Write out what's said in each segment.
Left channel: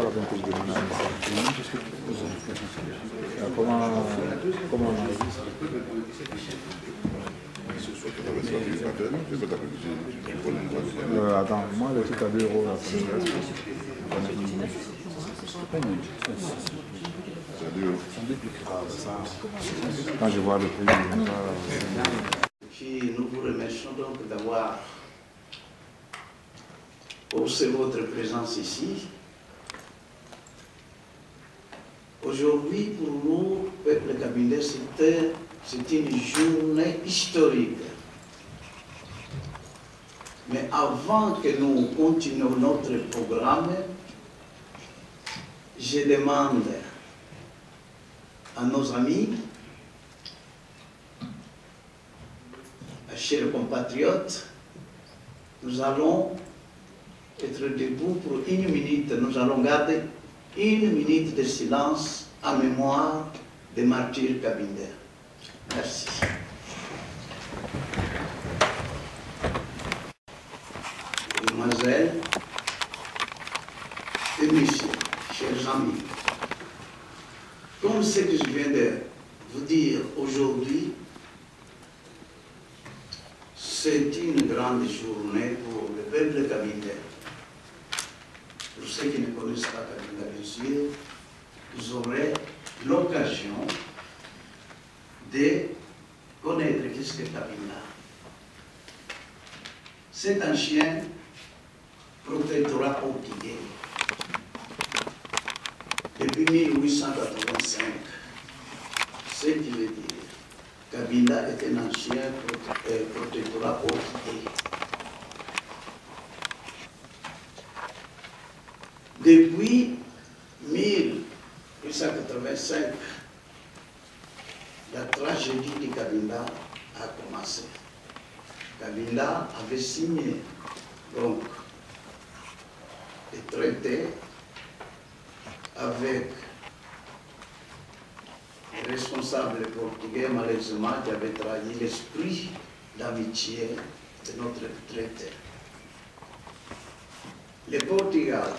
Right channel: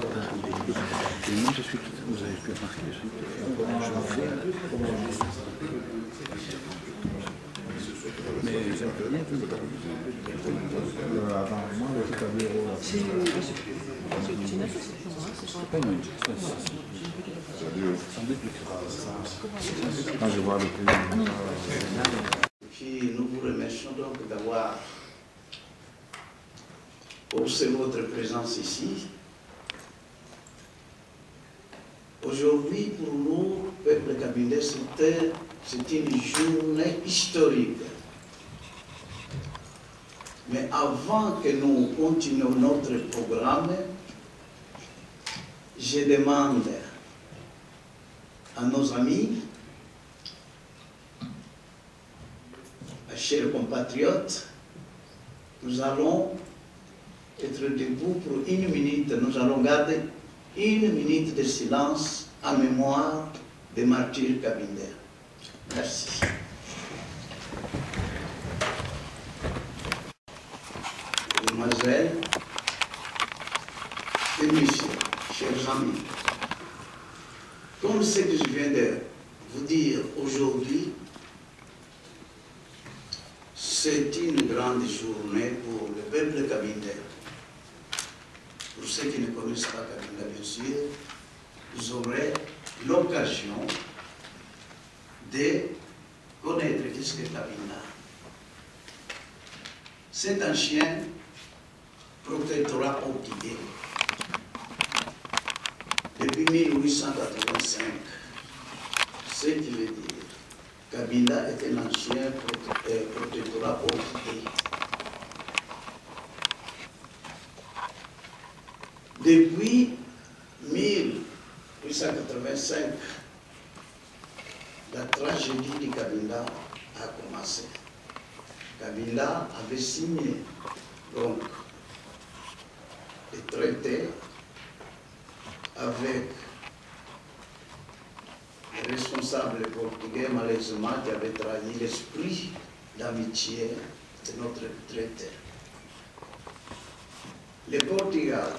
pas la rentrée 2021, parce que vous avez fait comment attends, moi, le truc à 2 euros, là, c'est pas une quand je vois le prix, puis nous vous remercions donc d'avoir observé votre présence ici. Aujourd'hui, pour nous, peuple Kabindais, c'est une journée historique. Mais avant que nous continuions notre programme, je demande à nos amis, à chers compatriotes, nous allons être debout pour 1 minute. Nous allons garder 1 minute de silence en mémoire des martyrs Kabindais. Merci. Mesdemoiselles et messieurs, chers amis, comme ce que je viens de vous dire aujourd'hui, c'est une grande journée pour le peuple Kabindais. Pour ceux qui ne connaissent pas Kabinda, bien sûr, vous aurez l'occasion de connaître qu'est-ce que Kabinda. C'est un chien protectorat portugais. Depuis 1885, ce qui veut dire Kabinda est un ancien protectorat portugais. Depuis 1885, la tragédie de Kabinda a commencé. Kabinda avait signé donc des traités avec les responsables portugais, malheureusement, qui avaient trahi l'esprit d'amitié de notre traité. Le Portugal,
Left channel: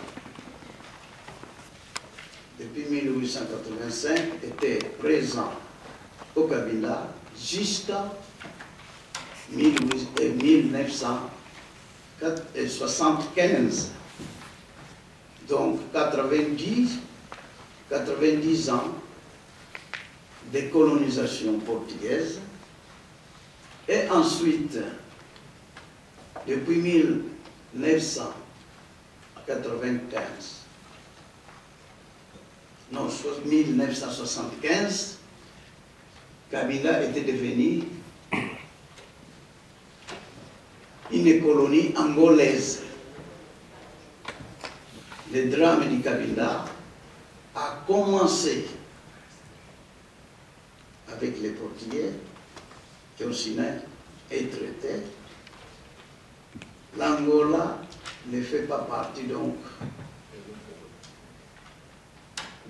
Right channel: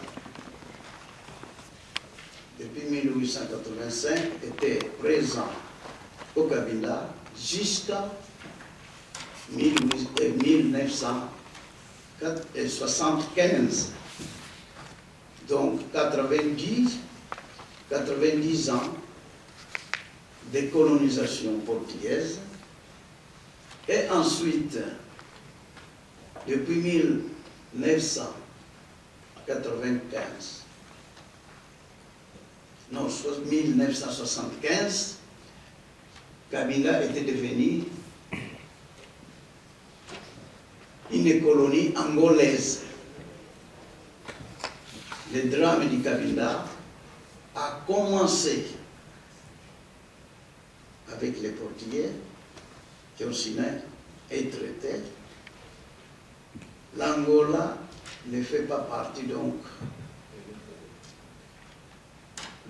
depuis 1885, était présent au Kabinda jusqu'à 1975. Donc 90 ans de colonisation portugaise. Et ensuite, depuis 1995, non, 1975, Kabinda était devenu une colonie angolaise. Le drame du Kabinda a commencé avec les Portugais qui ont signé un traité. L'Angola ne fait pas partie donc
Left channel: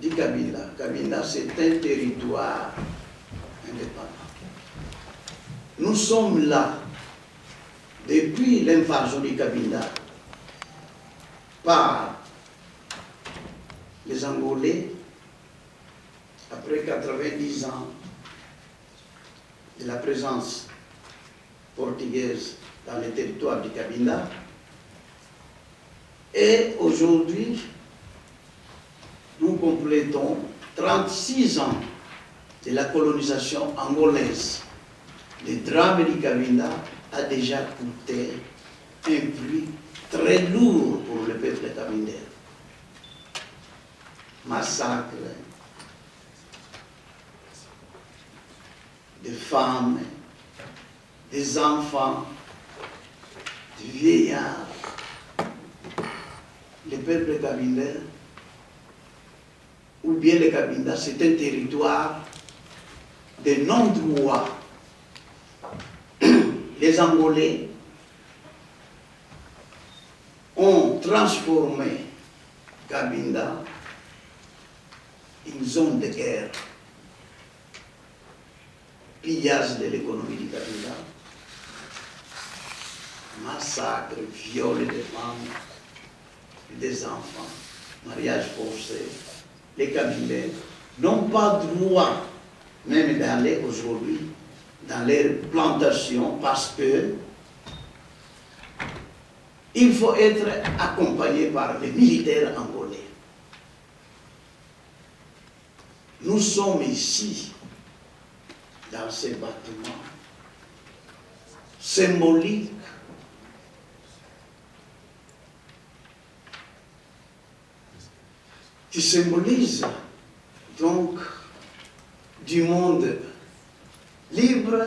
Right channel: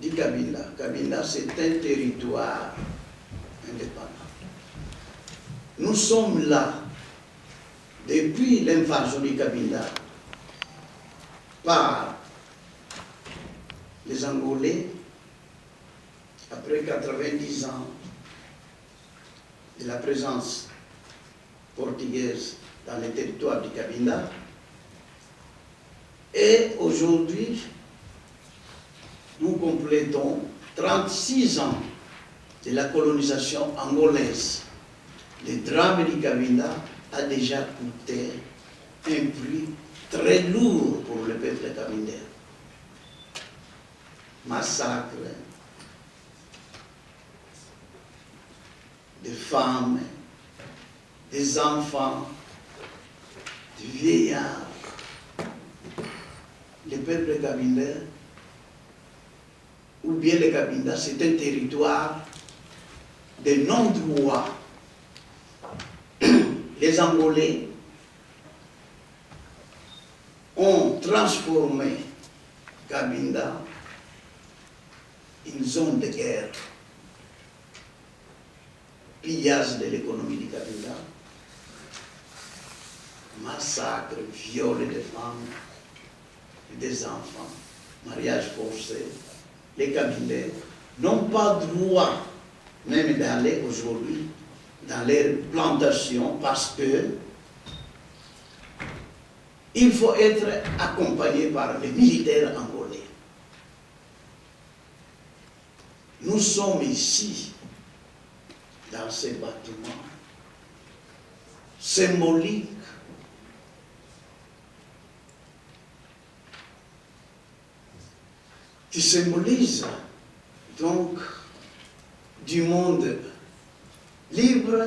du Kabinda. Kabinda, c'est un territoire indépendant. Nous sommes là depuis l'invasion du Kabinda par les Angolais, après 90 ans de la présence portugaise dans les territoires du Kabinda. Et aujourd'hui, nous complétons 36 ans de la colonisation angolaise. Le drame du Kabinda a déjà coûté un prix très lourd pour le peuple kabindais. Massacre des femmes, des enfants, des vieillards. Le peuple kabindais, ou bien le Kabinda, c'est un territoire de non-droit. Les Angolais ont transformé Kabinda une zone de guerre, pillage de l'économie du Kabinda, massacre, viol des femmes et des enfants. mariage forcé, les Kabylais n'ont pas droit même d'aller aujourd'hui dans les plantations parce que il faut être accompagné par les militaires angolais. Nous sommes ici, dans ces bâtiments symboliques qui symbolisent donc du monde libre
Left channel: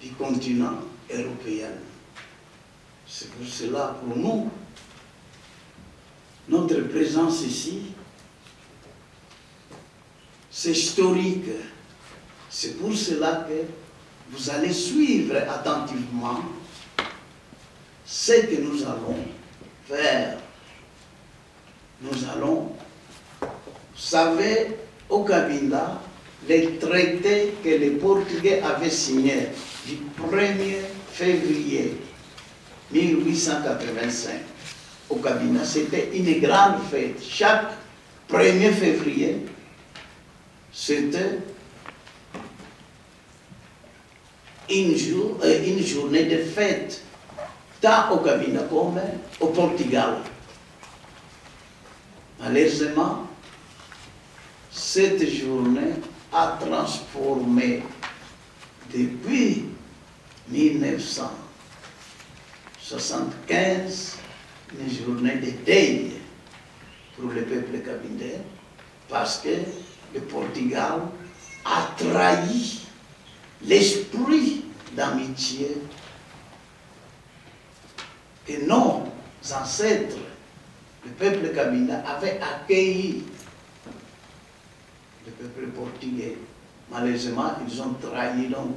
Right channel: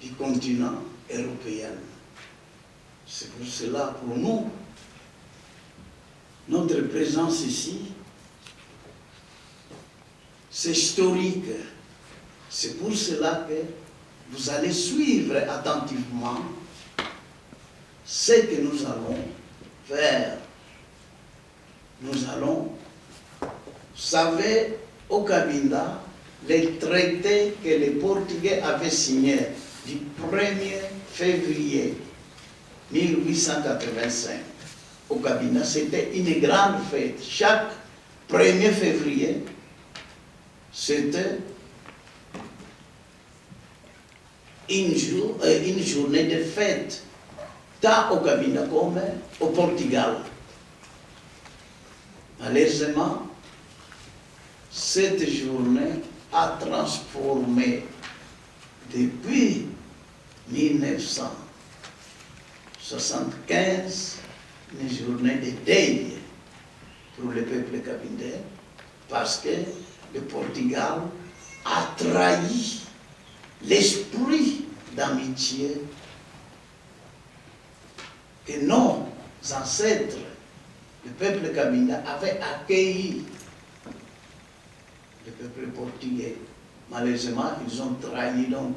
du continent européen. C'est pour cela, pour nous, notre présence ici, c'est historique. C'est pour cela que vous allez suivre attentivement ce que nous allons faire. Nous allons, vous savez, au Cabinda, les traités que les Portugais avaient signés du 1er février 1885 au Cabinda, c'était une grande fête. Chaque 1er février, c'était une journée de fête, tant au Cabinda comme au Portugal. Malheureusement, cette journée a transformé depuis 1975 une journée de deuil pour le peuple cabindais parce que le Portugal a trahi l'esprit d'amitié que nos ancêtres, le peuple cabinda, avait accueilli le peuple portugais. Malheureusement, ils ont trahi donc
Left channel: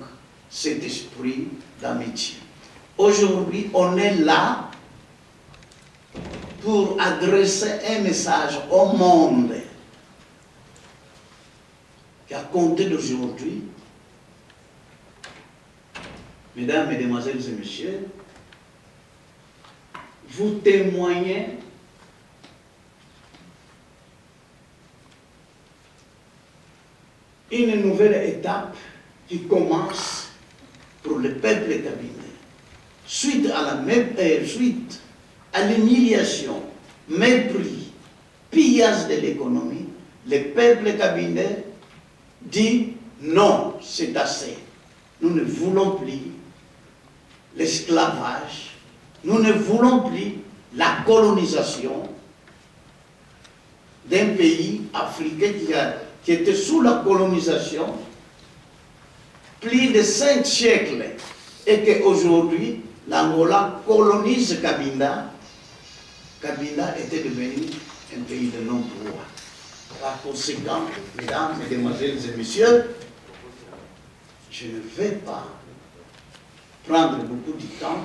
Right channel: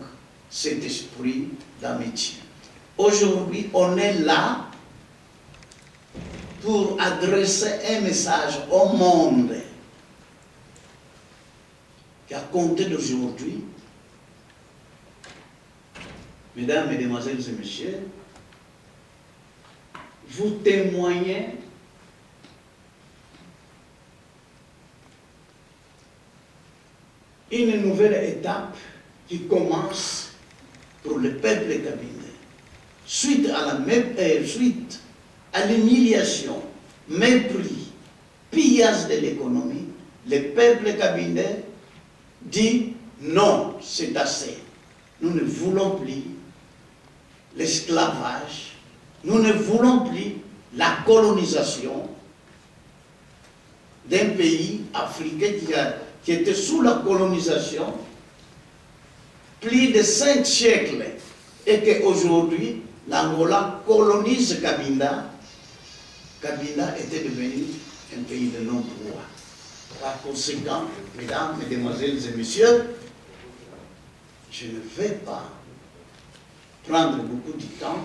cet esprit d'amitié. Aujourd'hui, on est là pour adresser un message au monde qu'à compter d'aujourd'hui, mesdames, mesdemoiselles et messieurs, vous témoignez une nouvelle étape qui commence pour le peuple cabinais. Suite à l'humiliation, mépris, pillage de l'économie, le peuple cabinais dit non, c'est assez. Nous ne voulons plus l'esclavage, nous ne voulons plus la colonisation d'un pays africain qui était sous la colonisation plus de 5 siècles et qu'aujourd'hui l'Angola colonise Cabinda. Cabinda était devenu un pays de non-droit. Par conséquent, mesdames, mesdemoiselles et messieurs, je ne vais pas prendre beaucoup de temps,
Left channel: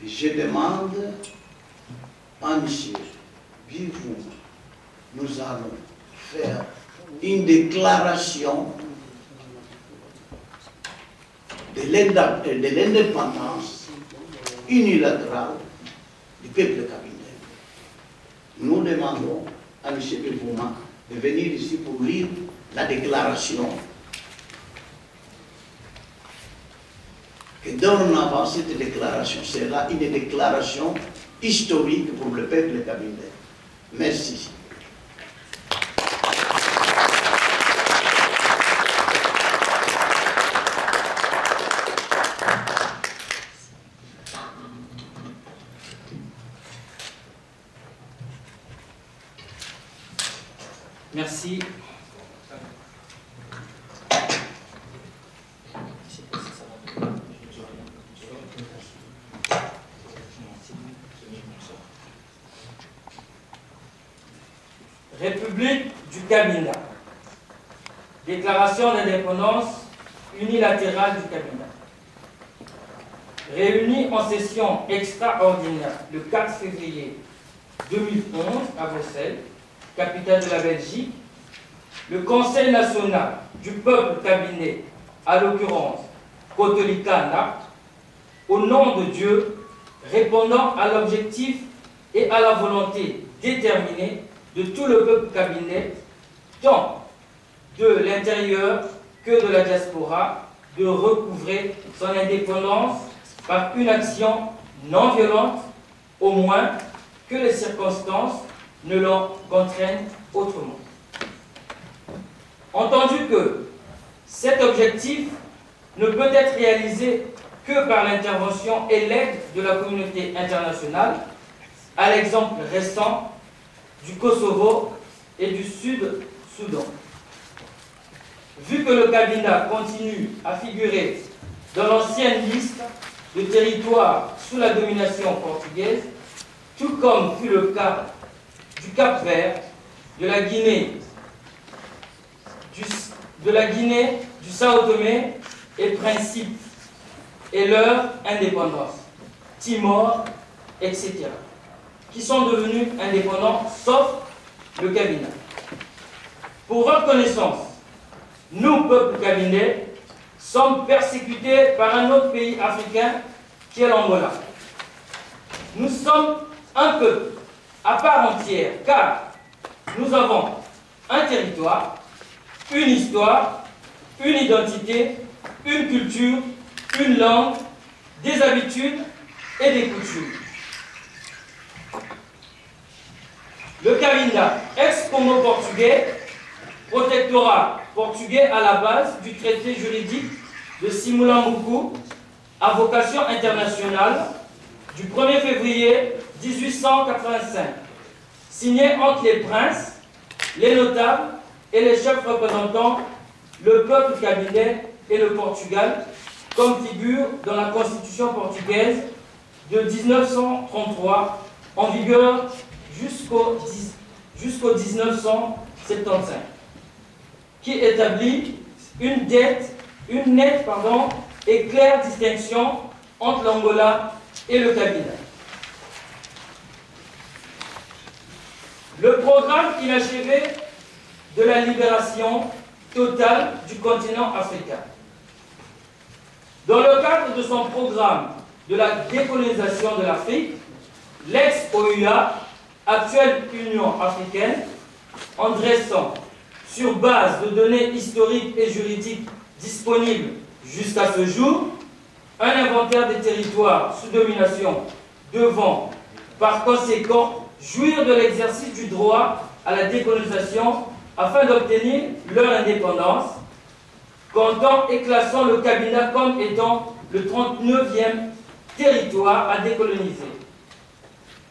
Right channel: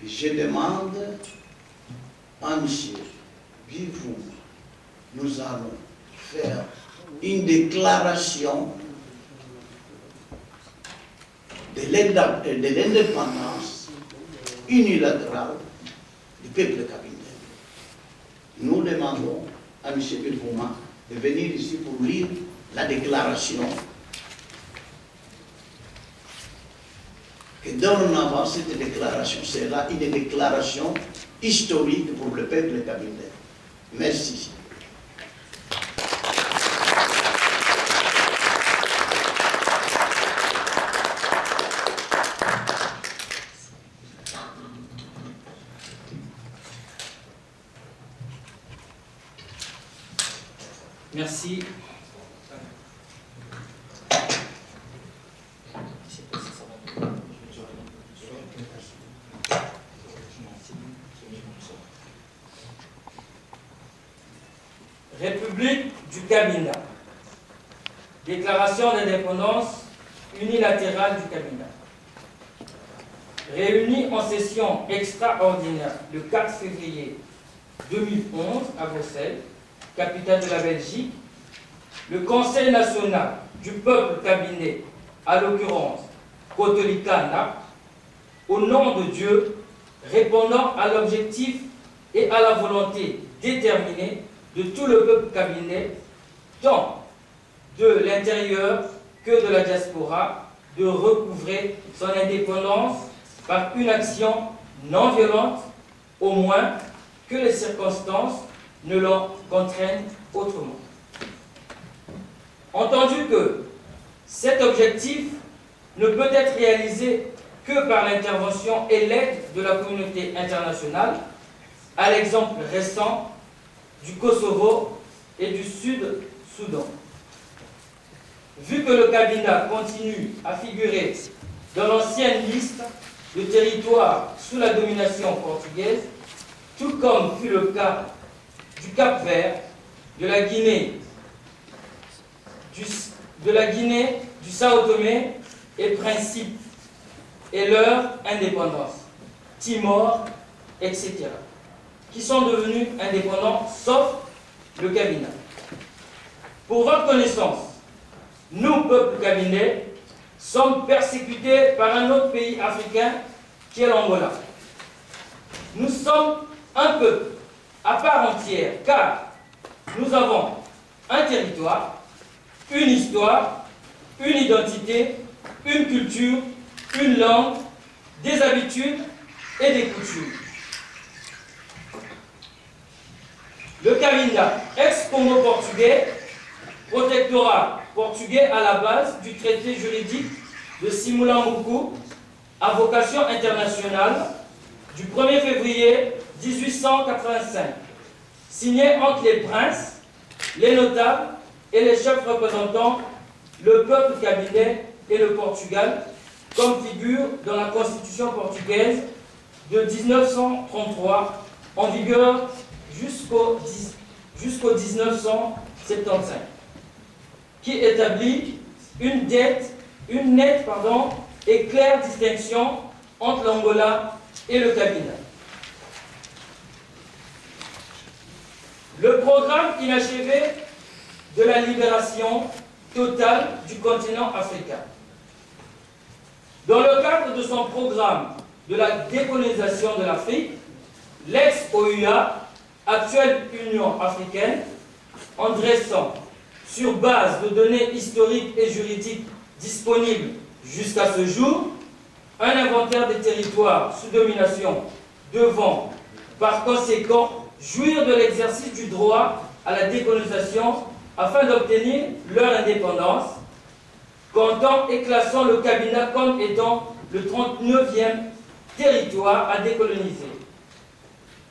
mais je demande à M. Bivou, nous allons faire une déclaration de l'indépendance unilatérale du peuple cabinais. Nous demandons à M. Belvouma de venir ici pour lire la déclaration que dorénavant cette déclaration sera une déclaration historique pour le peuple cabinais. Merci. Merci. République du Cabinda. Déclaration d'indépendance unilatérale du Cabinda. Réunie en session extraordinaire le 4 février 2011 à Bruxelles, capitale de la Belgique, le Conseil national du peuple cabinais, à l'occurrence Kotolika Nap, au nom de Dieu, répondant à l'objectif et à la volonté déterminée de tout le peuple kabylais, tant de l'intérieur que de la diaspora, de recouvrer son indépendance par une action non violente, au moins que les circonstances ne l'en contraignent autrement. Entendu que cet objectif ne peut être réalisé que par l'intervention et l'aide de la communauté internationale, à l'exemple récent du Kosovo et du Sud-Soudan. Vu que le Kabinda continue à figurer dans l'ancienne liste de territoires sous la domination portugaise, tout comme fut le cas du Cap-Vert, de la Guinée, du Sao Tomé et Principe, et leur indépendance, Timor, etc., qui sont devenus indépendants, sauf le Kabinda. Pour votre connaissance, nous, peuple kabindais, sommes persécutés par un autre pays africain qui est l'Angola. Nous sommes un peuple à part entière, car nous avons un territoire, une histoire, une identité, une culture, une langue, des habitudes et des coutumes. Le Kabinda, ex-Congo portugais, protectorat portugais à la base du traité juridique de Simulambuku, à vocation internationale, du 1er février 1885, signé entre les princes, les notables et les chefs représentants le peuple kabylais et le Portugal, comme figure dans la Constitution portugaise de 1933, en vigueur jusqu'au 1975, qui établit une nette et claire distinction entre l'Angola et le Kabinda. Le programme inachevé de la libération totale du continent africain. Dans le cadre de son programme de la décolonisation de l'Afrique, l'ex-OUA, actuelle Union africaine, en dressant, sur base de données historiques et juridiques disponibles jusqu'à ce jour, un inventaire des territoires sous domination devant, par conséquent, jouir de l'exercice du droit à la décolonisation afin d'obtenir leur indépendance, comptant et classant le Kabinda comme étant le 39e territoire à décoloniser,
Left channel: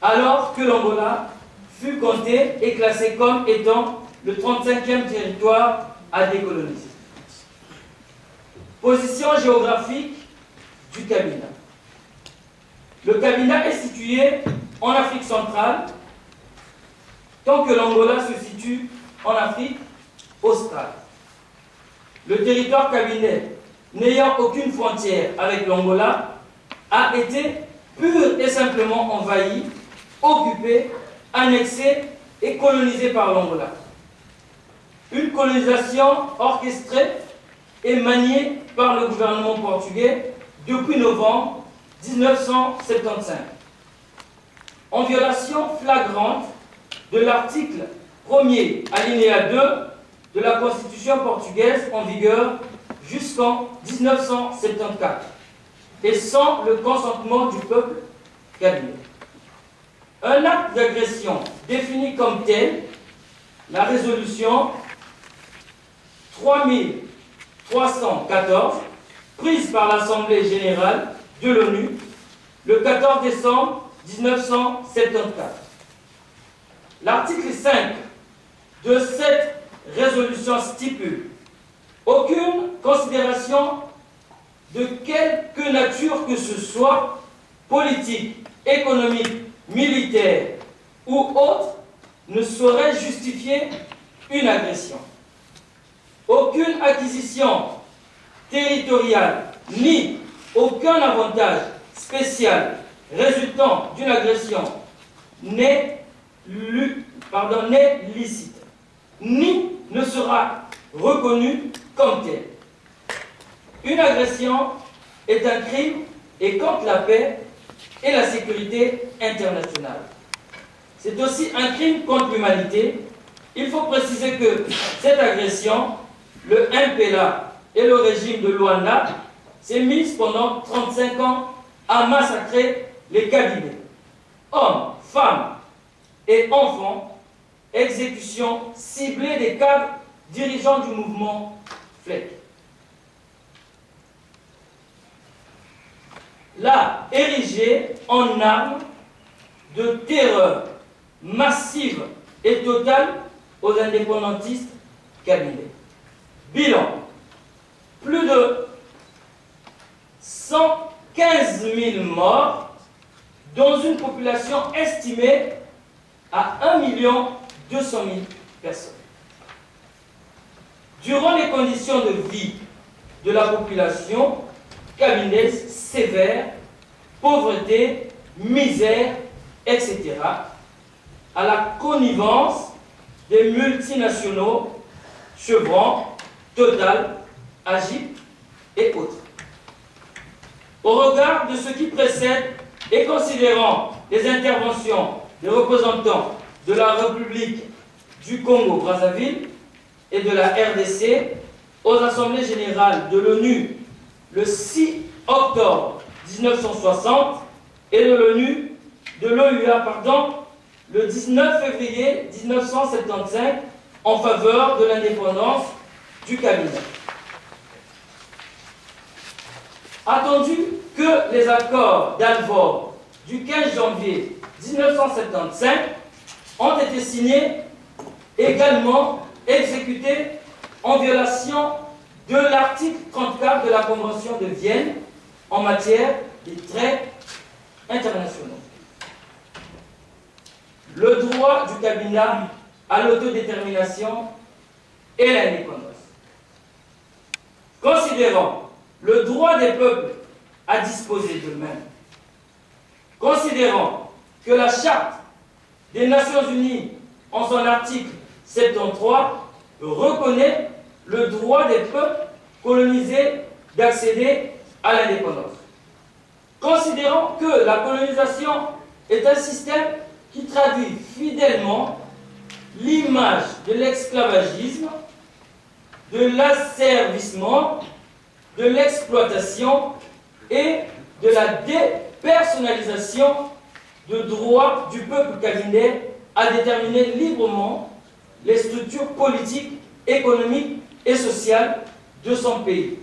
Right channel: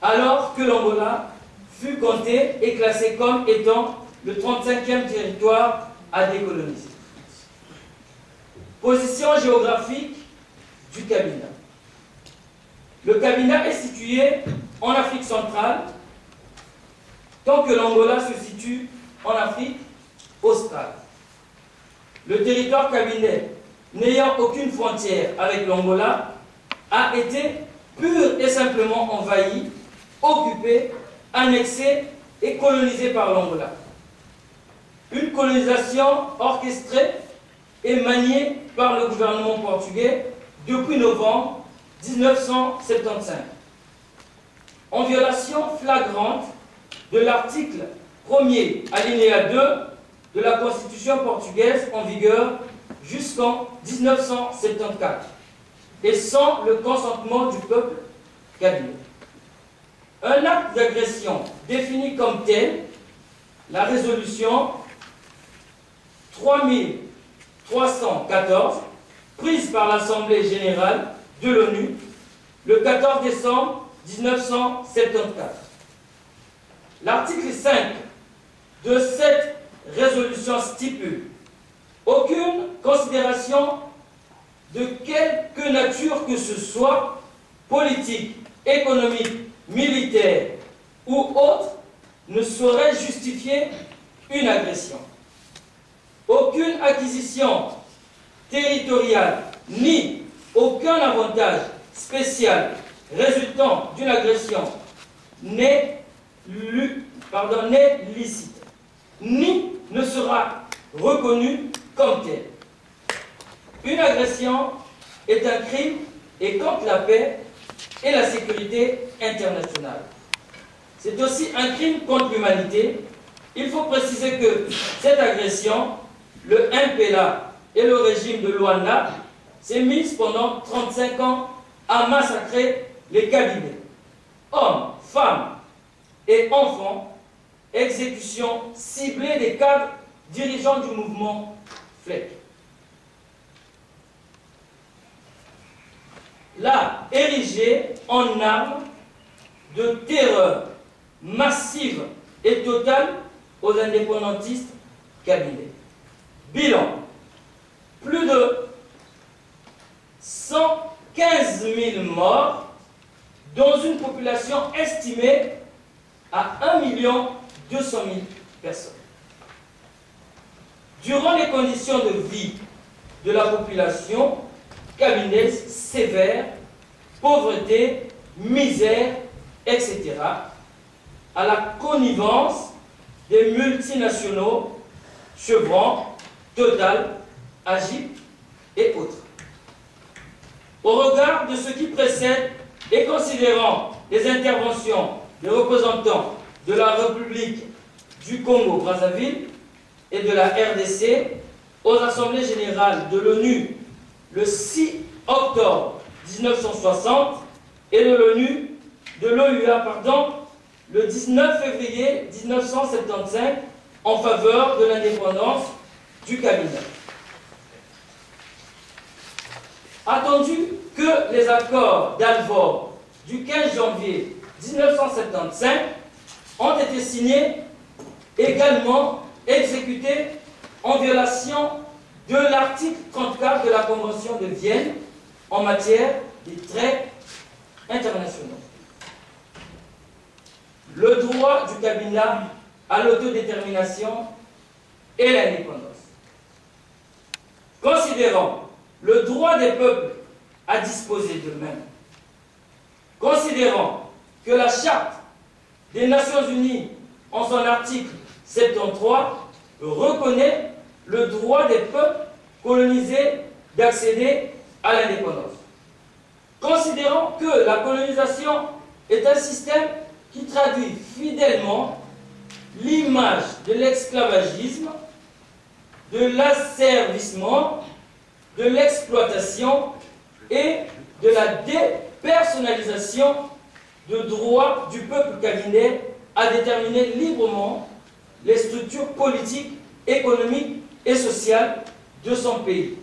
alors que l'Angola fut compté et classé comme étant le 35e territoire à décoloniser. Position géographique du Kabinda. Le Kabinda est situé en Afrique centrale, tant que l'Angola se situe en Afrique australe. Le territoire kabindais, n'ayant aucune frontière avec l'Angola, a été pur et simplement envahi, occupé, annexé et colonisé par l'Angola. Une colonisation orchestrée et maniée par le gouvernement portugais depuis novembre 1975, en violation flagrante de l'article 1er alinéa 2 de la Constitution portugaise en vigueur jusqu'en 1974 et sans le consentement du peuple kabyle. Un acte d'agression défini comme tel, la résolution 3314, prise par l'Assemblée générale de l'ONU le 14 décembre 1974. L'article 5 de cette résolution stipule aucune considération de quelque nature que ce soit, politique, économique, militaire ou autre, ne saurait justifier une agression. Aucune acquisition territoriale ni aucun avantage spécial résultant d'une agression n'est licite, ni ne sera reconnu comme tel. Une agression est un crime et contre la paix et la sécurité internationale. c'est aussi un crime contre l'humanité. Il faut préciser que cette agression, le MPLA et le régime de Luanda s'est mis pendant 35 ans à massacrer les Kabylés. Hommes, femmes et enfants, exécution ciblée des cadres dirigeants du mouvement FLEC. Là, érigé en arme de terreur massive et totale aux indépendantistes kabylés. Bilan, plus de 115 000 morts dans une population estimée à 1 200 000 personnes. Durant les conditions de vie de la population kabylaise sévères, pauvreté, misère, etc., à la connivence des multinationaux, Chevron, Total, Agip et autres. Au regard de ce qui précède et considérant les interventions des représentants de la République du Congo-Brazzaville et de la RDC aux Assemblées générales de l'ONU le 6 octobre 1960 et de l'OUA, le 19 février 1975 en faveur de l'indépendance du Kabyle. Attendu que les accords d'Alvord du 15 janvier 1975 ont été signés, également exécutés en violation de l'article 34 de la Convention de Vienne en matière des traités internationaux. Le droit du Kabila à l'autodétermination et l'indépendance. Considérant le droit des peuples à disposer d'eux-mêmes, considérant que la Charte des Nations Unies, en son article 73, reconnaît le droit des peuples colonisés d'accéder à l'indépendance. Considérant que la colonisation est un système qui traduit fidèlement l'image de l'esclavagisme, de l'asservissement, de l'exploitation et de la dépersonnalisation de droit du peuple kabylais à déterminer librement les structures politiques, économiques et sociales de son pays.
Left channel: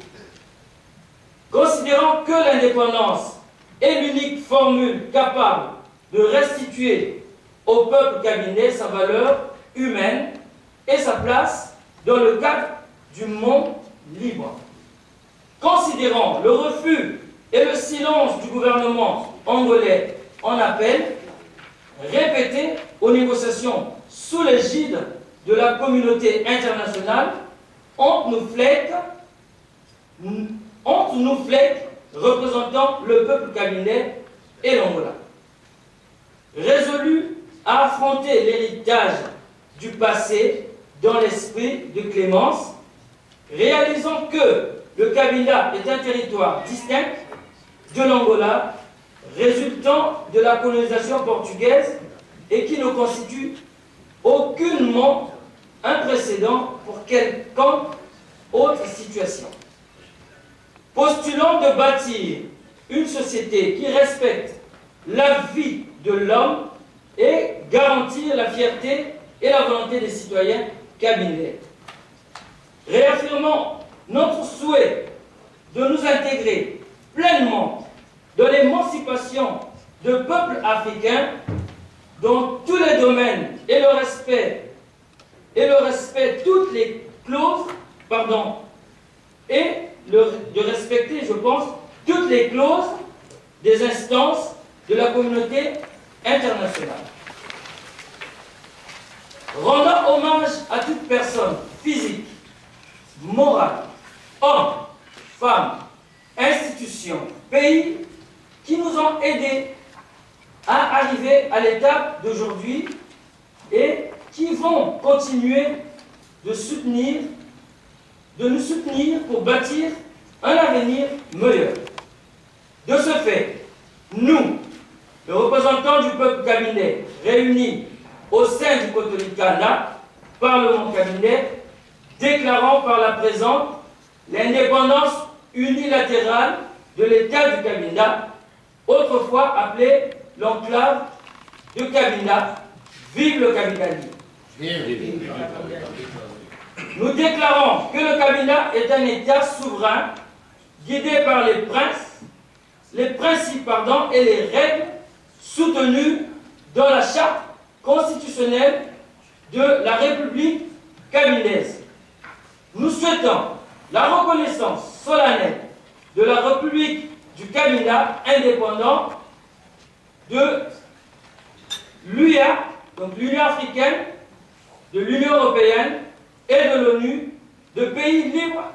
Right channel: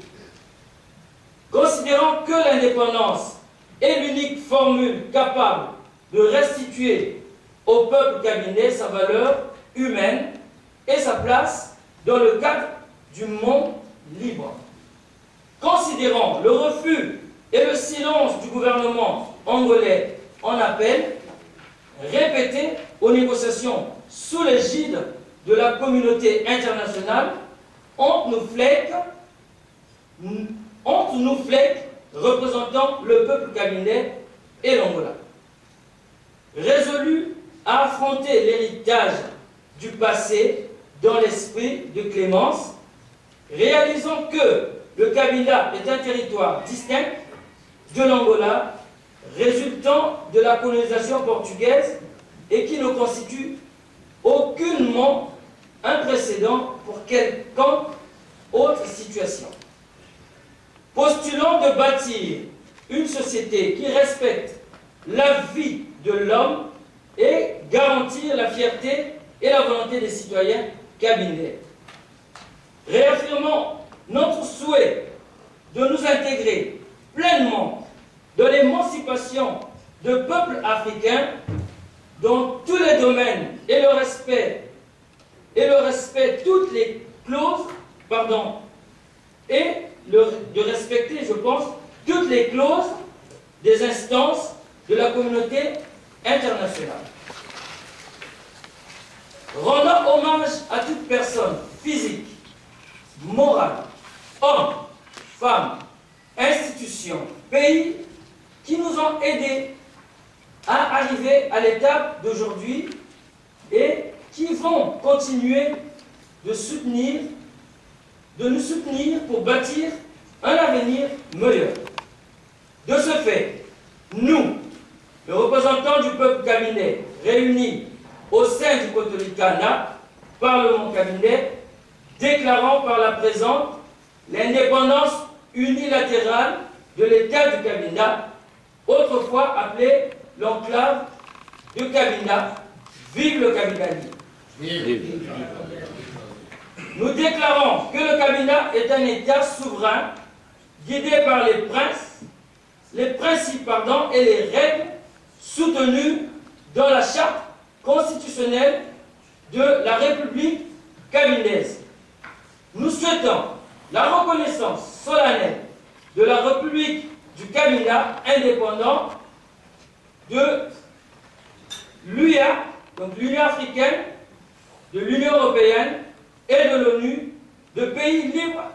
Considérant que l'indépendance est l'unique formule capable de restituer au peuple kabylais sa valeur humaine et sa place dans le cadre du monde libre. Considérant le refus et le silence du gouvernement angolais en appel, répété aux négociations sous l'égide de la communauté internationale, entre nous FLEC représentant le peuple kabylais et l'Angola. Résolu à affronter l'héritage du passé dans l'esprit de clémence, réalisant que le Kabila est un territoire distinct de l'Angola, résultant de la colonisation portugaise et qui ne constitue aucunement un précédent pour quelconque autre situation. Postulant de bâtir une société qui respecte la vie de l'homme et garantir la fierté et la volonté des citoyens kabylais. Réaffirmant notre souhait de nous intégrer pleinement dans l'émancipation de peuples africains dans tous les domaines et le respect toutes les clauses, et de respecter, je pense, toutes les clauses des instances de la communauté internationale. Rendant hommage à toute personne physique, morale, homme, femme, institution, pays qui nous ont aidés à arriver à l'étape d'aujourd'hui et qui vont continuer de nous soutenir pour bâtir un avenir meilleur. De ce fait, nous, les représentants du peuple kabylais réunis au sein du Kotolika, Parlement cabinet, déclarant par la présente l'indépendance unilatérale de l'État du Cabinda, autrefois appelé l'enclave de Cabinda. Vive le Cabinda libre. Nous déclarons que le Cabinda est un État souverain, guidé par les principes et les règles soutenues dans la charte constitutionnelle de la République cabindaise. Nous souhaitons la reconnaissance solennelle de la République du Cabinda indépendant de l'UA, donc l'Union africaine, de l'Union européenne et de l'ONU, de pays libres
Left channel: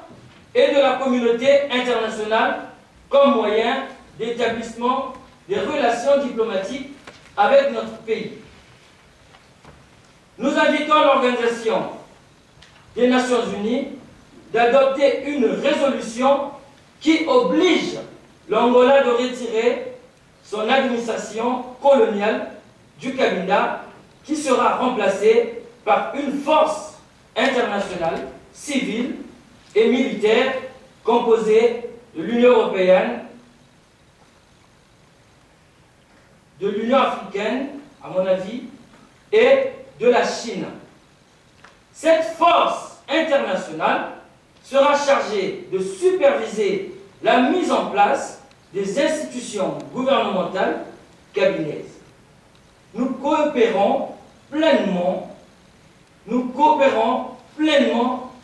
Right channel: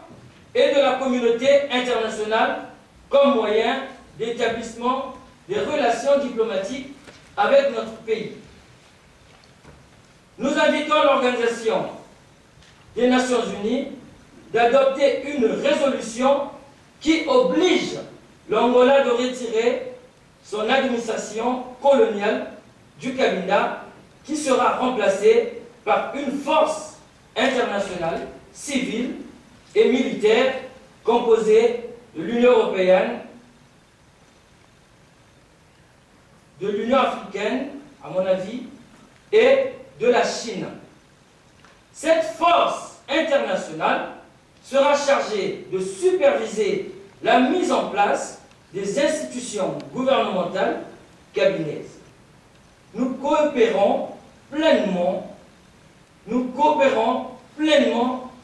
et de la communauté internationale comme moyen d'établissement des relations diplomatiques avec notre pays. Nous invitons l'Organisation des Nations Unies d'adopter une résolution qui oblige l'Angola de retirer son administration coloniale du Cabinda, qui sera remplacée par une force internationale, civile et militaire composée de l'Union européenne, de l'Union africaine, à mon avis, et de la Chine. Cette force internationale sera chargée de superviser la mise en place des institutions gouvernementales cabinaises. Nous coopérons pleinement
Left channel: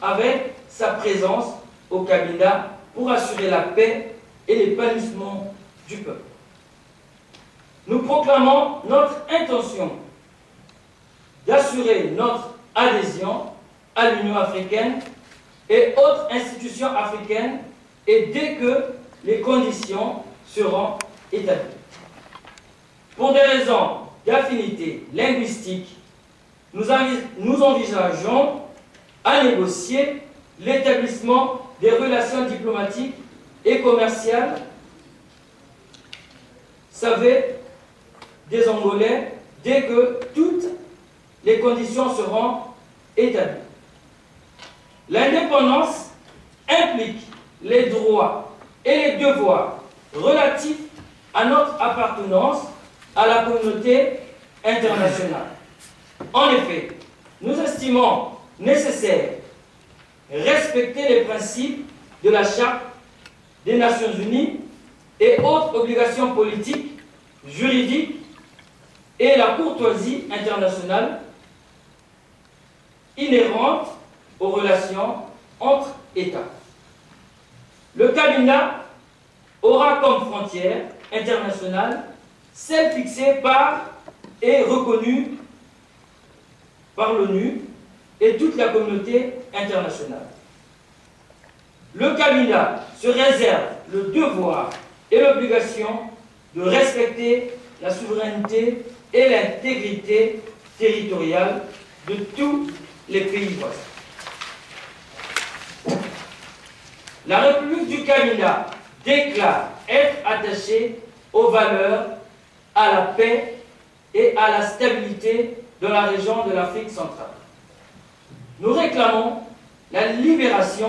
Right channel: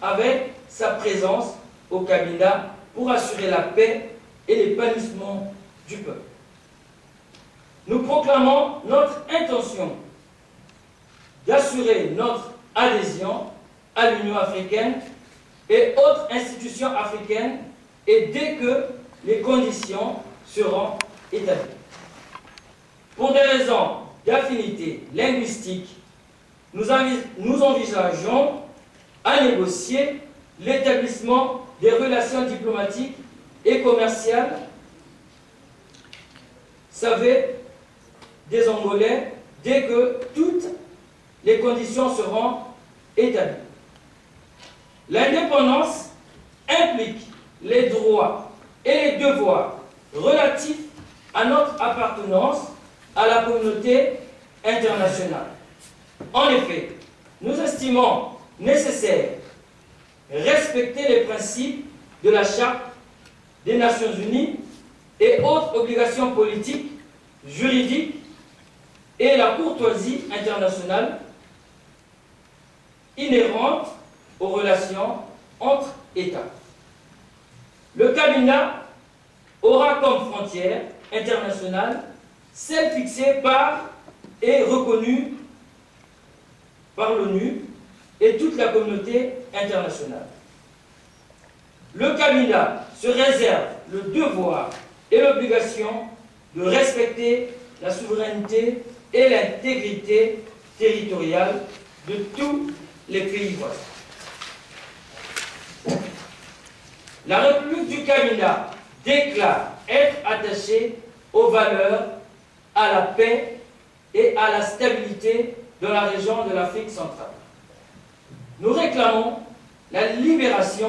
avec sa présence au Cabinda pour assurer la paix et l'épanouissement du peuple. Nous proclamons notre intention d'assurer notre adhésion à l'Union africaine et autres institutions africaines et dès que les conditions seront établies. Pour des raisons d'affinité linguistique, nous envisageons à négocier l'établissement des relations diplomatiques et commerciales, savez, des Angolais, dès que toutes les conditions seront établies. L'indépendance implique les droits et les devoirs relatifs à notre appartenance à la communauté internationale. En effet, nous estimons nécessaire respecter les principes de la Charte des Nations Unies et autres obligations politiques, juridiques et la courtoisie internationale inhérente aux relations entre États. Le Cabinda aura comme frontière internationale celle fixée par et reconnue par l'ONU et toute la communauté internationale. Le Cabinda se réserve le devoir et l'obligation de respecter la souveraineté et l'intégrité territoriale de tous les pays voisins. La République du Cabinda déclare être attachée aux valeurs, à la paix et à la stabilité dans la région de l'Afrique centrale. Nous réclamons la libération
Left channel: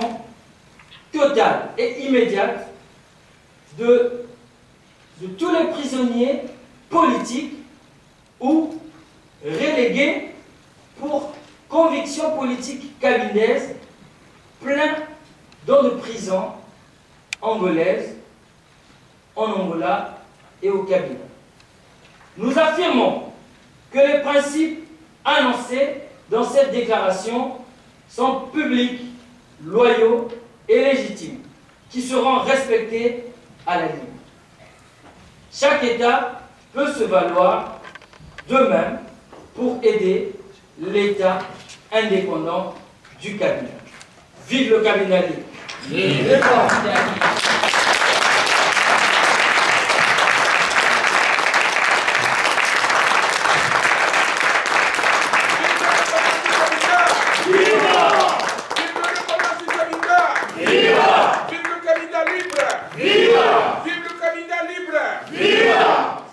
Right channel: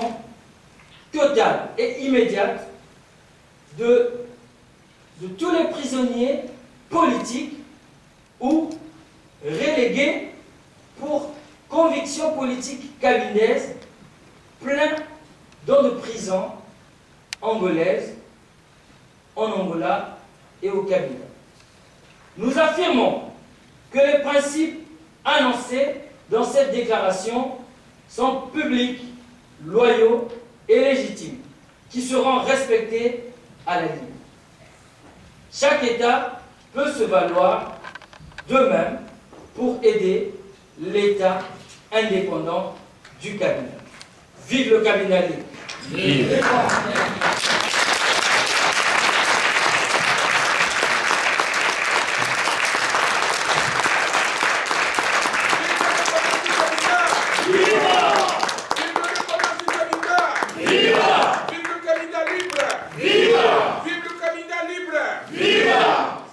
totale et immédiate de tous les prisonniers politiques ou relégués pour conviction politique cabindaise, plein dans de prisons angolaises, en Angola et au Cabinda. Nous affirmons que les principes annoncés dans cette déclaration sont publics, loyaux et légitimes, qui seront respectés à la ligne. Chaque État peut se valoir d'eux-mêmes pour aider l'État indépendant du Cabinda. Vive le Cabinda libre! Vive.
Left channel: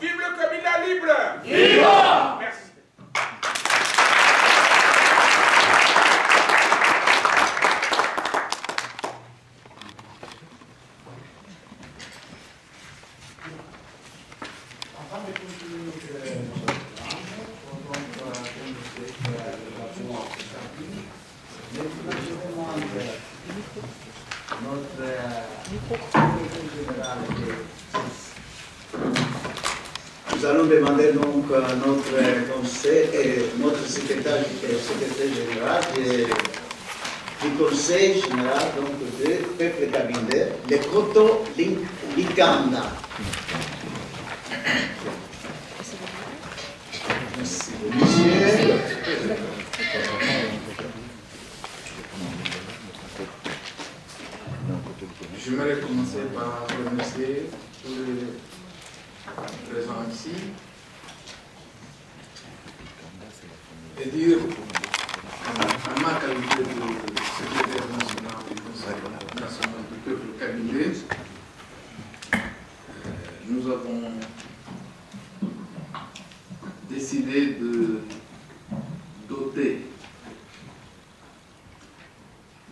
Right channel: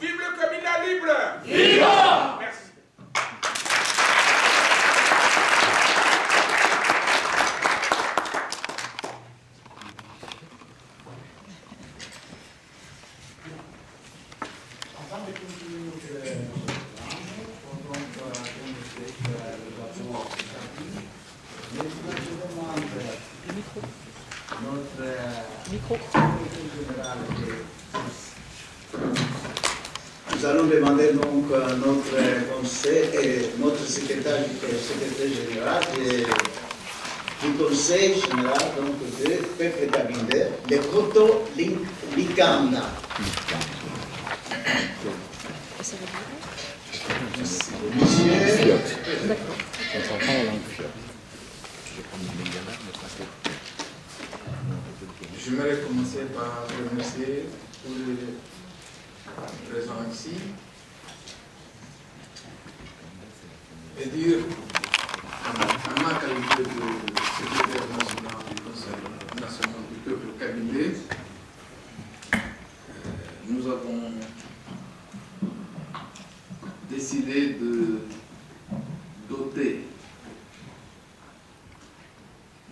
Vive le Cabinda libre! Viva! Merci. Nous allons demander donc à notre conseil et notre secrétaire général du conseil général donc, de peuple Kabindé, le Koto Likanda. Merci, monsieur. J'aimerais commencer par remercier tous les présents ici et dire, en ma qualité de secrétaire national du Conseil national du peuple kabindé, nous avons décidé de doter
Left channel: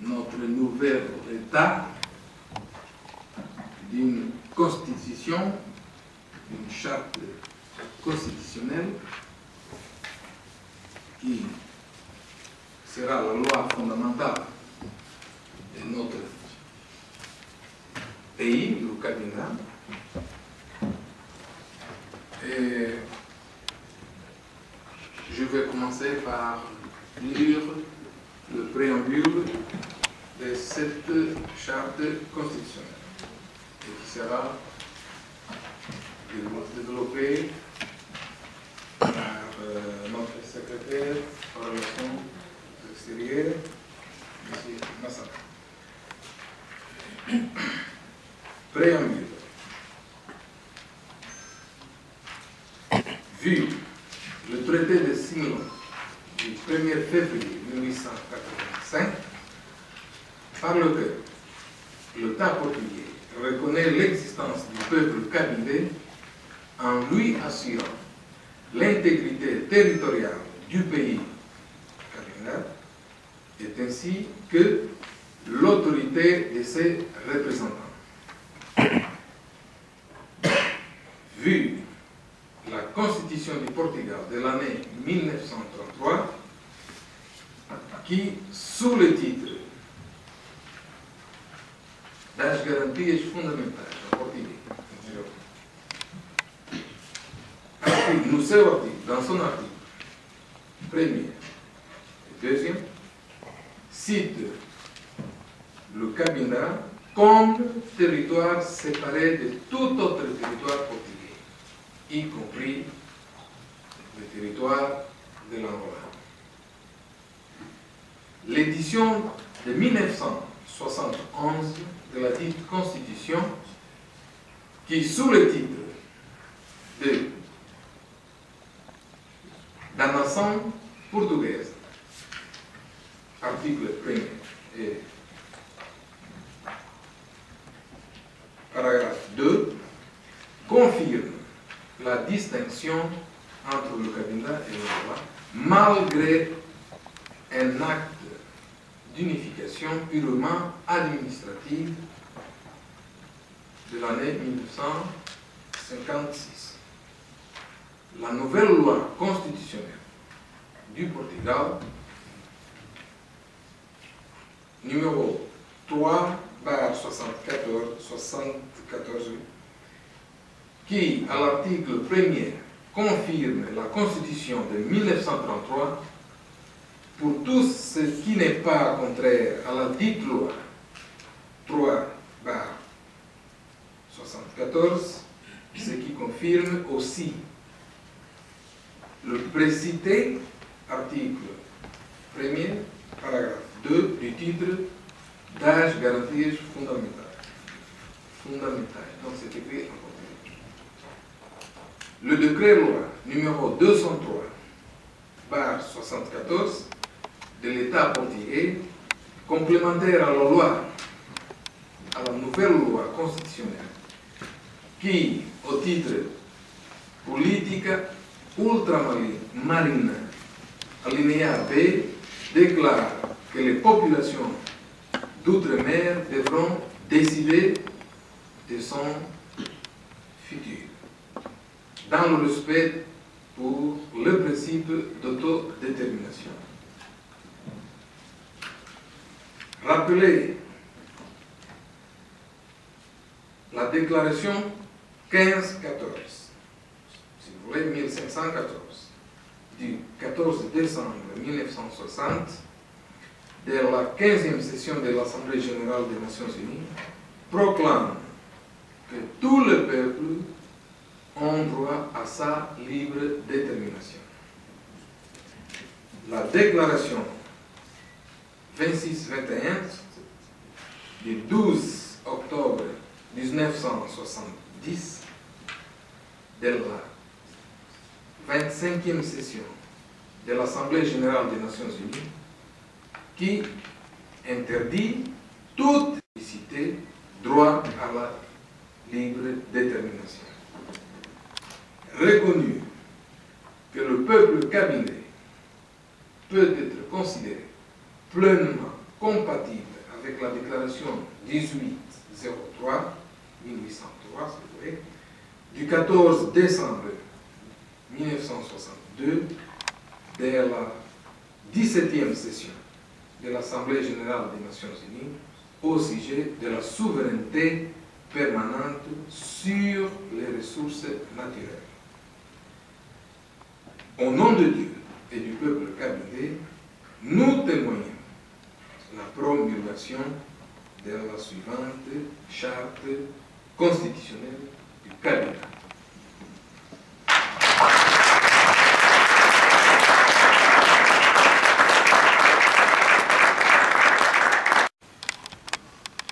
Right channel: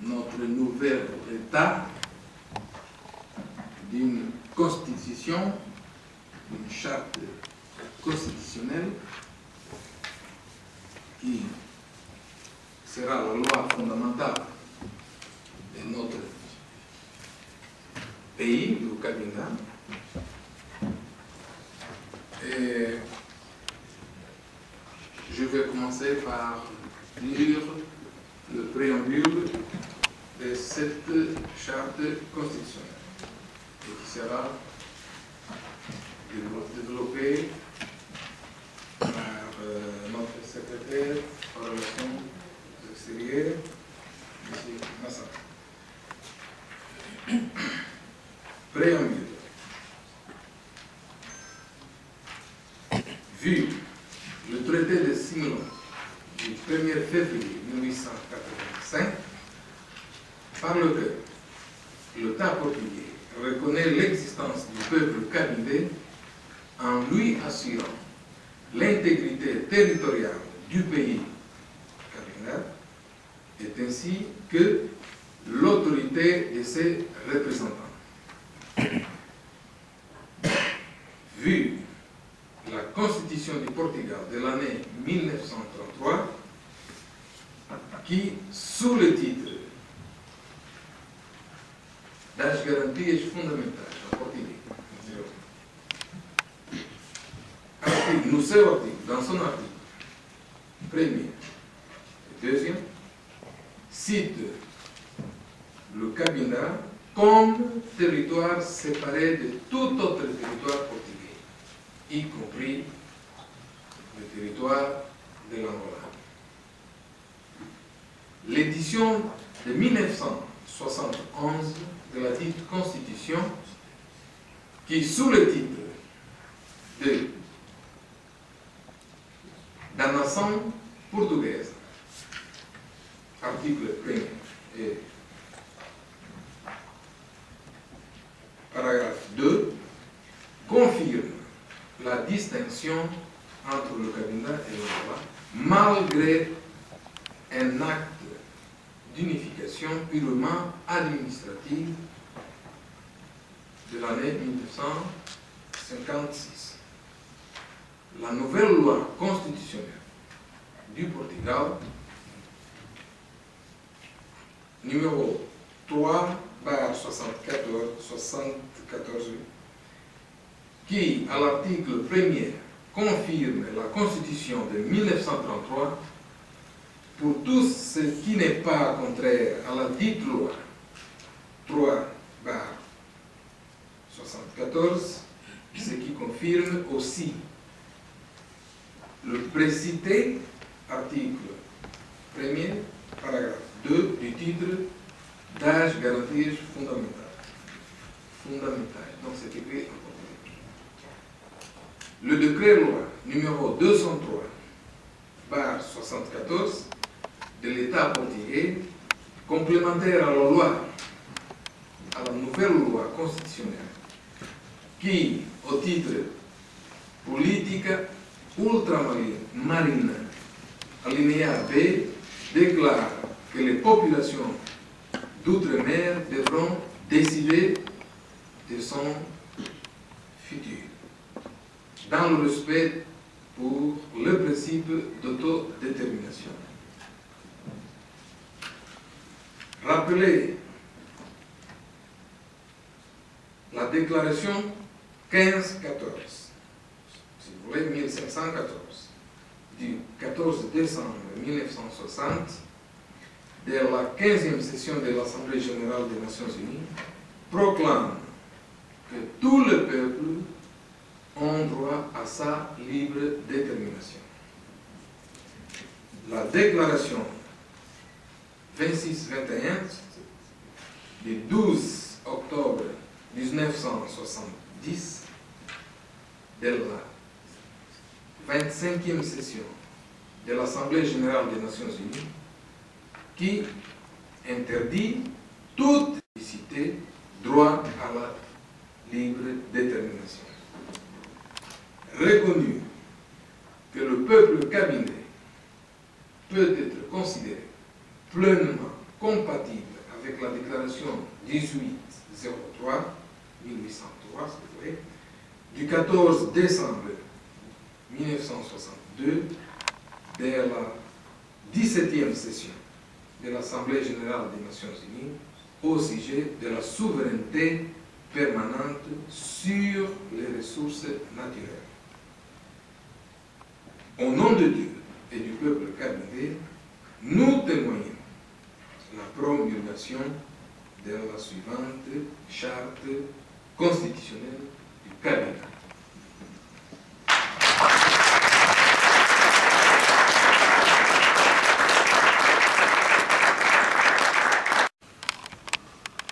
notre nouvel État d'une constitution, d'une charte constitutionnelle qui sera la loi fondamentale de notre pays, le Kabinda. Et je vais commencer par lire le préambule de cette charte constitutionnelle et qui sera développée par notre secrétaire en relations extérieures, M. Massa. Préambule. Vu le traité de Simon du 1er février 1885, par lequel l'État portugais reconnaît l'existence du peuple kabindé en lui assurant l'intégrité territoriale du pays kabinda, est ainsi que l'autorité de ses représentants. Vu la Constitution du Portugal de l'année 1933, qui, sous le titre das garantias fundamentais en portugais, dans son article premier et deuxième, cite le Kabinda comme territoire séparé de tout autre territoire portugais, y compris le territoire de l'Angola. L'édition de 1971 de la dite Constitution, qui, sous le titre de Da Nação Portuguesa, article 1er et paragraphe 2, confirme la distinction entre le Kabinda et l'Angola, malgré un acte d'unification purement administrative de l'année 1956. La nouvelle loi constitutionnelle du Portugal, numéro 3/74, qui, à l'article 1er, confirme la Constitution de 1933 pour tout ce qui n'est pas contraire à la dite loi 3/74, ce qui confirme aussi le précité article 1er, paragraphe 2 du titre das garantias fundamentais. Donc c'est écrit en portugais. Le décret-loi numéro 203/74 de l'État portugais, complémentaire à la nouvelle loi constitutionnelle, qui, au titre Politica Ultramarina, alinéa B, déclare que les populations d'outre-mer devront décider de son futur. dans le respect pour le principe d'autodétermination. Rappelez la déclaration 1514, si vous voulez 1514, du 14 décembre 1960, de la 15e session de l'Assemblée générale des Nations unies, proclame que tous les peuples ont droit à sa libre détermination. La déclaration 26-21 du 12 octobre 1970 de la 25e session de l'Assemblée générale des Nations unies qui interdit toute ethnicité droit à la libre détermination. Reconnu que le peuple kabindé peut être considéré pleinement compatible avec la déclaration 1803, 1803, si vous voulez, du 14 décembre 1962 de la 17e session de l'Assemblée générale des Nations unies au sujet de la souveraineté permanente sur les ressources naturelles. Au nom de Dieu et du peuple kabindé, nous témoignons la promulgation de la suivante charte constitutionnelle du Kabinda.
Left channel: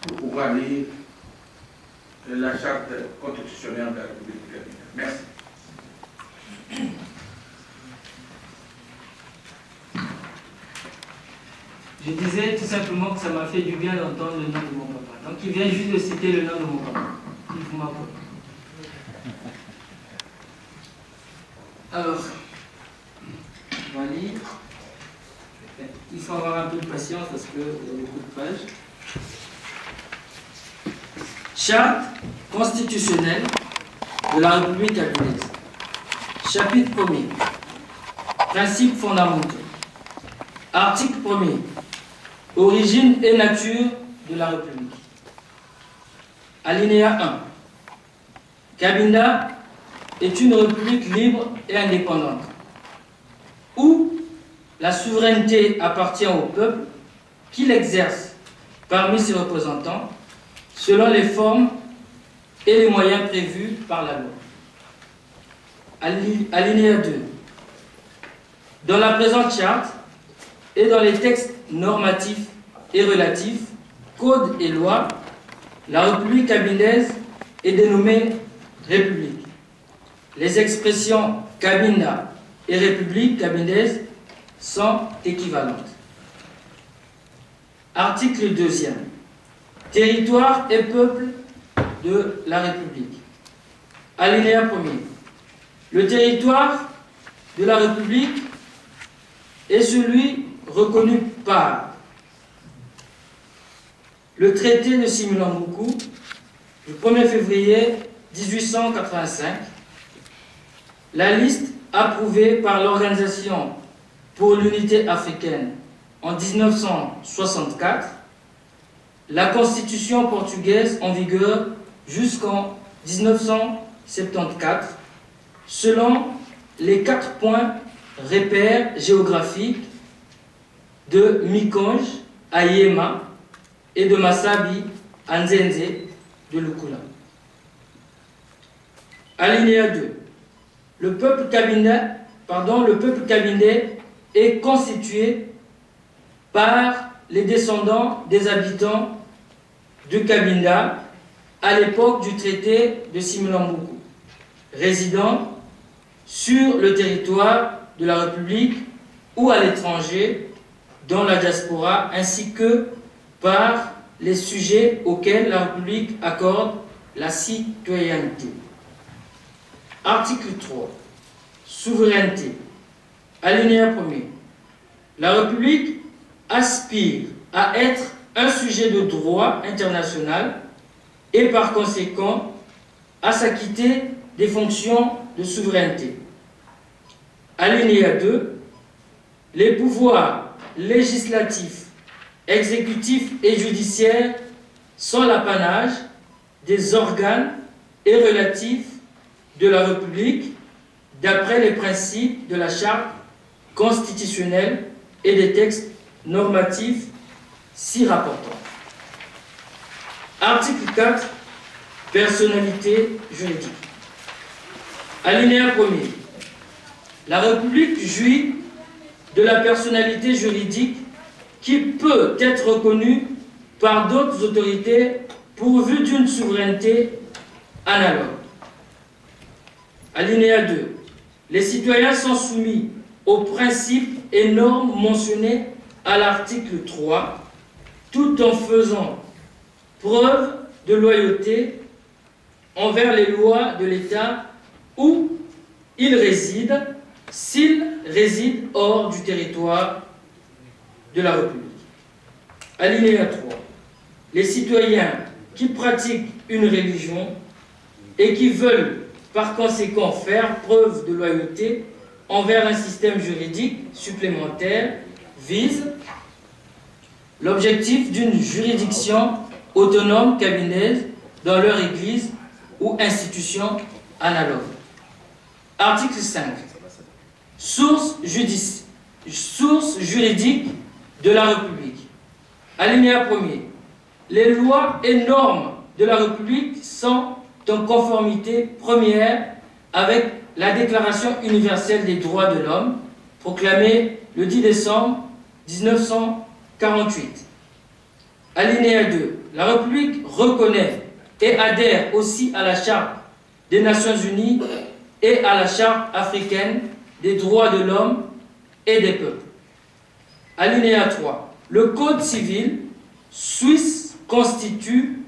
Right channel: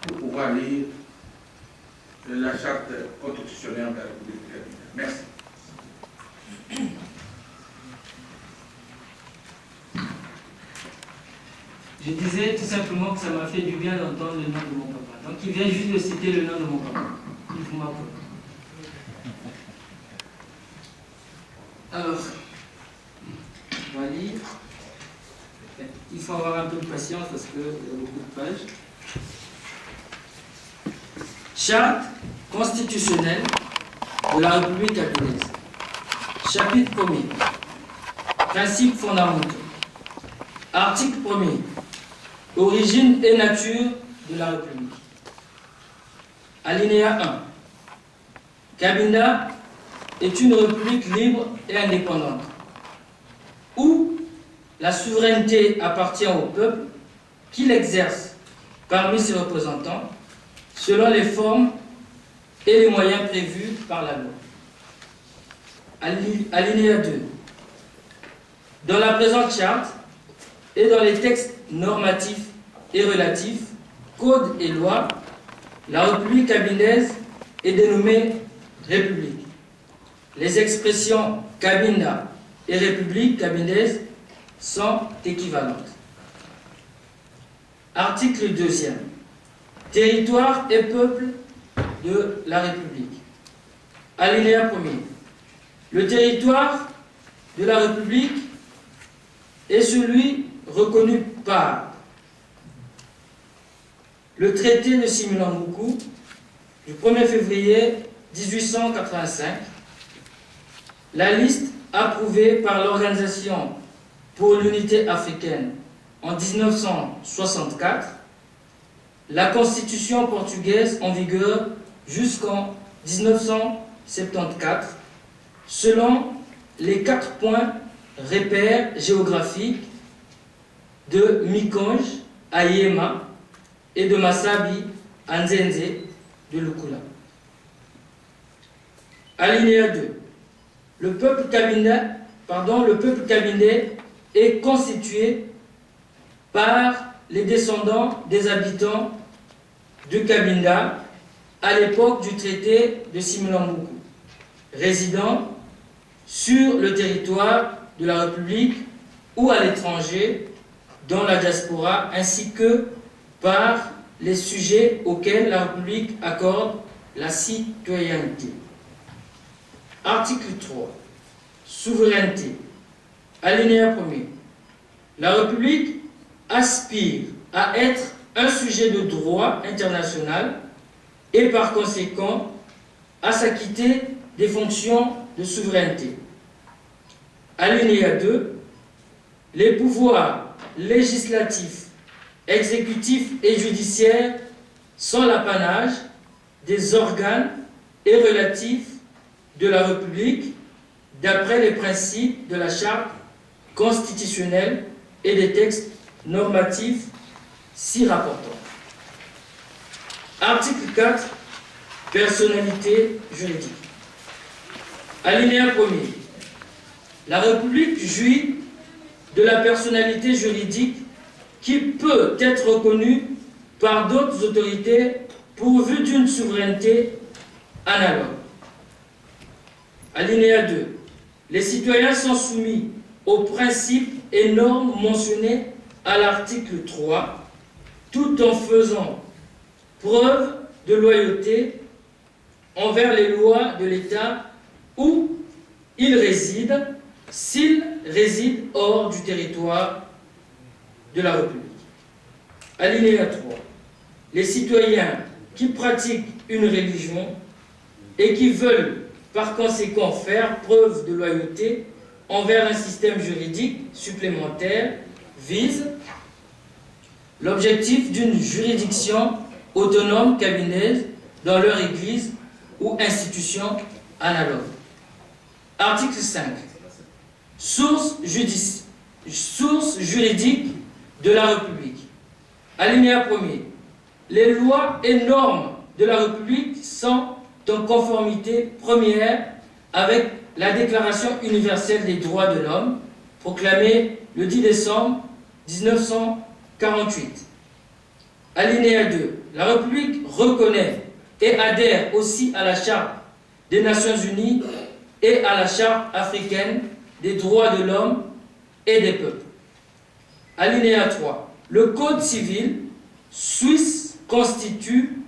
Pour pouvoir lire la charte constitutionnelle de la République du Kabinda. Merci. Je disais tout simplement que ça m'a fait du bien d'entendre le nom de mon papa. Donc il vient juste de citer le nom de mon papa. Il faut m'apprendre. Alors, on va lire. Il faut avoir un peu de patience parce qu'il y a beaucoup de pages. Charte constitutionnelle de la République gabonaise. Chapitre 1er. Principes fondamentaux. Article 1er. Origine et nature de la République. Alinéa 1. Cabinda est une république libre et indépendante, où la souveraineté appartient au peuple qui l'exerce parmi ses représentants selon les formes et les moyens prévus par la loi. Alinéa 2. Dans la présente charte et dans les textes normatifs et relatifs, codes et lois, la République kabindaise est dénommée République. Les expressions Kabinda et République kabindaise sont équivalentes. Article 2e. Territoire et peuple de la République. Alinéa 1er. Le territoire de la République est celui reconnu par le traité de Similambuku du 1er février 1885, la liste approuvée par l'Organisation pour l'unité africaine en 1964, la constitution portugaise en vigueur jusqu'en 1974, selon les 4 points repères géographiques de Mikonge à Yema et de Masabi à Nzenze de Lukula. Alinéa 2. Le peuple kabindais est constitué par les descendants des habitants de Kabinda à l'époque du traité de Similambuku, résidant sur le territoire de la République ou à l'étranger dans la diaspora, ainsi que par les sujets auxquels la République accorde la citoyenneté. Article 3. Souveraineté. Alinéa 1er. La République aspire à être un sujet de droit international et par conséquent à s'acquitter des fonctions de souveraineté. Alinéa 2. Les pouvoirs législatifs, exécutifs et judiciaires sont l'apanage des organes et relatifs de la République d'après les principes de la Charte constitutionnelle et des textes normatifs s'y rapportant. Article 4. Personnalité juridique. Alinéa 1er. La République jouit de la personnalité juridique qui peut être reconnue par d'autres autorités pourvues d'une souveraineté analogue. Alinéa 2. Les citoyens sont soumis aux principes et normes mentionnés à l'article 3, tout en faisant preuve de loyauté envers les lois de l'État où ils résident, s'ils résident hors du territoire de la République. Alinéa 3. Les citoyens qui pratiquent une religion et qui veulent par conséquent faire preuve de loyauté envers un système juridique supplémentaire visent l'objectif d'une juridiction autonome cabinet dans leur église ou institution analogue. Article 5. Source juridique de la République. Alinéa 1er. Les lois et normes de la République sont en conformité première avec la Déclaration universelle des droits de l'homme, proclamée le 10 décembre 1948. Alinéa 2. La République reconnaît et adhère aussi à la Charte des Nations Unies et à la Charte africaine des droits de l'homme et des peuples. Alinéa 3. Le Code civil suisse constitue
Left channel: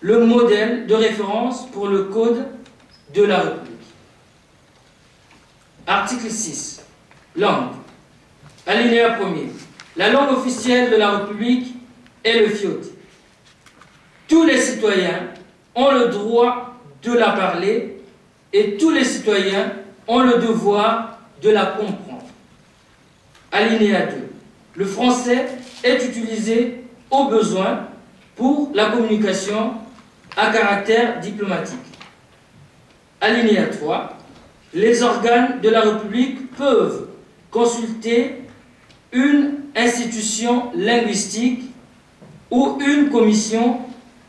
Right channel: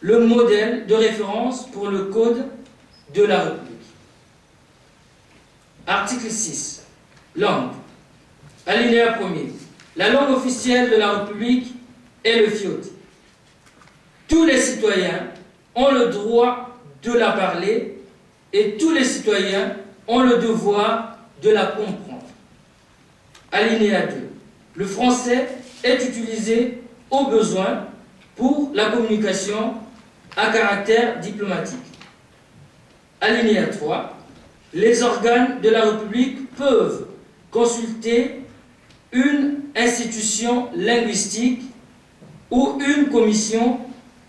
le modèle de référence pour le Code de la République. Article 6. Langue. Alinéa 1er. La langue officielle de la République est le fiote. Tous les citoyens ont le droit de la parler et tous les citoyens ont le devoir de la comprendre. Alinéa 2. Le français est utilisé au besoin pour la communication à caractère diplomatique. Alinéa 3. Les organes de la République peuvent consulter une institution linguistique ou une commission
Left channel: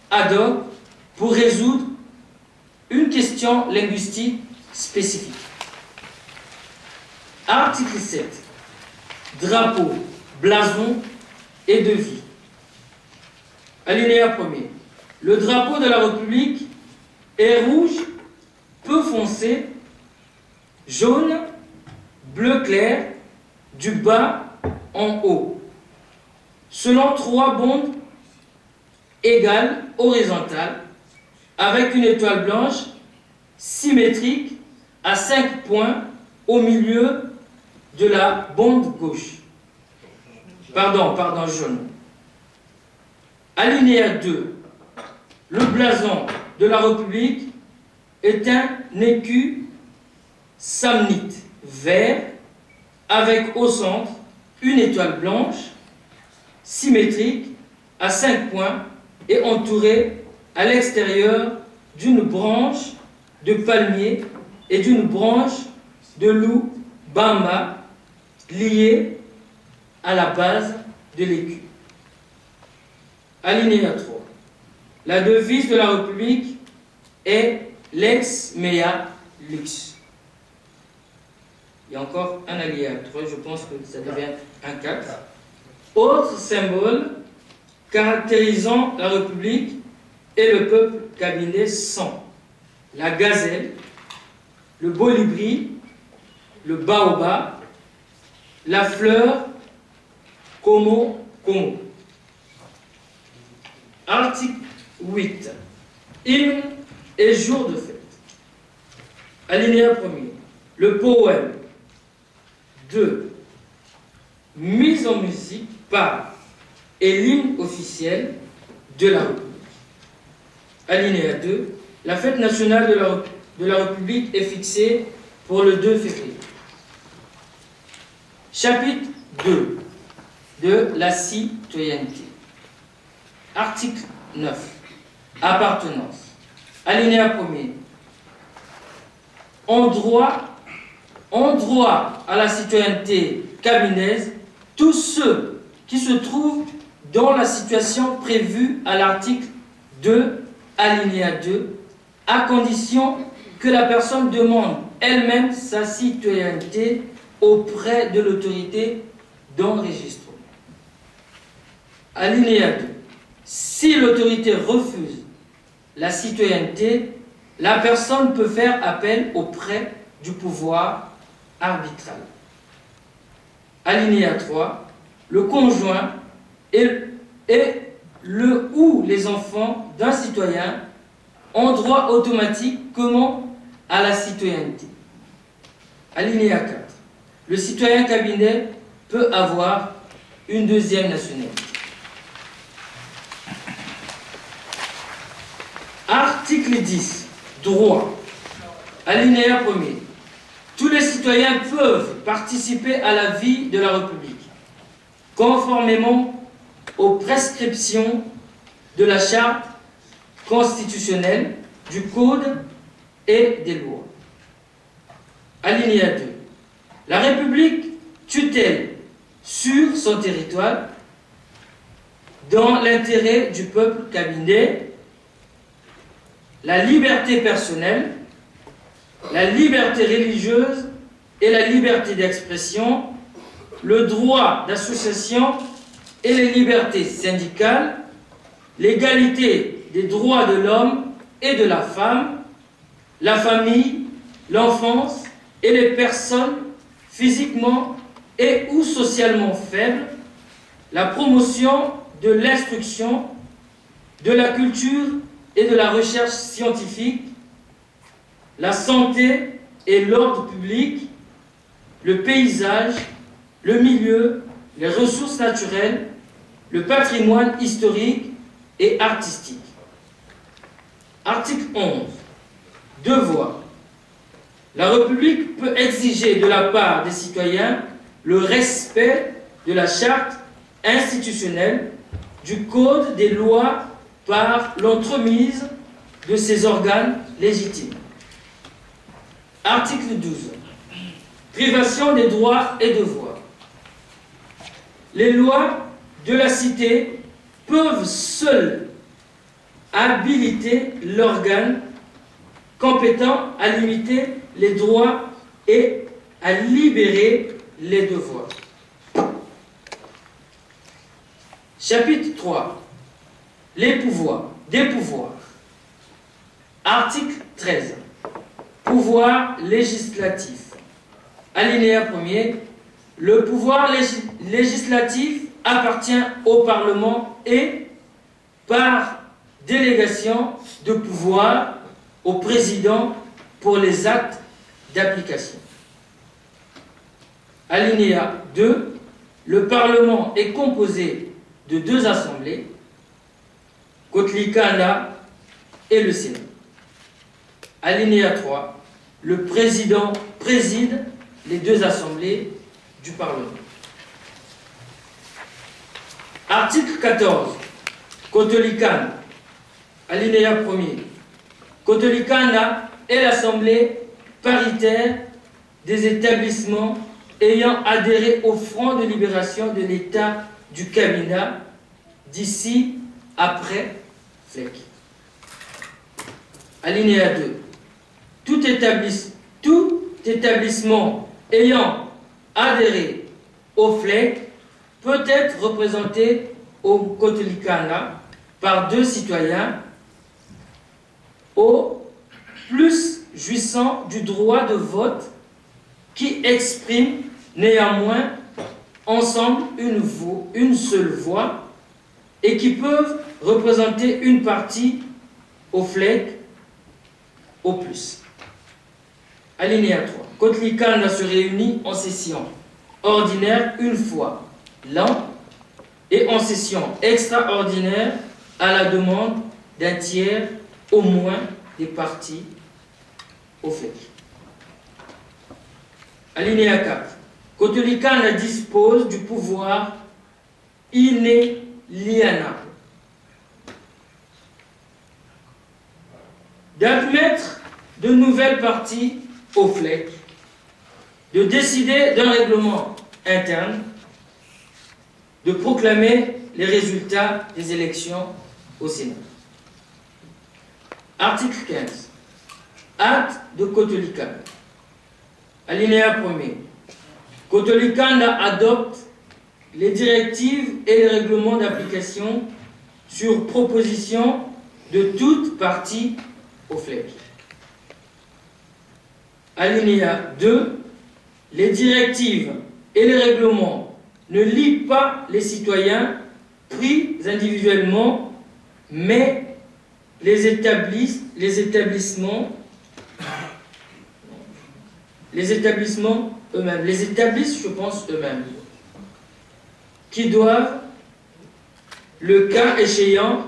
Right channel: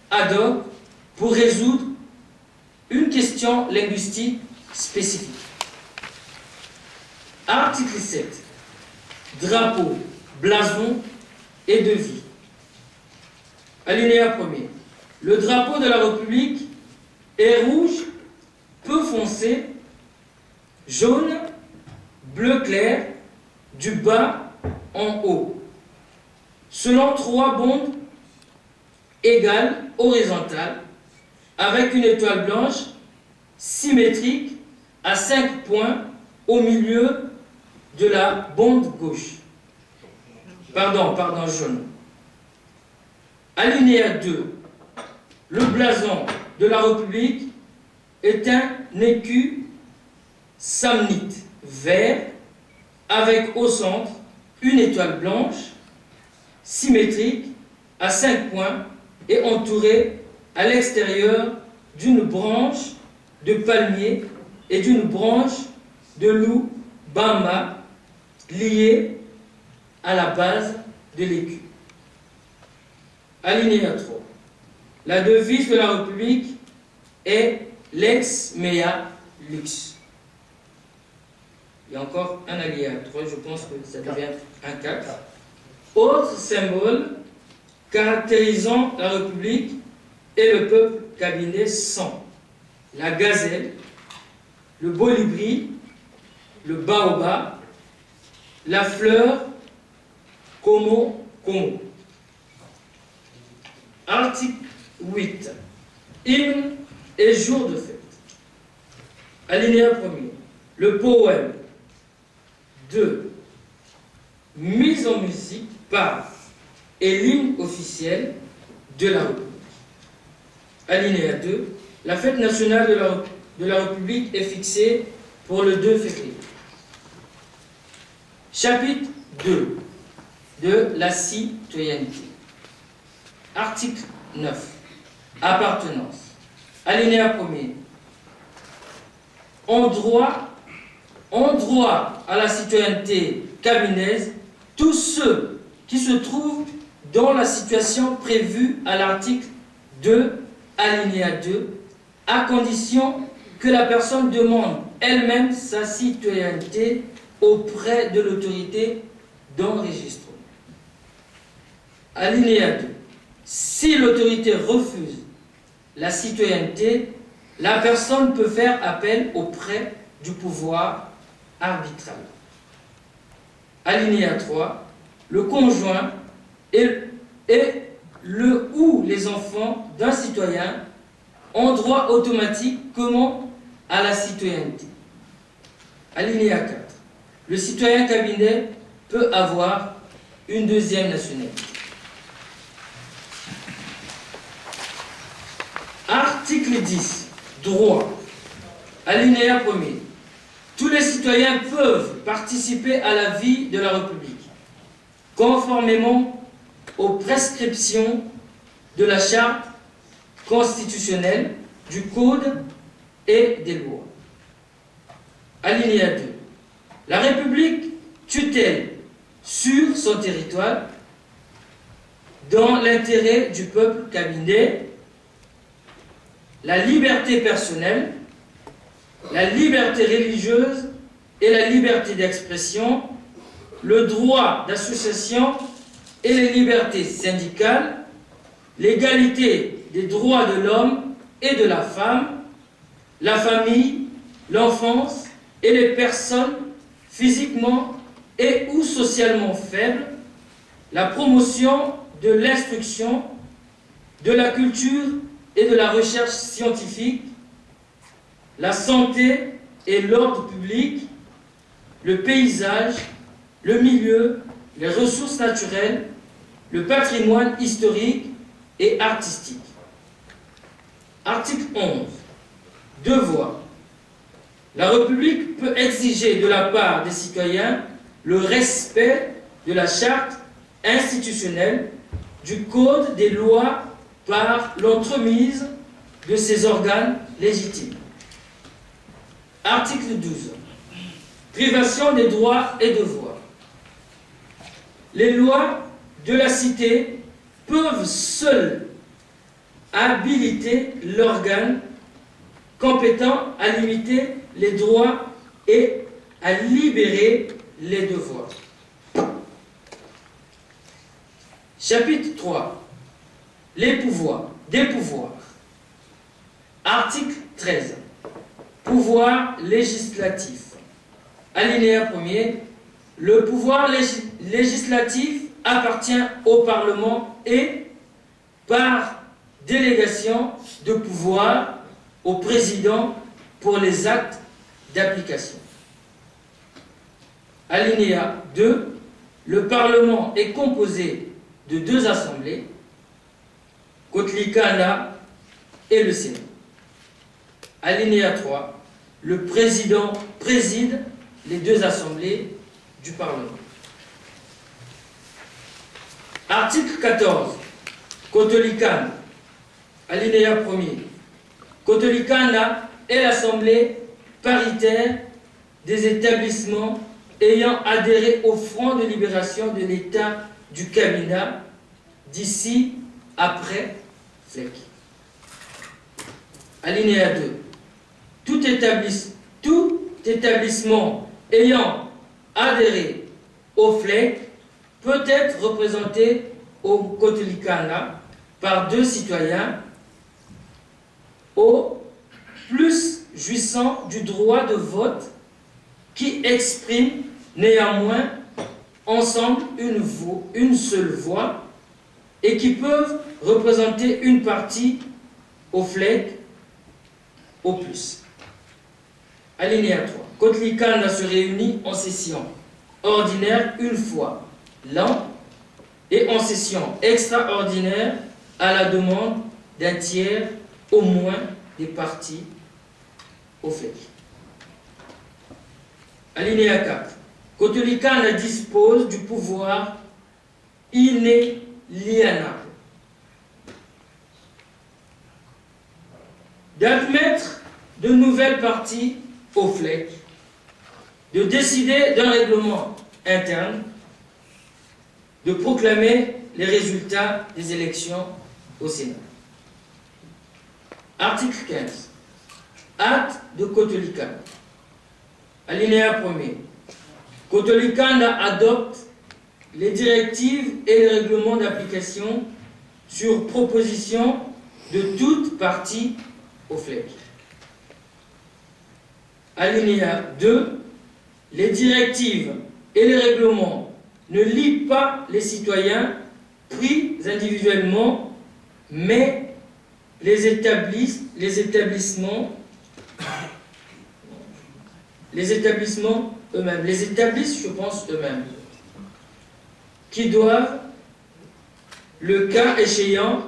ad hoc pour résoudre une question linguistique spécifique. Article 7. Drapeau, blason et devis. Alinéa 1er. Le drapeau de la République est rouge, peu foncé, jaune, bleu clair, du bas en haut, selon 3 bandes égales horizontales, avec une étoile blanche symétrique à 5 points au milieu de la bande gauche. Pardon, jaune. Alinéa 2. Le blason de la République est un écu samnite vert avec au centre une étoile blanche symétrique à 5 points et entourée à l'extérieur d'une branche de palmier et d'une branche de loup bamba liée à la base de l'écu. Alinéa 3. La devise de la République est lex mea lux. Il y a encore un alinéa 3, je pense que ça devient un 4. Autre symbole caractérisant la République et le peuple cabinais sont la gazelle, le bolibri, le baobab, la fleur como. Article 8. Hymne et jour de fête. Alinéa 1er. Le poème. 2. Mise en musique par et l'hymne officiel de la République. Alinéa 2. La fête nationale de la République est fixé pour le 2 février. Chapitre 2 de la citoyenneté. Article 9. Appartenance. Alinéa 1er. En droit à la citoyenneté cabinaise tous ceux qui se trouvent dans la situation prévue à l'article 2, alinéa 2, à condition que la personne demande elle-même sa citoyenneté auprès de l'autorité d'enregistrement. Alinéa 2. Si l'autorité refuse la citoyenneté, la personne peut faire appel auprès du pouvoir arbitral. Alinéa 3. Le conjoint et le ou les enfants d'un citoyen ont droit automatiquement à la citoyenneté. Alinéa 4. Le citoyen cabinet peut avoir une deuxième nationalité. Article 10. Droit. Alinéa 1er. Tous les citoyens peuvent participer à la vie de la République, conformément aux prescriptions de la Charte constitutionnelle, du Code et des lois. Alinéa 2. La République tutelle sur son territoire, dans l'intérêt du peuple cabinet, la liberté personnelle, la liberté religieuse et la liberté d'expression, le droit d'association et les libertés syndicales, l'égalité des droits de l'homme et de la femme, la famille, l'enfance et les personnes physiquement et ou socialement faibles, la promotion de l'instruction, de la culture et de la recherche scientifique, la santé et l'ordre public, le paysage, le milieu, les ressources naturelles, le patrimoine historique et artistique. Article 11. Devoir. La République peut exiger de la part des citoyens le respect de la charte institutionnelle, du Code des lois par l'entremise de ses organes légitimes. Article 12. Privation des droits et devoirs. Les lois de la cité peuvent seules habiliter l'organe compétent à limiter les droits et à libérer les devoirs. Chapitre 3. Les pouvoirs. Des pouvoirs. Article 13. Pouvoir législatif. Alinéa 1er. Le pouvoir législatif appartient au Parlement et, par délégation de pouvoir, au président pour les actes d'application. Alinéa 2. Le Parlement est composé de 2 assemblées, Kotlikana et le Sénat. Alinéa 3. Le président préside les 2 assemblées du Parlement. Article 14. Kotolikana. Alinéa 1er. Kotolikana est l'assemblée paritaire des établissements ayant adhéré au Front de libération de l'État du Kabinda d'ici après FLEC. Alinéa 2. Tout établissement ayant adhéré au FLEC peut être représenté au Kotolikana par 2 citoyens au plus jouissant du droit de vote qui expriment néanmoins ensemble une seule voix et qui peuvent représenter une partie au FLEC au plus. Alinéa 3. Kotlikana se réunit en session ordinaire une fois l'an et en session extraordinaire à la demande d'un tiers au moins des parties au FLEC. Alinéa 4. Kotolikanda dispose du pouvoir inaliénable d'admettre de nouvelles parties au FLEC, de décider d'un règlement interne, de proclamer les résultats des élections au Sénat. Article 15. Acte de Kotolikanda. Alinéa 1er. Kotolikanda adopte les directives et les règlements d'application sur proposition de toute partie au FLEC. Alinéa 2. Les directives et les règlements ne lient pas les citoyens pris individuellement, mais les établissements eux-mêmes, les établissent, je pense, eux-mêmes, qui doivent, le cas échéant,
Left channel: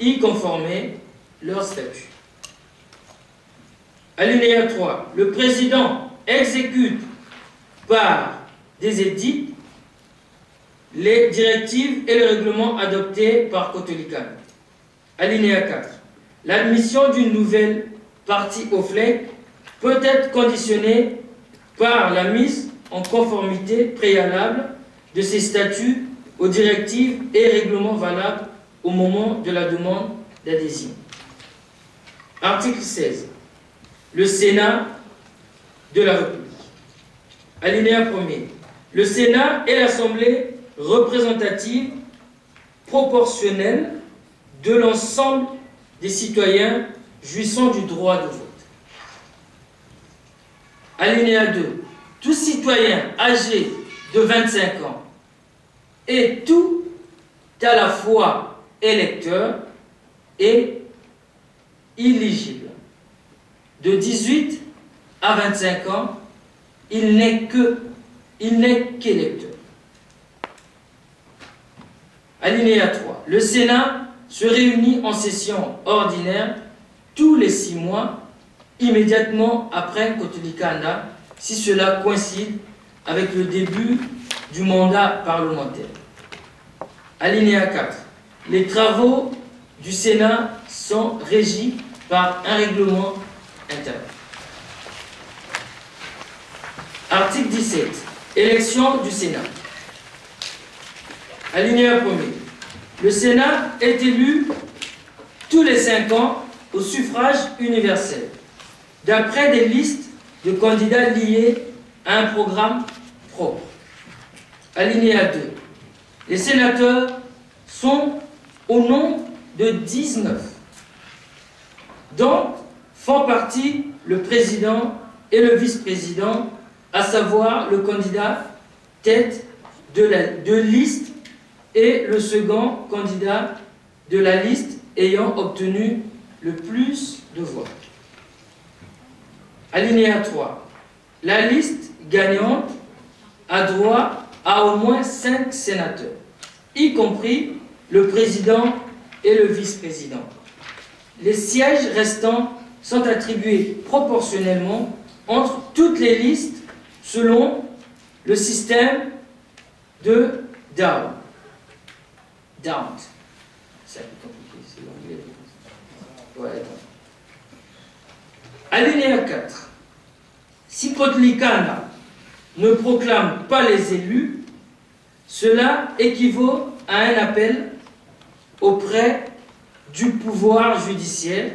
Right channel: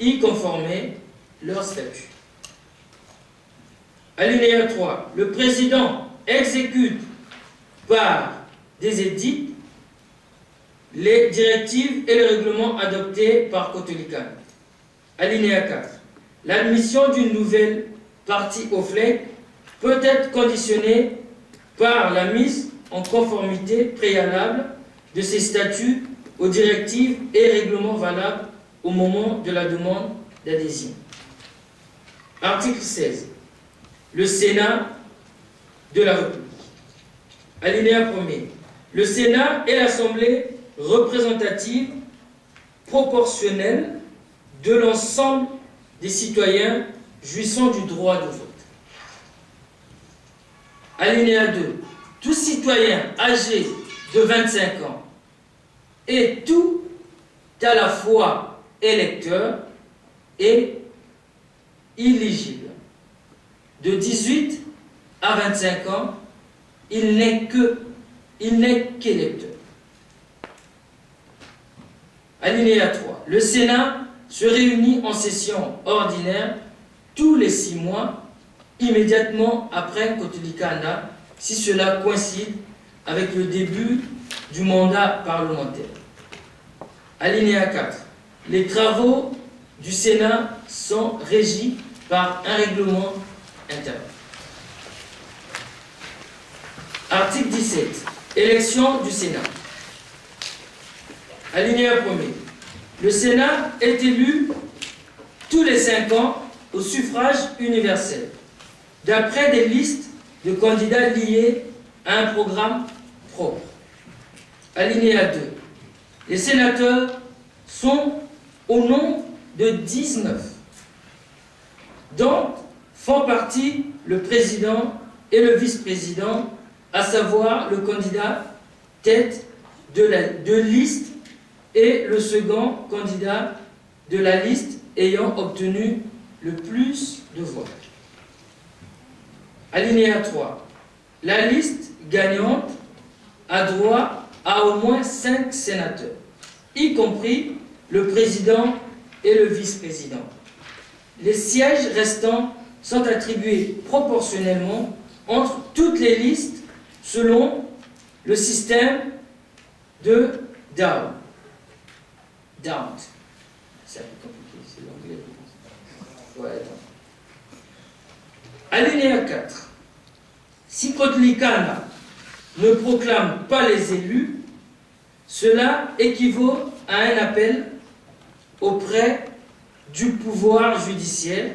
y conformer leur statut. Alinéa 3. Le président exécute par des édits les directives et les règlements adoptés par Kotolikanda. Alinéa 4. L'admission d'une nouvelle partie au FLEC peut être conditionnée par la mise en conformité préalable de ses statuts aux directives et règlements valables au moment de la demande d'adhésion. Article 16. Le Sénat de la République. Alinéa 1er. Le Sénat est l'Assemblée représentative proportionnelle de l'ensemble des citoyens jouissant du droit de vote. Alinéa 2. Tout citoyen âgé de 25 ans est tout à la fois électeur et éligible. De 18 à 25 ans, il n'est qu'électeur. Alinéa 3. Le Sénat se réunit en session ordinaire tous les 6 mois, immédiatement après Kotolikanda, si cela coïncide avec le début du mandat parlementaire. Alinéa 4. Les travaux du Sénat sont régis par un règlement interne. Article 17. Élection du Sénat. Alinéa 1er. Le Sénat est élu tous les 5 ans au suffrage universel, d'après des listes de candidats liés à un programme propre. Alinéa 2. Les sénateurs sont au nombre de 19, dont font partie le président et le vice-président, à savoir le candidat tête de liste et le second candidat de la liste ayant obtenu le plus de voix. Alinéa 3. La liste gagnante a droit à au moins 5 sénateurs, y compris le président et le vice-président. Les sièges restants sont attribués proportionnellement entre toutes les listes selon le système de Down. C'est un peu compliqué, c'est l'anglais. Ouais, Alinéa 4. Si Kotolikanda ne proclame pas les élus, cela équivaut à un appel auprès du pouvoir judiciaire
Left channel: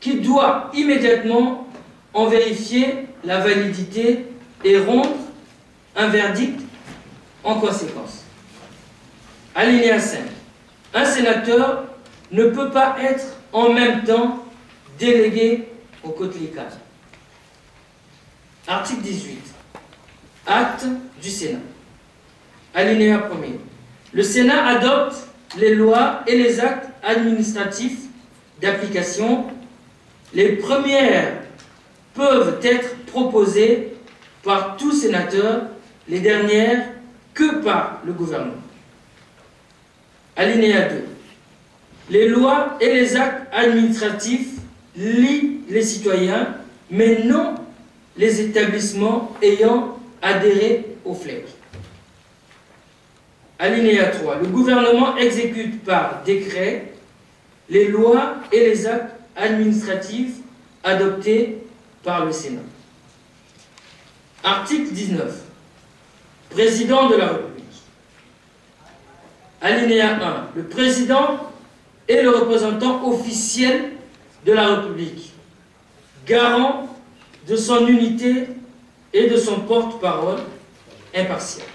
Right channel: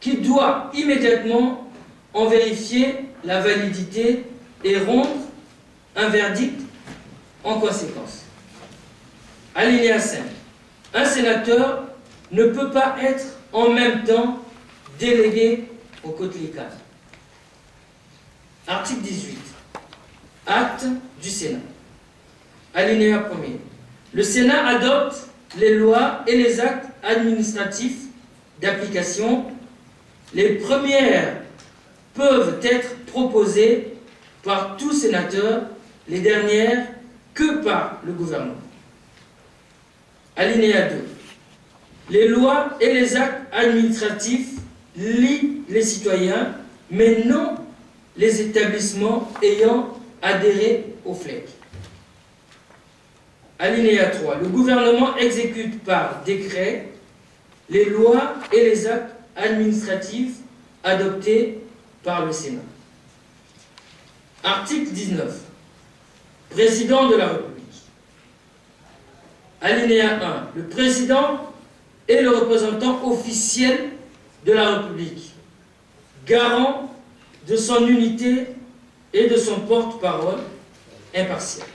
qui doit immédiatement en vérifier la validité et rendre un verdict en conséquence. Alinéa 5. Un sénateur ne peut pas être en même temps délégué au Kotolikanda. Article 18. Acte du Sénat. Alinéa 1er. Le Sénat adopte les lois et les actes administratifs d'application. Les premières peuvent être proposées par tout sénateur, les dernières que par le gouvernement. Alinéa 2. Les lois et les actes administratifs lient les citoyens mais non les établissements ayant adhéré au FLEC. Alinéa 3. Le gouvernement exécute par décret les lois et les actes administratifs adoptés par le Sénat. Article 19. Président de la République. Alinéa 1. Le président est le représentant officiel de la République, garant de son unité et de son porte-parole impartial.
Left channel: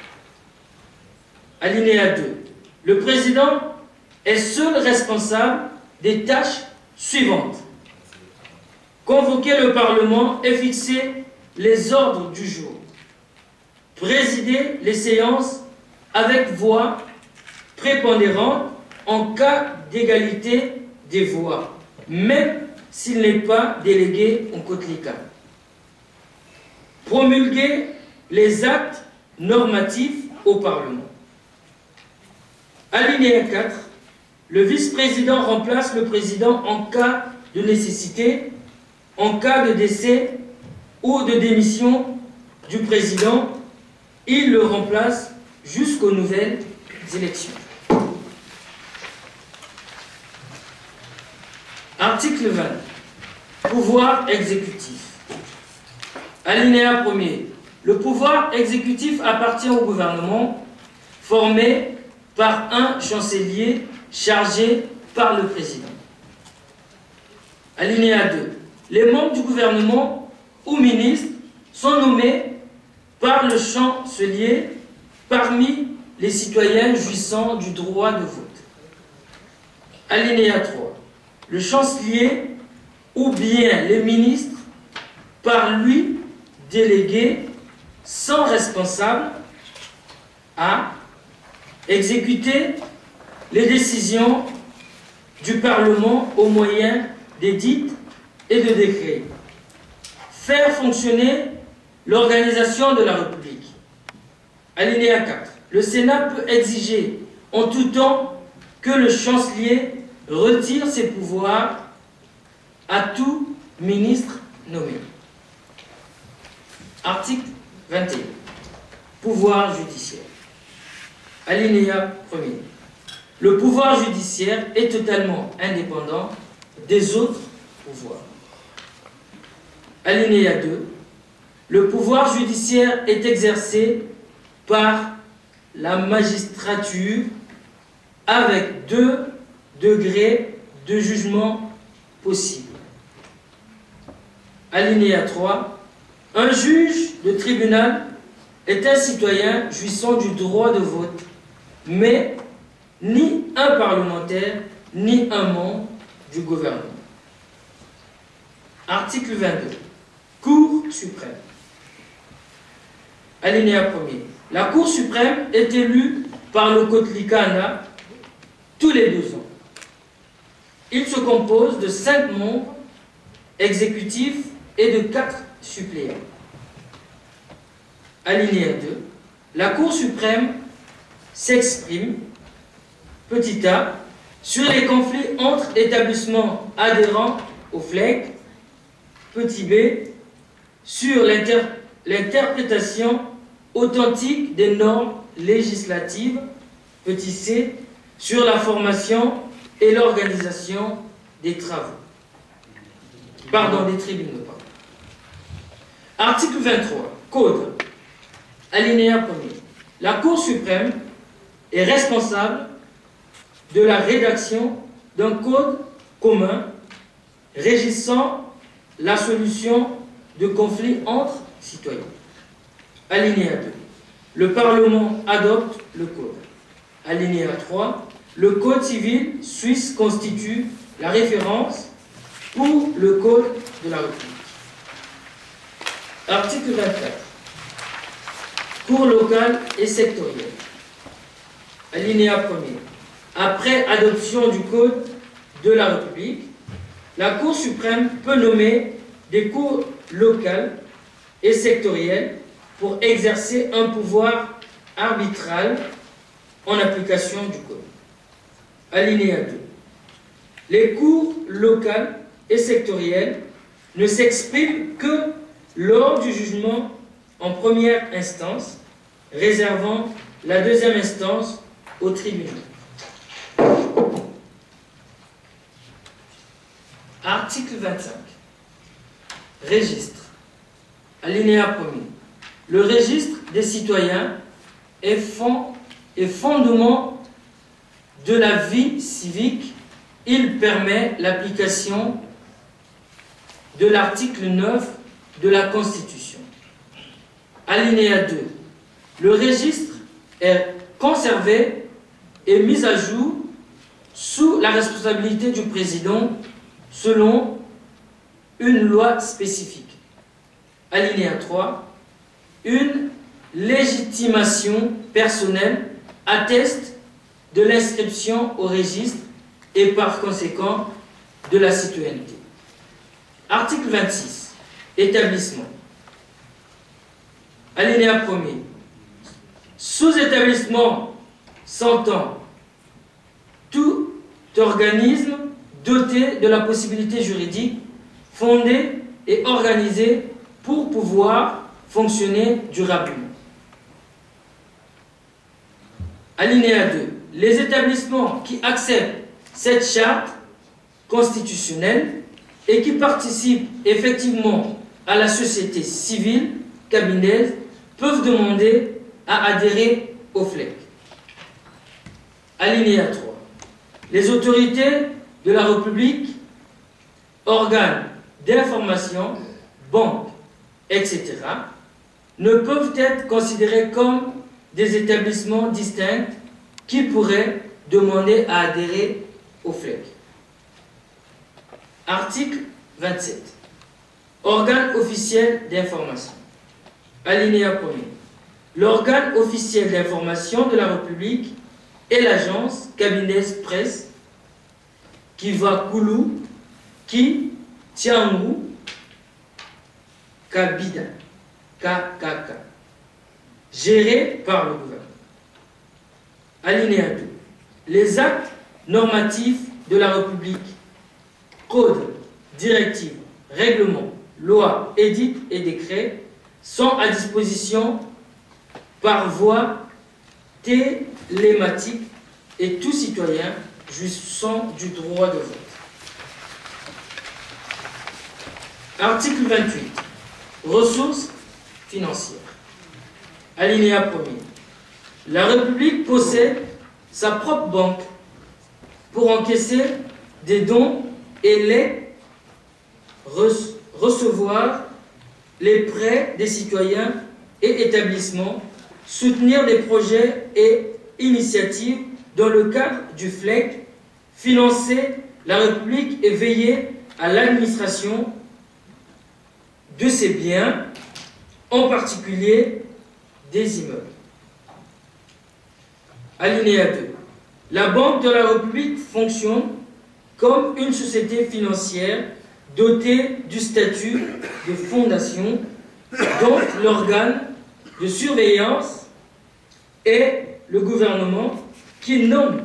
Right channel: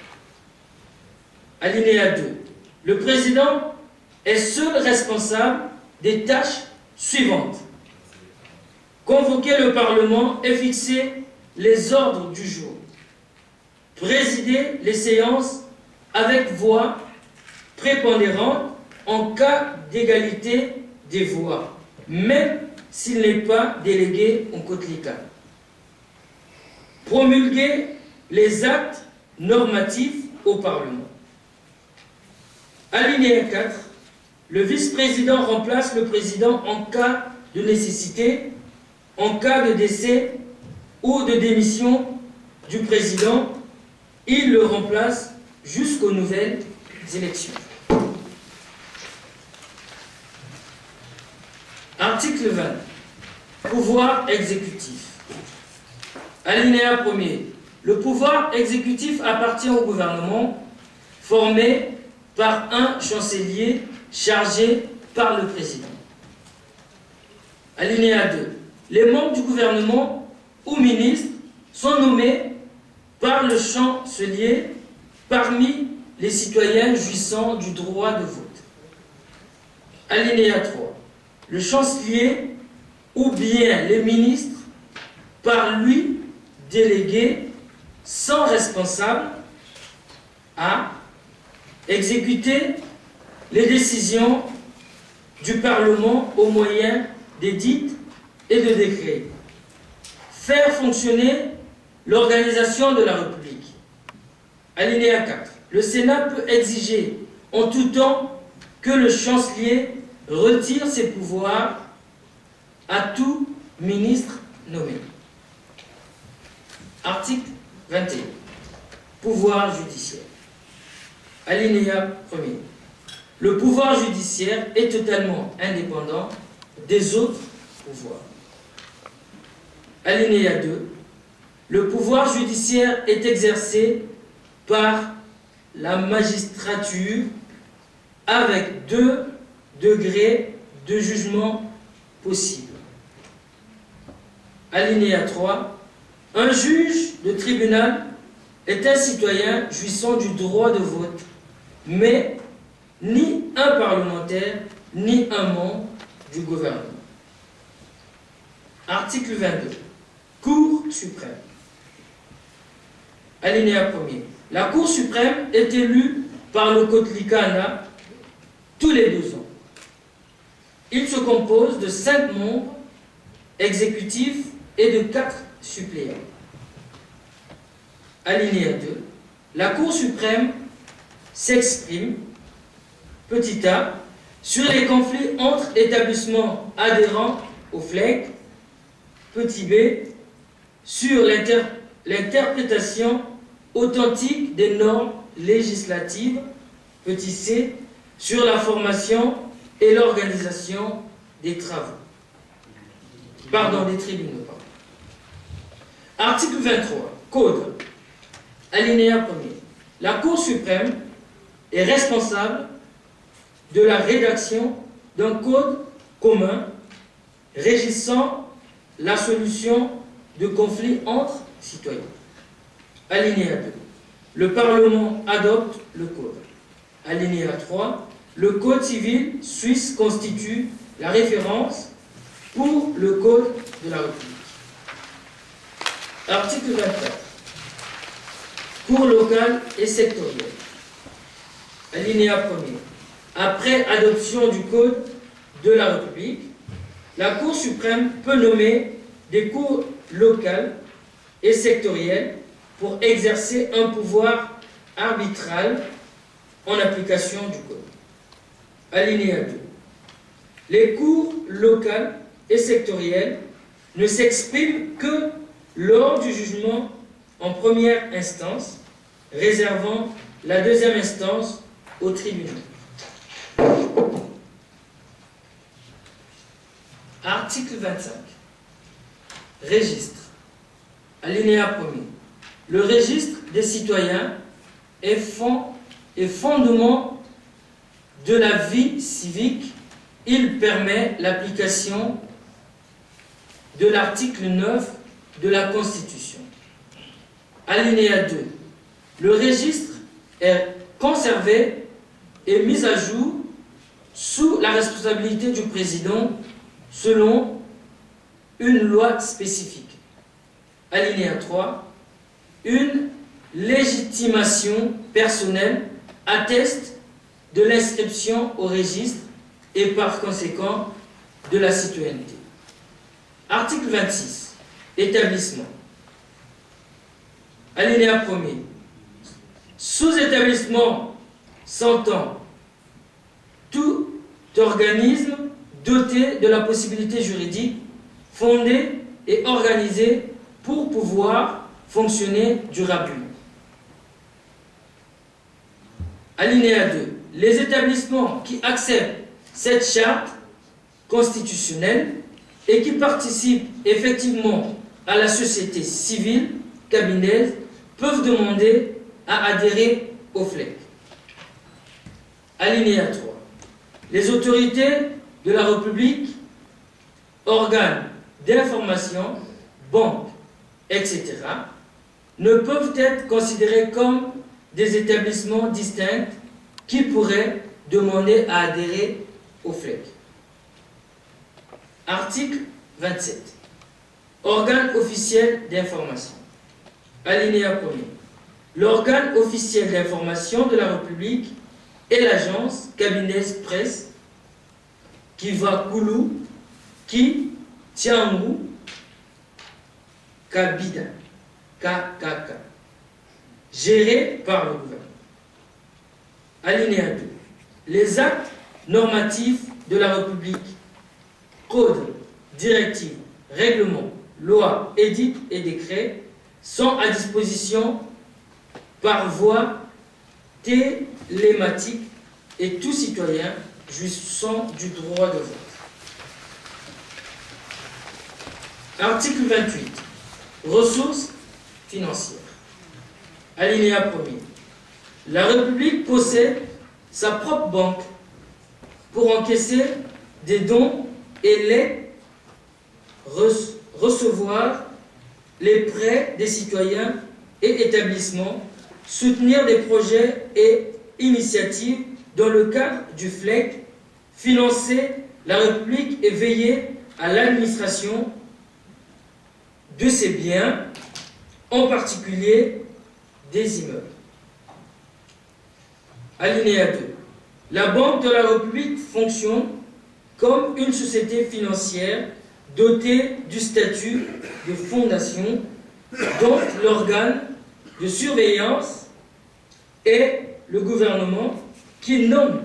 Alinéa 2. Le président est seul responsable des tâches suivantes: convoquer le Parlement et fixer les ordres du jour, présider les séances avec voix prépondérante en cas d'égalité des voix, même s'il n'est pas délégué en Kotlikan, promulguer les actes normatifs au Parlement. Alinéa 4. Le vice-président remplace le président en cas de nécessité, en cas de décès ou de démission du président. Il le remplace jusqu'aux nouvelles élections. Article 20. Pouvoir exécutif. Alinéa 1er. Le pouvoir exécutif appartient au gouvernement, formé par un chancelier chargé par le président. Alinéa 2. Les membres du gouvernement ou ministres sont nommés par le chancelier parmi les citoyens jouissant du droit de vote. Alinéa 3. Le chancelier ou bien les ministres par lui délégués sont responsables à exécuter les décisions du Parlement au moyen d'édits et de décrets, faire fonctionner l'organisation de la République. Alinéa 4. Le Sénat peut exiger en tout temps que le chancelier retire ses pouvoirs à tout ministre nommé. Article 21. Pouvoir judiciaire. Alinéa 1er. Le pouvoir judiciaire est totalement indépendant des autres pouvoirs. Alinéa 2. Le pouvoir judiciaire est exercé par la magistrature avec 2 degrés de jugement possibles. Alinéa 3. Un juge de tribunal est un citoyen jouissant du droit de vote, mais ni un parlementaire, ni un membre du gouvernement. Article 22. Cour suprême. Alinéa 1er. La Cour suprême est élue par le Kotlikana tous les 2 ans. Il se compose de 5 membres exécutifs et de 4 suppléants. Alinéa 2. La Cour suprême s'exprime, petit a, sur les conflits entre établissements adhérents au FLEC, petit b, sur l'interprétation authentique des normes législatives, petit c, sur la formation et l'organisation des travaux. Des tribunaux. Article 23. Code. Alinéa 1er. La Cour suprême est responsable de la rédaction d'un code commun régissant la solution de conflits entre citoyens. Alinéa 2. Le Parlement adopte le code. Alinéa 3. Le Code civil suisse constitue la référence pour le Code de la République. Article 24. Cour locale et sectorielle. Alinéa 1er. Après adoption du Code de la République, la Cour suprême peut nommer des cours locales et sectorielles pour exercer un pouvoir arbitral en application du Code. Alinéa 2. Les cours locales et sectorielles ne s'exprime que lors du jugement en première instance, réservant la deuxième instance au tribunal. Article 25. Registre. Alinéa 1er. Le registre des citoyens est fondement de la vie civique. Il permet l'application de l'article 9 de la Constitution. Alinéa 2. Le registre est conservé et mis à jour sous la responsabilité du président selon une loi spécifique. Alinéa 3. Une légitimation personnelle atteste de l'inscription au registre et par conséquent de la citoyenneté. Article 26. Établissement. Alinéa 1er. Sous établissement s'entend tout organisme doté de la possibilité juridique fondée et organisée pour pouvoir fonctionner durablement. Alinéa 2. Les établissements qui acceptent cette charte constitutionnelle et qui participent effectivement à la société civile cabineuse peuvent demander à adhérer au FLEC. Alinéa 3. Les autorités de la République, organes d'information, banques, etc., ne peuvent être considérés comme des établissements distincts qui pourraient demander à adhérer au FLEC. Article 27. Organe officiel d'information. Alinéa 1er. L'organe officiel d'information de la République est l'agence cabinet presse qui va Koulou, qui Tianrou, Kabida, KKK, géré par le gouvernement. Alinéa 2. Les actes normatifs de la République, codes, directives, règlements, lois, édits et décrets sont à disposition par voie télématique et tout citoyen jouissant du droit de vote. Article 28. Ressources financières. Alinéa 1er. La République possède sa propre banque pour encaisser des dons et les recevoir les prêts des citoyens et établissements, soutenir des projets et initiatives dans le cadre du FLEC, financer la République et veiller à l'administration de ses biens, en particulier des immeubles. Alinéa 2. La Banque de la République fonctionne comme une société financière dotée du statut de fondation, dont l'organe de surveillance est le gouvernement qui nomme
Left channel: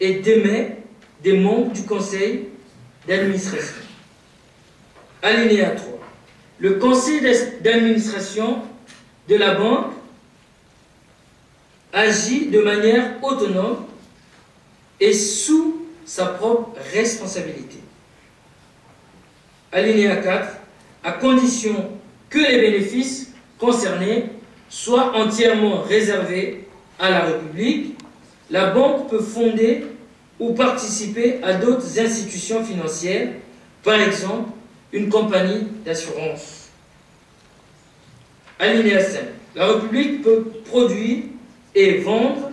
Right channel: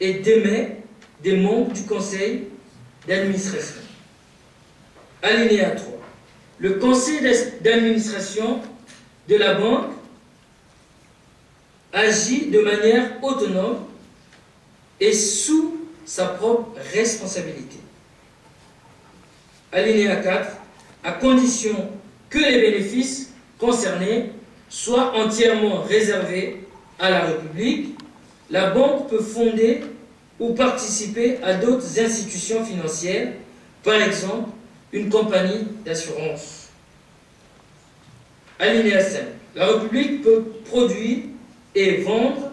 et démet des membres du conseil d'administration. Alinéa 3. Le conseil d'administration de la banque agit de manière autonome et sous sa propre responsabilité. Alinéa 4. À condition que les bénéfices concernés soient entièrement réservés à la République, la banque peut fonder ou participer à d'autres institutions financières, par exemple une compagnie d'assurance. Alinéa 5. La République peut produire et vendre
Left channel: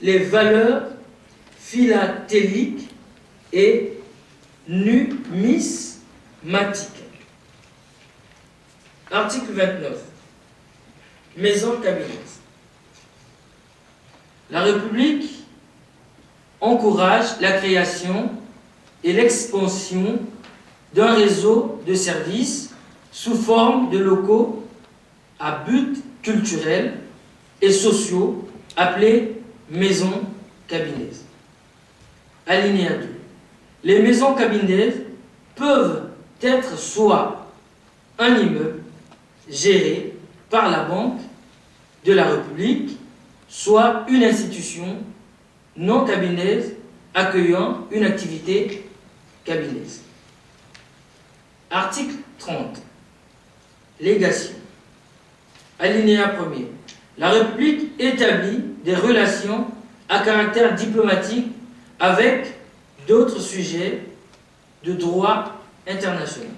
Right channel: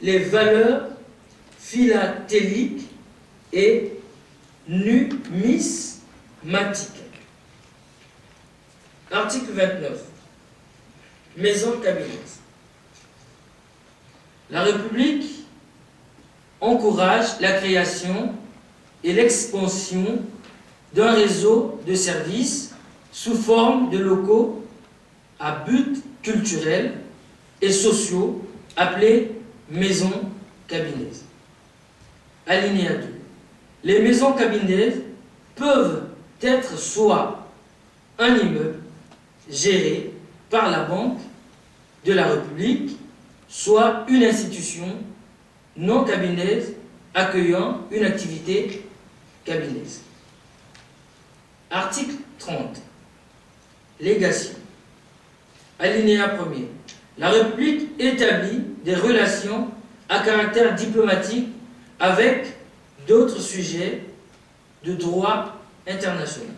les valeurs philatéliques et numismatiques. Article 29. Maison cabinet. La République encourage la création et l'expansion d'un réseau de services sous forme de locaux à but culturel et sociaux appelés maisons cabinets. Alinéa 2. Les maisons cabinets peuvent être soit un immeuble géré par la Banque de la République, soit une institution non cabineuse accueillant une activité cabineuse. Article 30. Légation. Alinéa 1er. La République établit des relations à caractère diplomatique avec d'autres sujets de droit international.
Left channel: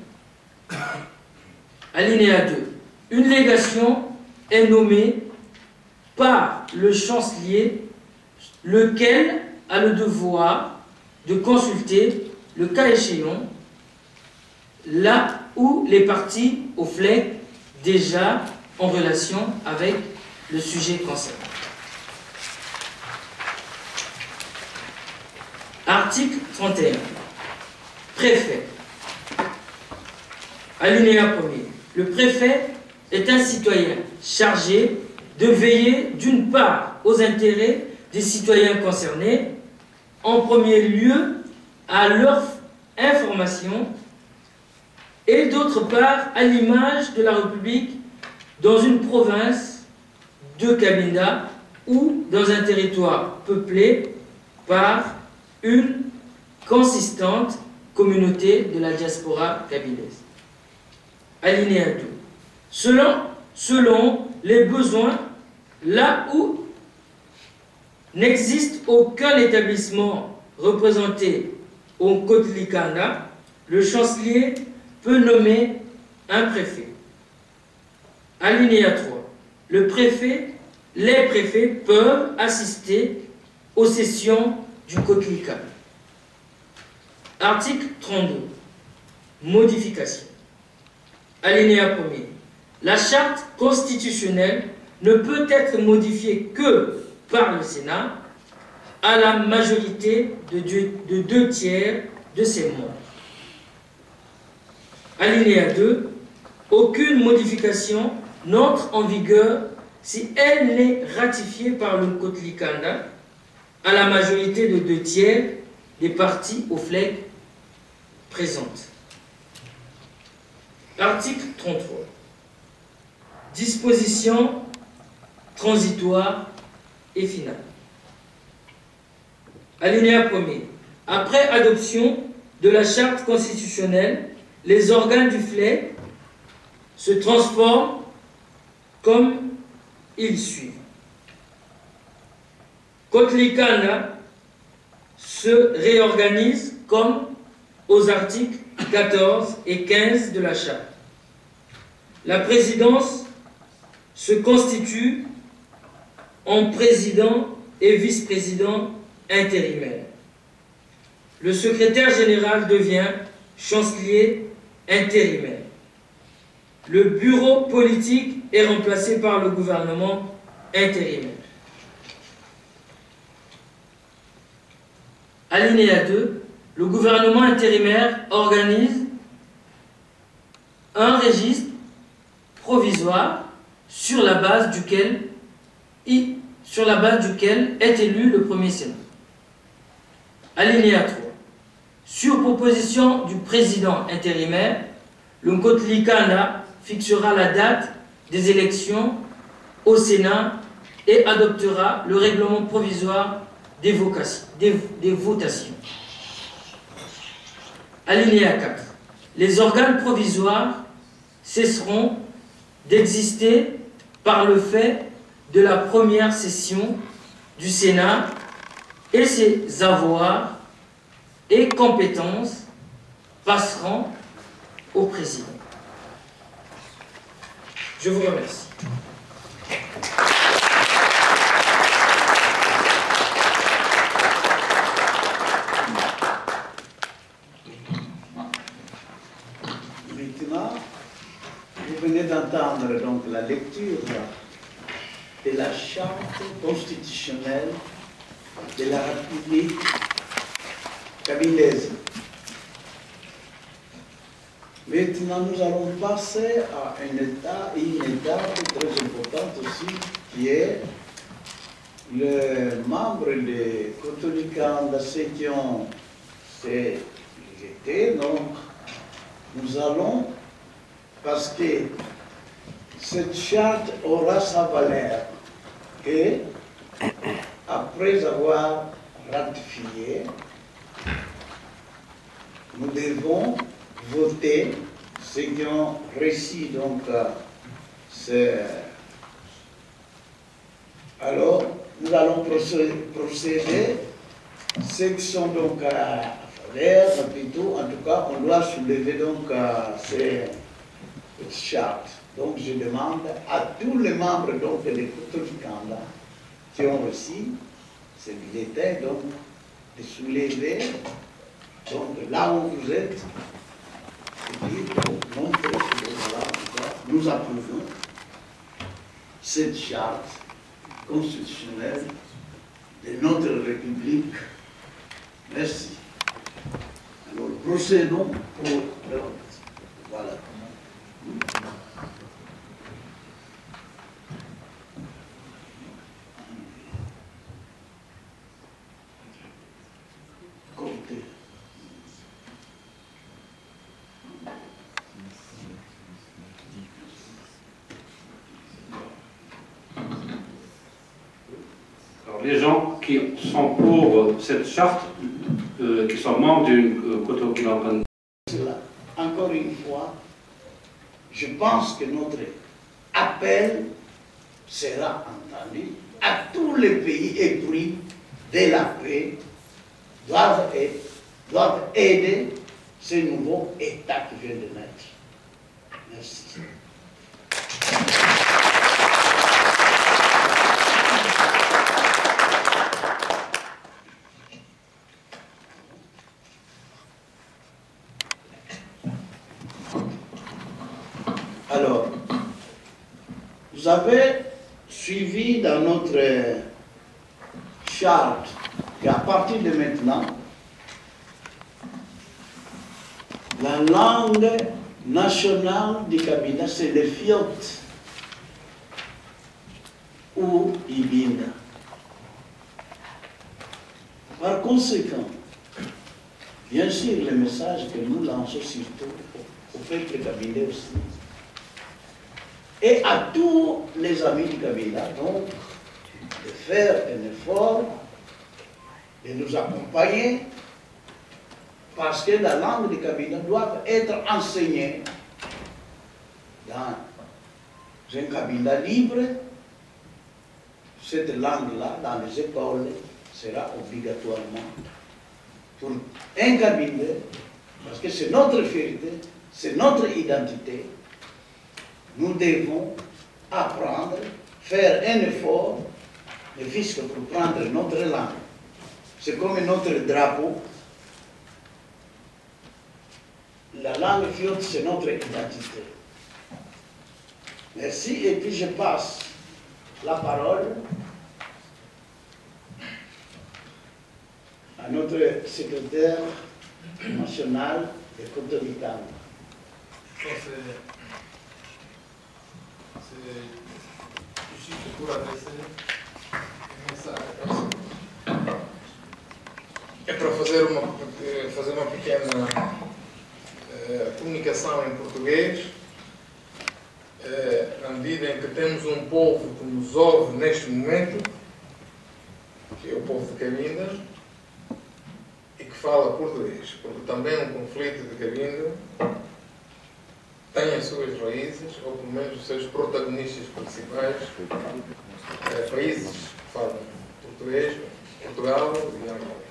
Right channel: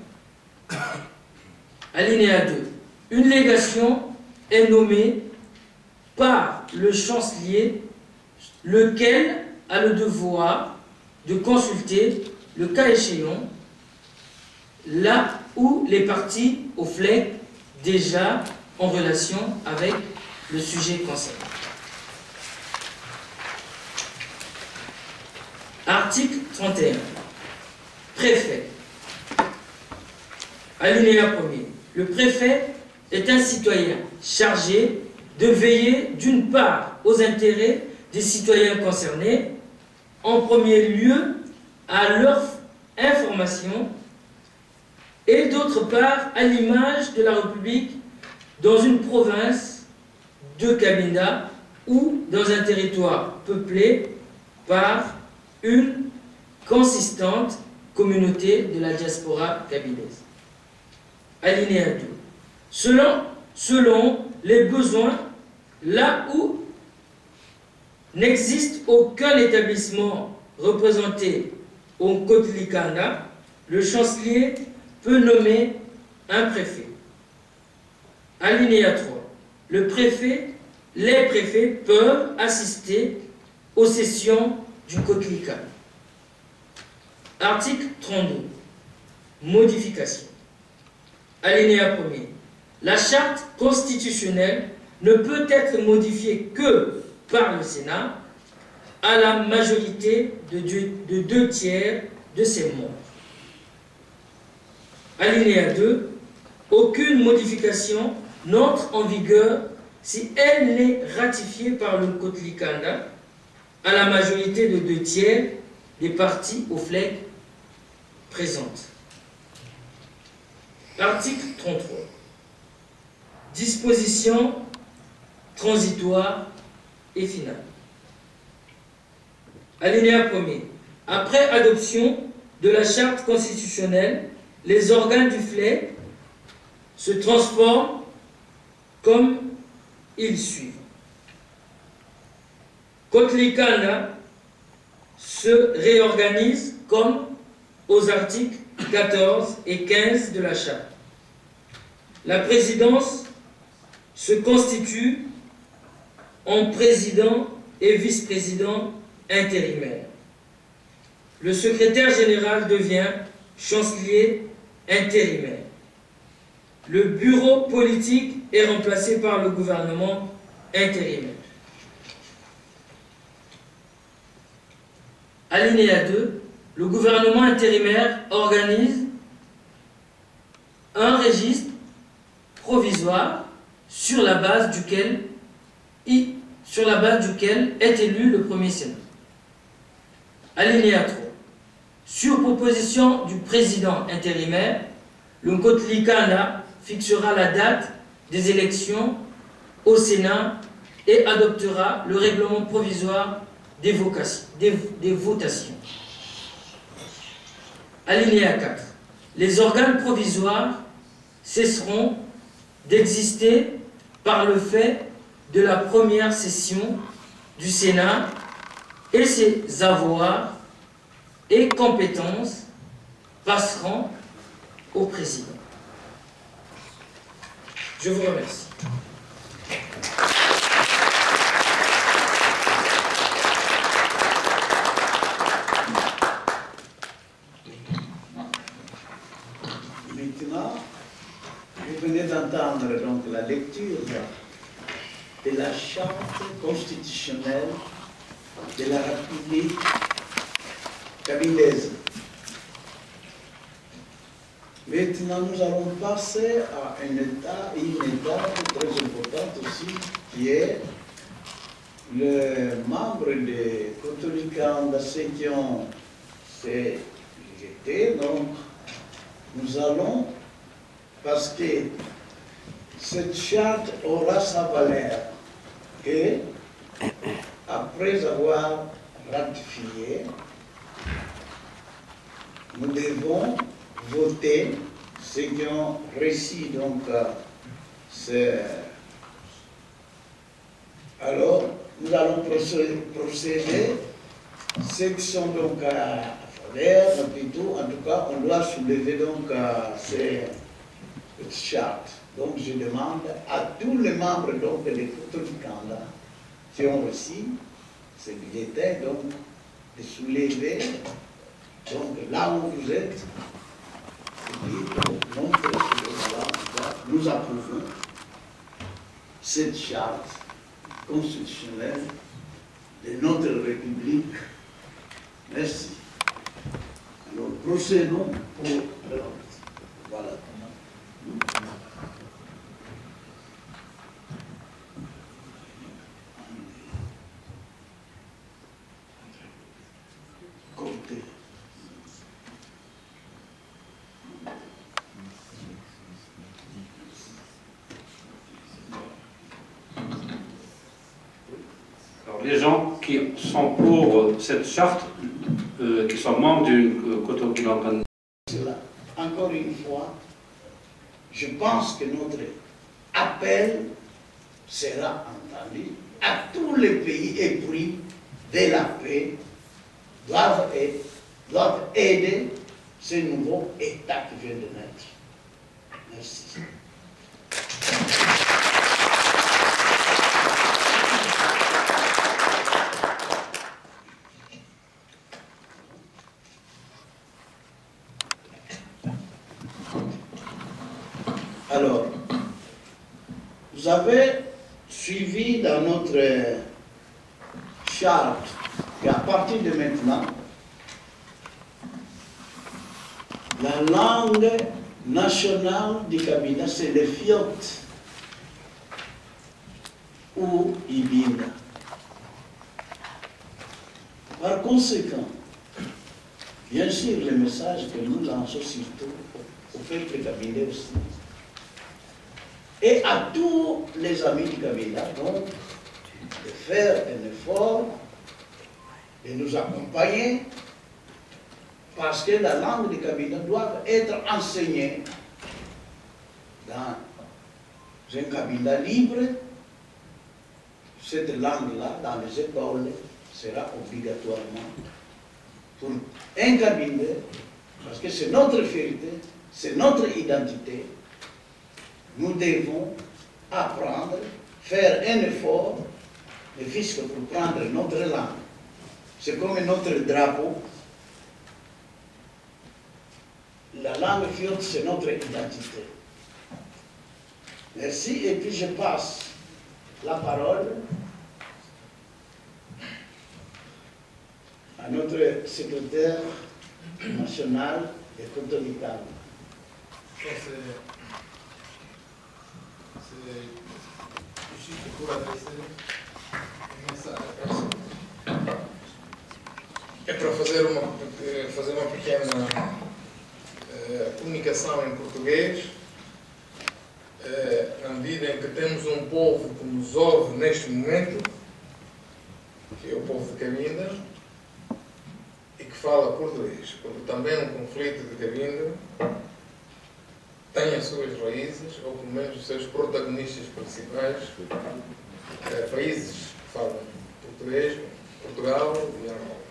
Alinéa 2. Une légation est nommée par le chancelier, lequel a le devoir de consulter, le cas échéant, là où les parties au FLEC déjà en relation avec le sujet concerné. Article 31. Préfet. Alinéa 1er. Le préfet est un citoyen chargé de veiller d'une part aux intérêts des citoyens concernés, en premier lieu à leur information, et d'autre part à l'image de la République dans une province de Cabinda ou dans un territoire peuplé par une consistante communauté de la diaspora cabindaise. Alinéa 2. Selon les besoins, là où n'existe aucun établissement représenté au Kotlikanda, le chancelier peut nommer un préfet. Alinéa 3. Les préfets peuvent assister aux sessions du Kotlikanda. Article 32. Modification. Alinéa 1er. La charte constitutionnelle ne peut être modifiée que par le Sénat à la majorité de 2/3 de ses membres. Alinéa 2. Aucune modification n'entre en vigueur si elle n'est ratifiée par le Kotlikanda à la majorité de 2/3 des parties au FLEC présentes. Article 33. Dispositions transitoires et finales. Alinéa 1er. Après adoption de la charte constitutionnelle, les organes du FLEC se transforment comme ils suivent. Kotlikanda se réorganise comme aux articles 14 et 15 de la charte. La présidence se constitue en président et vice-président intérimaire. Le secrétaire général devient chancelier intérimaire. Le bureau politique est remplacé par le gouvernement intérimaire. Alinéa 2. Le gouvernement intérimaire organise un registre provisoire sur la base duquel est élu le premier Sénat. Alinéa 3. Sur proposition du président intérimaire, le Kotlikanda fixera la date des élections au Sénat et adoptera le règlement provisoire des votations. Alinéa 4. Les organes provisoires cesseront d'exister par le fait de la première session du Sénat et ses avoirs et compétences passeront au président. Je vous remercie. Maintenant, vous venez d'entendre donc la lecture de la charte constitutionnelle de la République cabindaise. Maintenant, nous allons passer à une étape très importante aussi, qui est le membre de Kotlikanda, ceux qui ont été. Donc, nous allons parce que cette charte aura sa valeur et après avoir ratifié, nous devons voter ceux qui ont reçu donc alors nous allons procéder ceux qui sont donc à faveur, en tout cas on doit soulever donc cette charte. Donc je demande à tous les membres donc des Koutolikanda qui ont reçu ce bulletin donc de soulever donc là où vous êtes et puis pour montrer que voilà, nous approuvons cette charte constitutionnelle de notre République. Merci. Alors procédons pour le vote. Voilà. Comptez. Alors, les gens qui sont pour cette charte, qui sont membres d'une Koutolikanda. Encore une fois, je pense que notre appel sera entendu à tous les pays épris de la paix doivent aider ce nouveau État qui vient de naître. Merci. Alors, vous avez suivi dans notre charte qu'à partir de maintenant, la langue nationale du Kabila, c'est le Fiot ou Ibinda. Par conséquent, bien sûr, le message que nous lançons surtout au peuple kabila aussi, et à tous les amis du Kabila, donc, de faire un effort, de nous accompagner, parce que la langue du Kabila doit être enseignée dans un Kabila libre. Cette langue-là, dans les écoles, sera obligatoirement pour un Kabila, parce que c'est notre fierté, c'est notre identité. Nous devons apprendre, faire un effort, ne fût-ce que pour prendre notre langue. C'est comme notre drapeau. La langue fiote, c'est notre identité. Merci, et puis je passe la parole à notre secrétaire national de Koutolikanda. C'est juste pour adresser um mensagem. É para fazer uma pequena comunicação em português, na medida em que temos um povo que nos ouve neste momento, que é o povo de Cabinda, e que fala português, porque também um conflito de Cabinda tem as suas raízes, ou pelo menos os seus protagonistas principais, países que falam português, Portugal e Angola.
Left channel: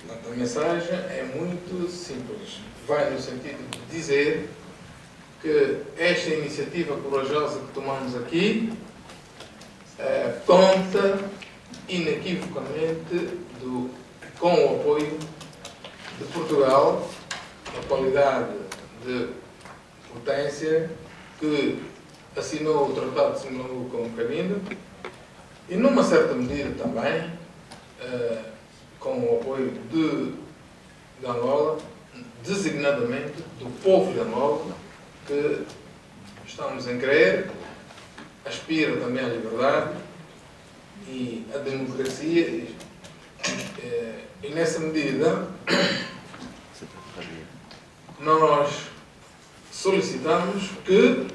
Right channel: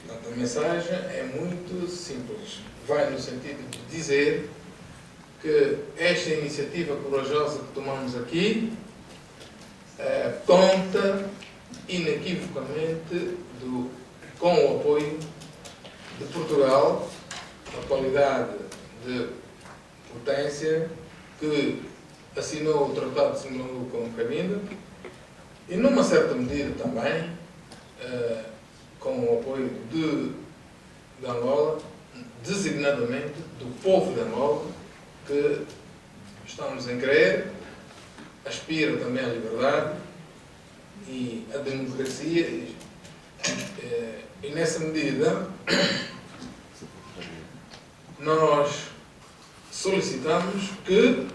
Portanto, a mensagem é muito simples. Vai no sentido de dizer que esta iniciativa corajosa que tomamos aqui conta inequivocamente com o apoio de Portugal, na qualidade de potência que assinou o Tratado de Simblangu com Cabinda e, numa certa medida também, com o apoio de Angola, designadamente do povo de Angola, que estamos em crer, aspira também à liberdade e à democracia, e nessa medida nós solicitamos que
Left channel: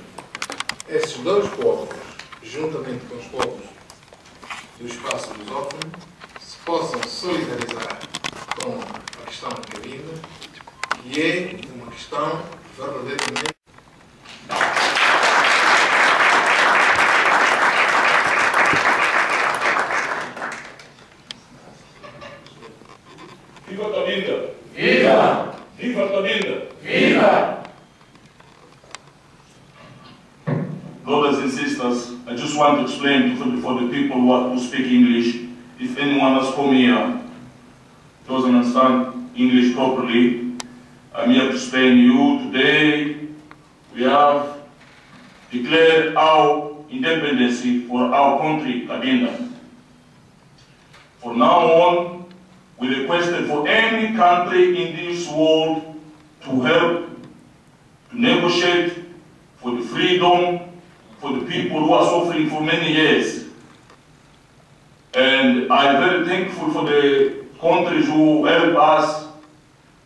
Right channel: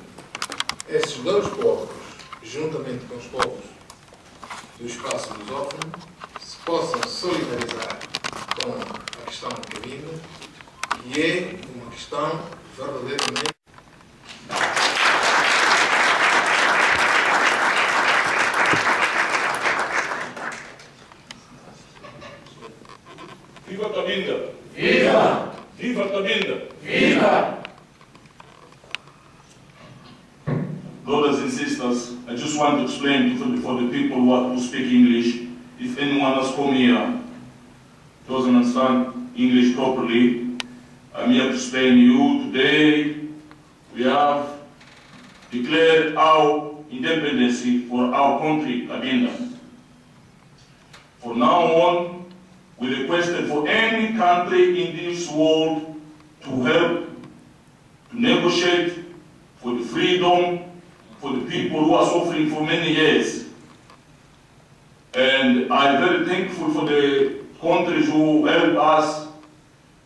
esses dois povos, juntamente com os povos do espaço lusófono, se possam solidarizar com a questão da cabina, que é uma questão verdadeiramente Viva Cabinda! Viva! Viva Cabinda! Viva! Brothers and sisters, I just want to explain for the people who speak English, if anyone has come here doesn't understand English properly, I'm here to explain you today. We have declared our independence for our country, Cabinda. From now on, we requested for any country in this world to help, to negotiate for the freedom for the people who are suffering for many years. And I'm very thankful for the countries who help us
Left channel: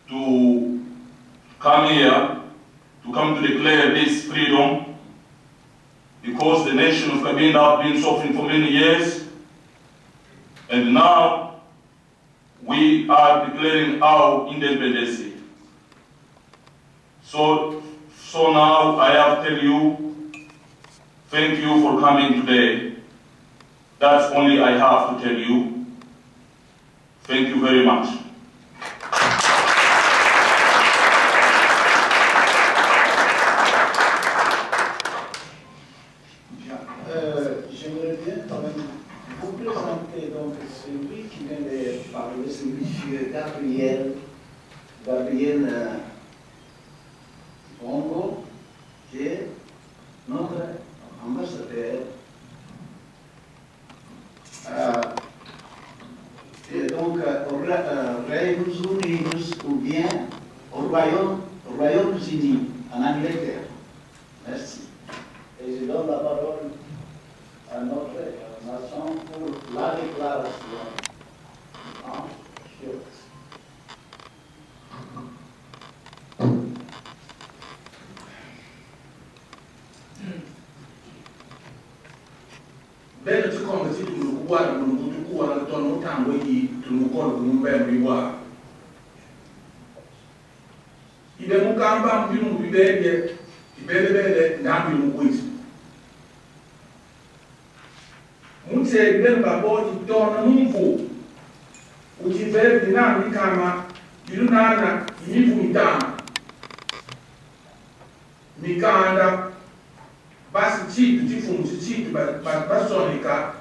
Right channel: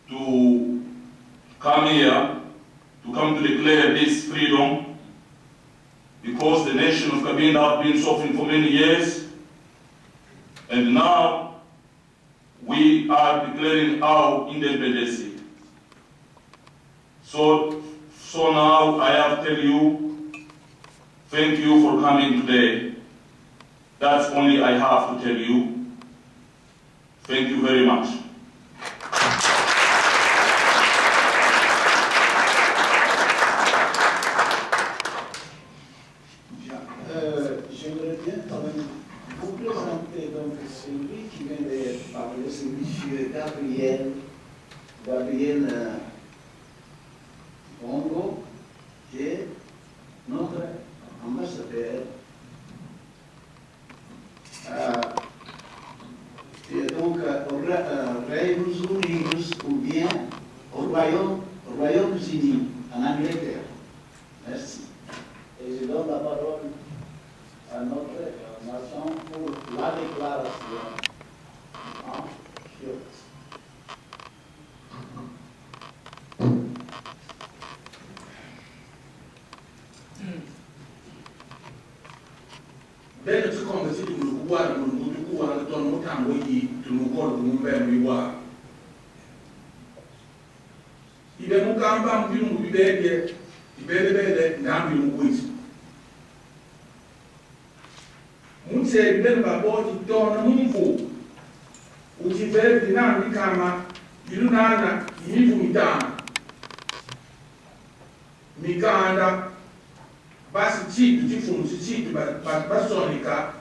to come here, to come to declare this freedom, because the nation of Cabinda has been suffering for many years, and now we are declaring our independence. So now I have to tell you, thank you for coming today. That's only I have to tell you. Thank you very much. J'aimerais bien quand même vous présenter donc celui qui vient de parler, c'est M. Gabriel Bongo, qui est notre ambassadeur. Et donc au Royaume Unis ou bien au Royaume-Uni, en Angleterre. Merci. Et je donne la parole à notre nation pour la déclaration en short. Bene ci come si tu guarda non tu guarda torno tanto di tu con un bel riguardo. Ibe mu kamba mu mu bibede ibede ngambi mu kwisi. Mutse bibede baboti torno mumvu. Ujive dinami kama ilunana imivu mitana. Mikanda basi chitu chifumu chitu basonika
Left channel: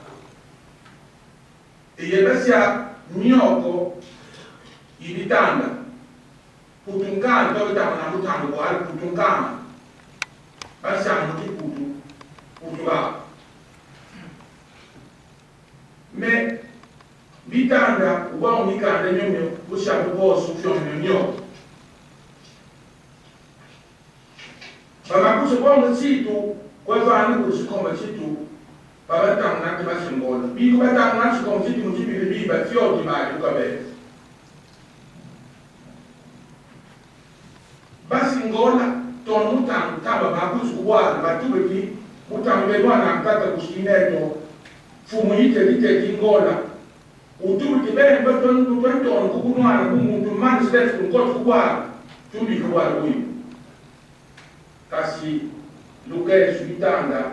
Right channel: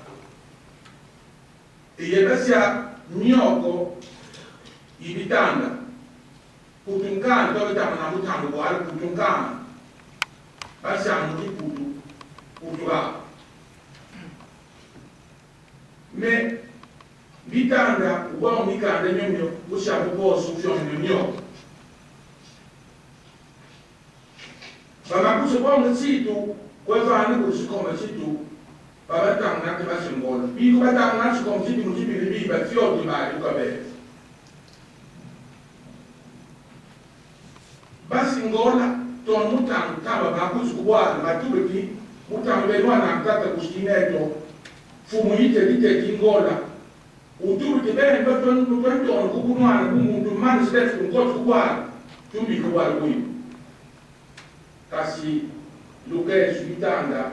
iyebesia mioko ibitanda putunkana to bitama na mutango wali putunkana basi amuti putuga me bitanda uba mikanda nyomyo busha bosu fyo nyomyo baba kuso chitu kwa vana kusikoma chitu baba tanga na basingola biko batanga na sikoma chitu mutibili biba fyo timali ukabe basingola ton mutango taba bakusu kubwa batubeki mutango bedwana mtata kustineto fumu ite lite kingola utubeki bene baton kubunwana kumuntu mani stefu ngoto kubwa tumbi kubwa uyu kasi luke subitanda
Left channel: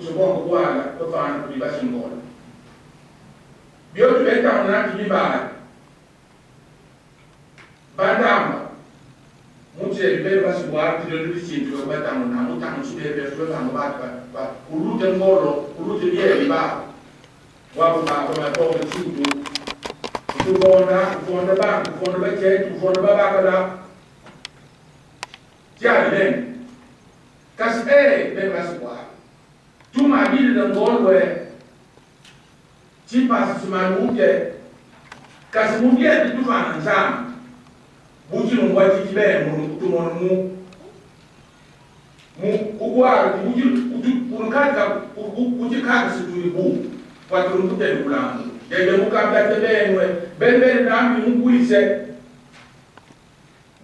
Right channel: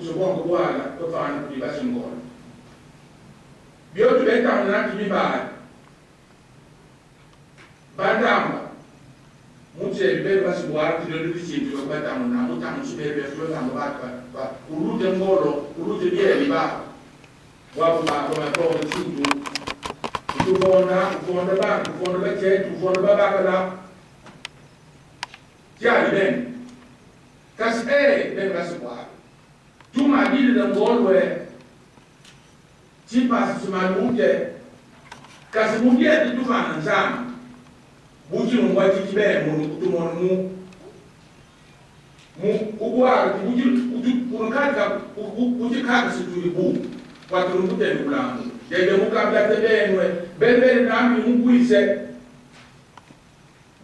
usobongo bwala bafana kuli basingola byotu betanga na kibibala badamba mutse bebe basibwala tidolu chintu batanga na mutanga subebe batanga ba urute ngolo urute bieli ba wapo ba kwa kwa chintu ufonda ba chetu ufonda ba bakala jali ben kasi ben basibwala tuma dili da ngolwe chipa simaluke kasi mungie tufana nzama buji ngwati tibe mu kutumona mu kubwala buji unkaka ukikaka situli bu kwatu ngute kulangu yeye mukabla tebenwe bebe nami ngwise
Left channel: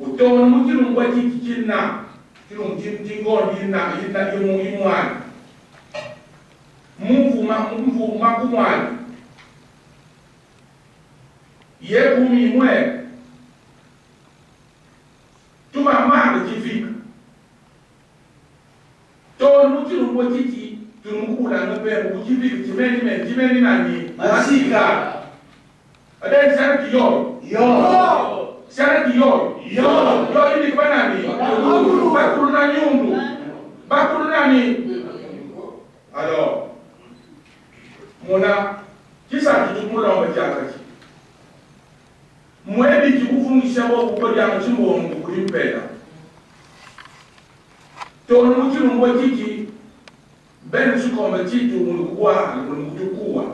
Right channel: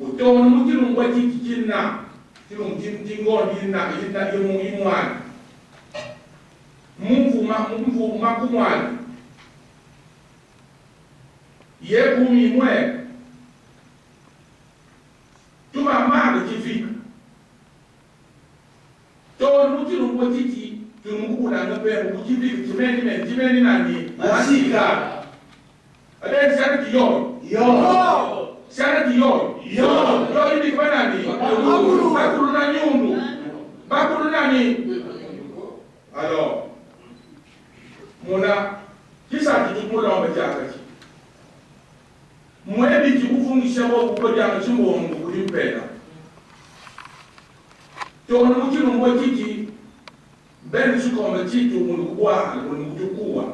utomona muji ngwati kikina Kilo tingo ina imwani. Mvu makumwani. Yekumi mwe. Tuma mara kifika. To nukilo mwatiti tunukula ngape mukifika timeni nani masika. Ada sana kiyo. Yo. Sana kiyo. Yo. Yo ini kwa nani? Bakulu na nyundu. Bakulu nani? Alors, mona kisa kitumula wamejaka ki. Mwebi kikufungisha wako kwa jama chimbo wangu kulimpeda. Tono mchilu mwa kiki, benu suko mchitu mulukuwa, mulukutukua.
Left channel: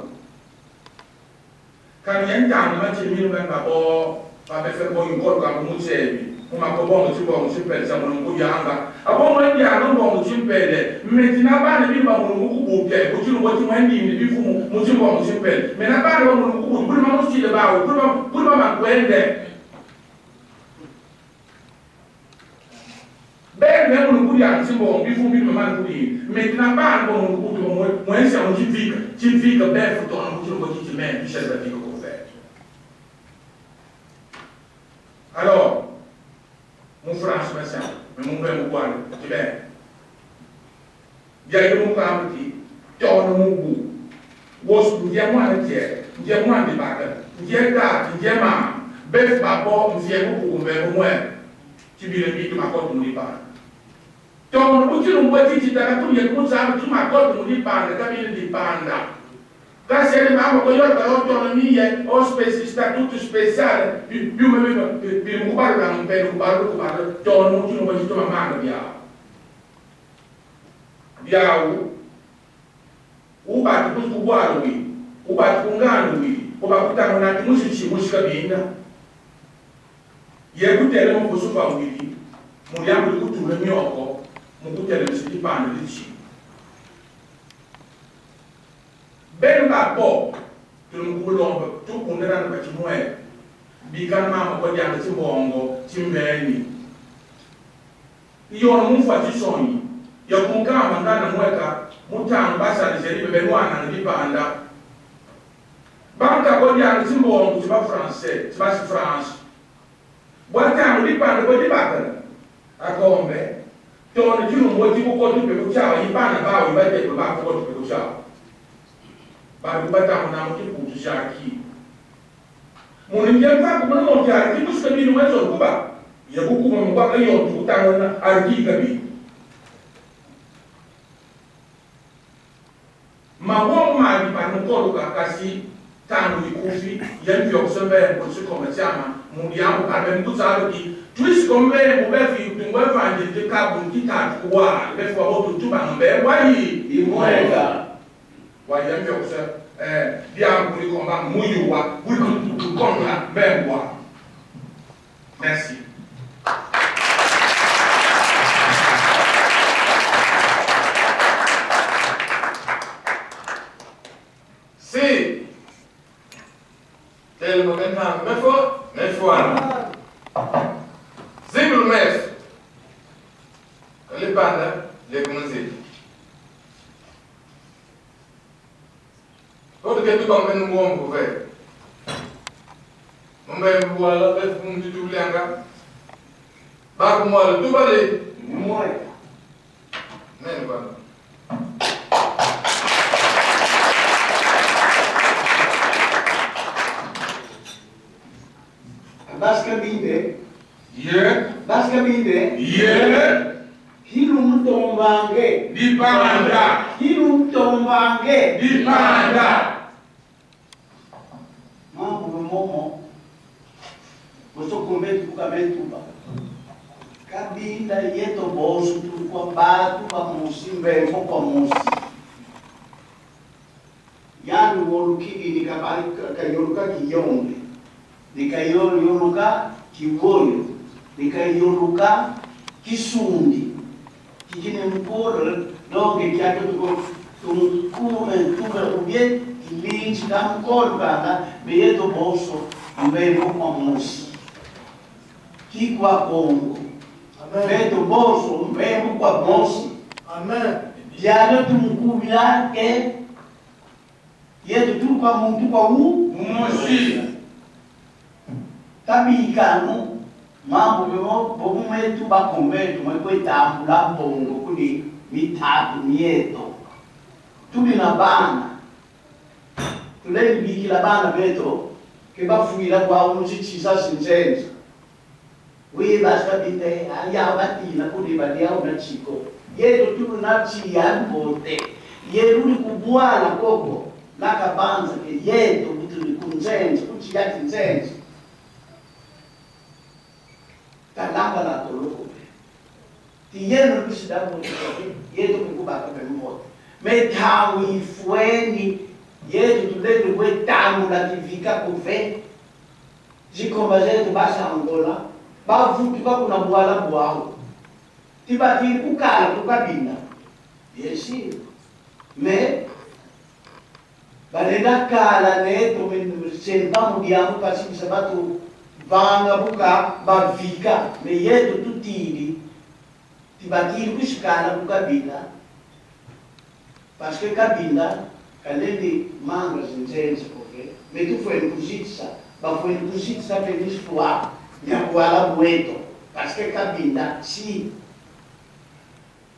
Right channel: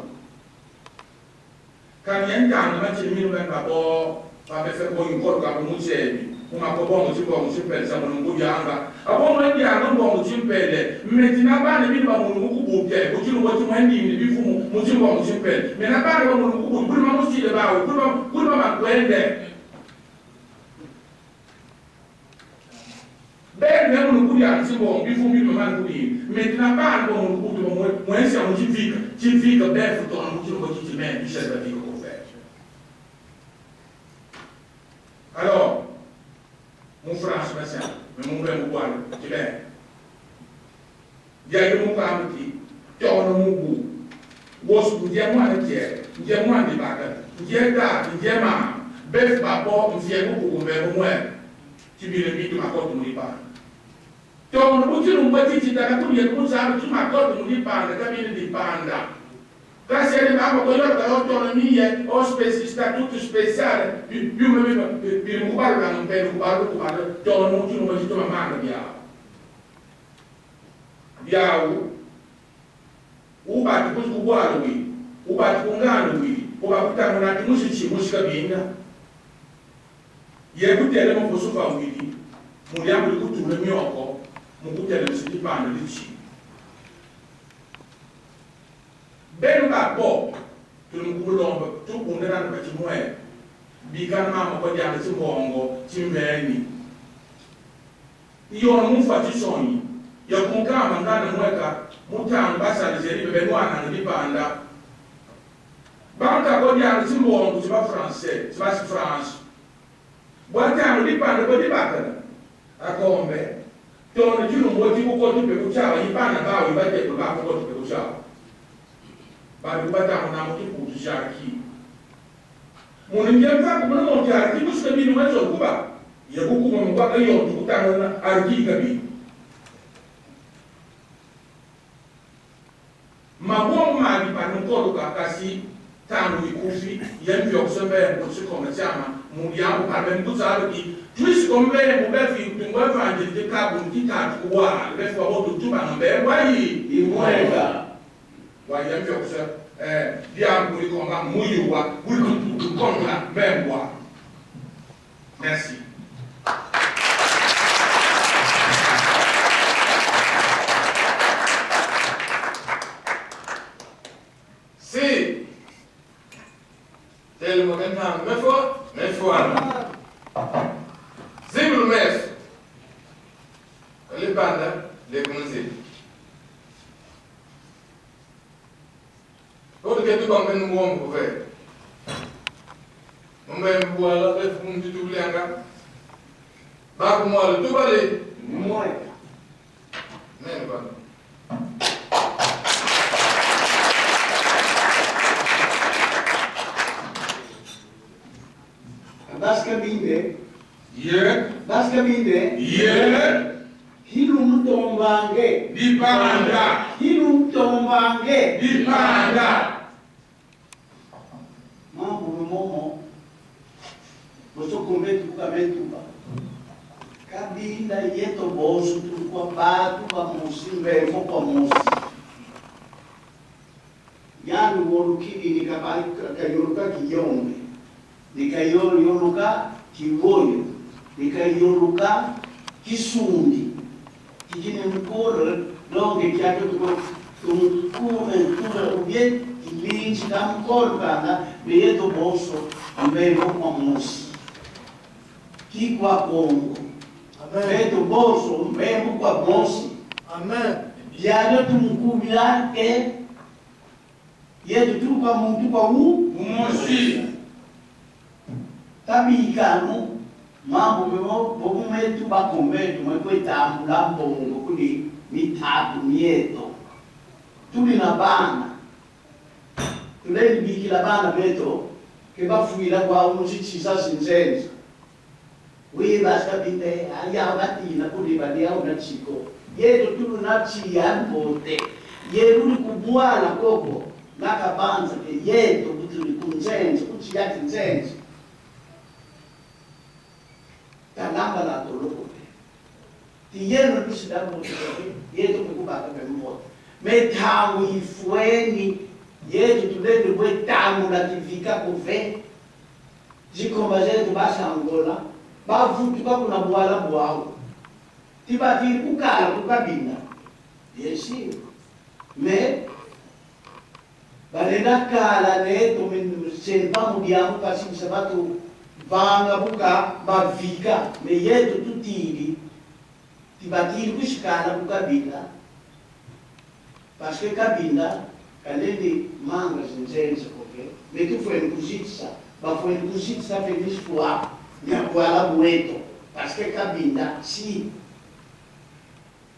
Kani yentani machili minu benga bo, pabefeko yunkoro kama mchebi. Umakobo mchimbo mchimpele sa mulukuya anga. Abo mwendi anumbo mchimpele, mmetina bane binu ba mulukubuke, kuchilu mwati mwendi bifu mchimbo mchimpele. Mena bane ba mulukubuke, kuli mamuchile bao, kuli makwende. Ben même nous courir à Timbo, il faut mieux me courir. Maintenant, pas bon, nous courir, moi, c'est un petit fille, ben, faut ton courir, petit même, puis c'est la vie qu'on fait. Alors, mon frère, c'est ça, mais mon père, mon boire, tu viens. Il y a eu mon frère qui, tu as mon goût. Was, il y a moins de tiers, il y a moins de baguettes, il y a d'art, il y a ma, bœuf, papa, il y a beaucoup, mais au moins, tu vis le mythe de ma côte, on n'y parle. Donc, nous disons que tu as tout le monde, tu m'as dit que tu parles, tu parles. Quand c'est le même que tu as autonomie, au statut spécial, tu me parles dans un pays, tu parles, donc nous disons que tu m'as mal bien. Bien, ou pas tu peux boire, oui, ou pas tu peux gagner, oui, ou pas tu as un musique, bien. Il y a beaucoup d'éléments pour se faire, oui, mon diable, le coup, tout le mieux encore. Mon coup de ce qui parle de l'ici. Ben rapport, tout le monde, tout le monde est dans le petit moyen. Bigan maman, quoi dire, c'est bon, c'est bien. Il y a un mouvement qui sonne. Il y a un gars, dans le mois, montant, basse, les élèves, ben, moi, dans le dépendant. Banque, quoi dire, c'est bon, c'est pas français, c'est pas France. Boitant, le dépendant, quoi dire, à combien? Donc, tu nous dis pourquoi tu peux faire, il va pas, il va être là pour tu peux faire. Bah, tu vas t'en pour tu faire qui. Mon indien pas pour nous monter à qui, parce que nous sommes au Cuba. Il y a beaucoup de gens qui ont tout le temps à qui gabi. Ma bonne mari, par nous, quand on a cassé, tant de couffis, il y a une vie au sommet pour ce commerçant, mon bien, ou par même tout ça, qui. Plus comme vous avez vu, vous avez vu des cas où vous avez vu, vous avez vu, vous avez vu, vous avez vu, merci. Si, c'est le moment mais faut Zibul mes, les bandes, les commencés. Quand tu es tout en train de mourir, vous faites. Mon père, vous allez faire un petit tout l'anga. Bah, moi, le tout balai. Moi. Mais, voilà. Basicamente, basicamente, Hilum tombange, dipanda, Hilum tombange, dipanda. Mambo momo, você comete o caminho tuba. Cabinda yeto bolso tu com batu para moço, bem para moço. Yanu woluki ni kabali kayoluka kiyombe, ni kayoluka kiwoyo, ni kayoluka kisundi. Kikine mkoro longe kiato tukume ubie kilinchi kama mkoro kana beyeto bolso mbele kwa mosi kikwa Kongo Beto bolso, mesmo com a bolsa. Amen. Diana tu mukubila ke yetu tu kwa muntu kwa Momosi. tabikano mambo bobu metu bakombetu mwekwetambula mbongo kuni mitatu mieto tuli na bana tulembikila bana beto kebafuila kwa umuchichisa sinzenza wibasabite ayabatina kuni badiao na chiko yetu tulu na chiyambote yetu likubwala koko nakabanza ke yetu butuli kunzenza kuchiyati nzenza kalamba la toloko ti yeno bisida bote yetu kukubaka bemote metawu ifueni yetu tulende kwetamu la tivika kuve zikomba zetu basa Angola bavutu bakuna bwala bwawo tibati kukala kukabina bien sûr mais balenda kala neto senpa mudiamu kasi sabatu vanga buka bavika me yetu tutili tibatili kushikala kukabila parce que kabila kalende manga zinzenze kofe me tu foi kuzitsa ba foi kuzitsa pe l'histoire nyakwala bweto parce que kabila si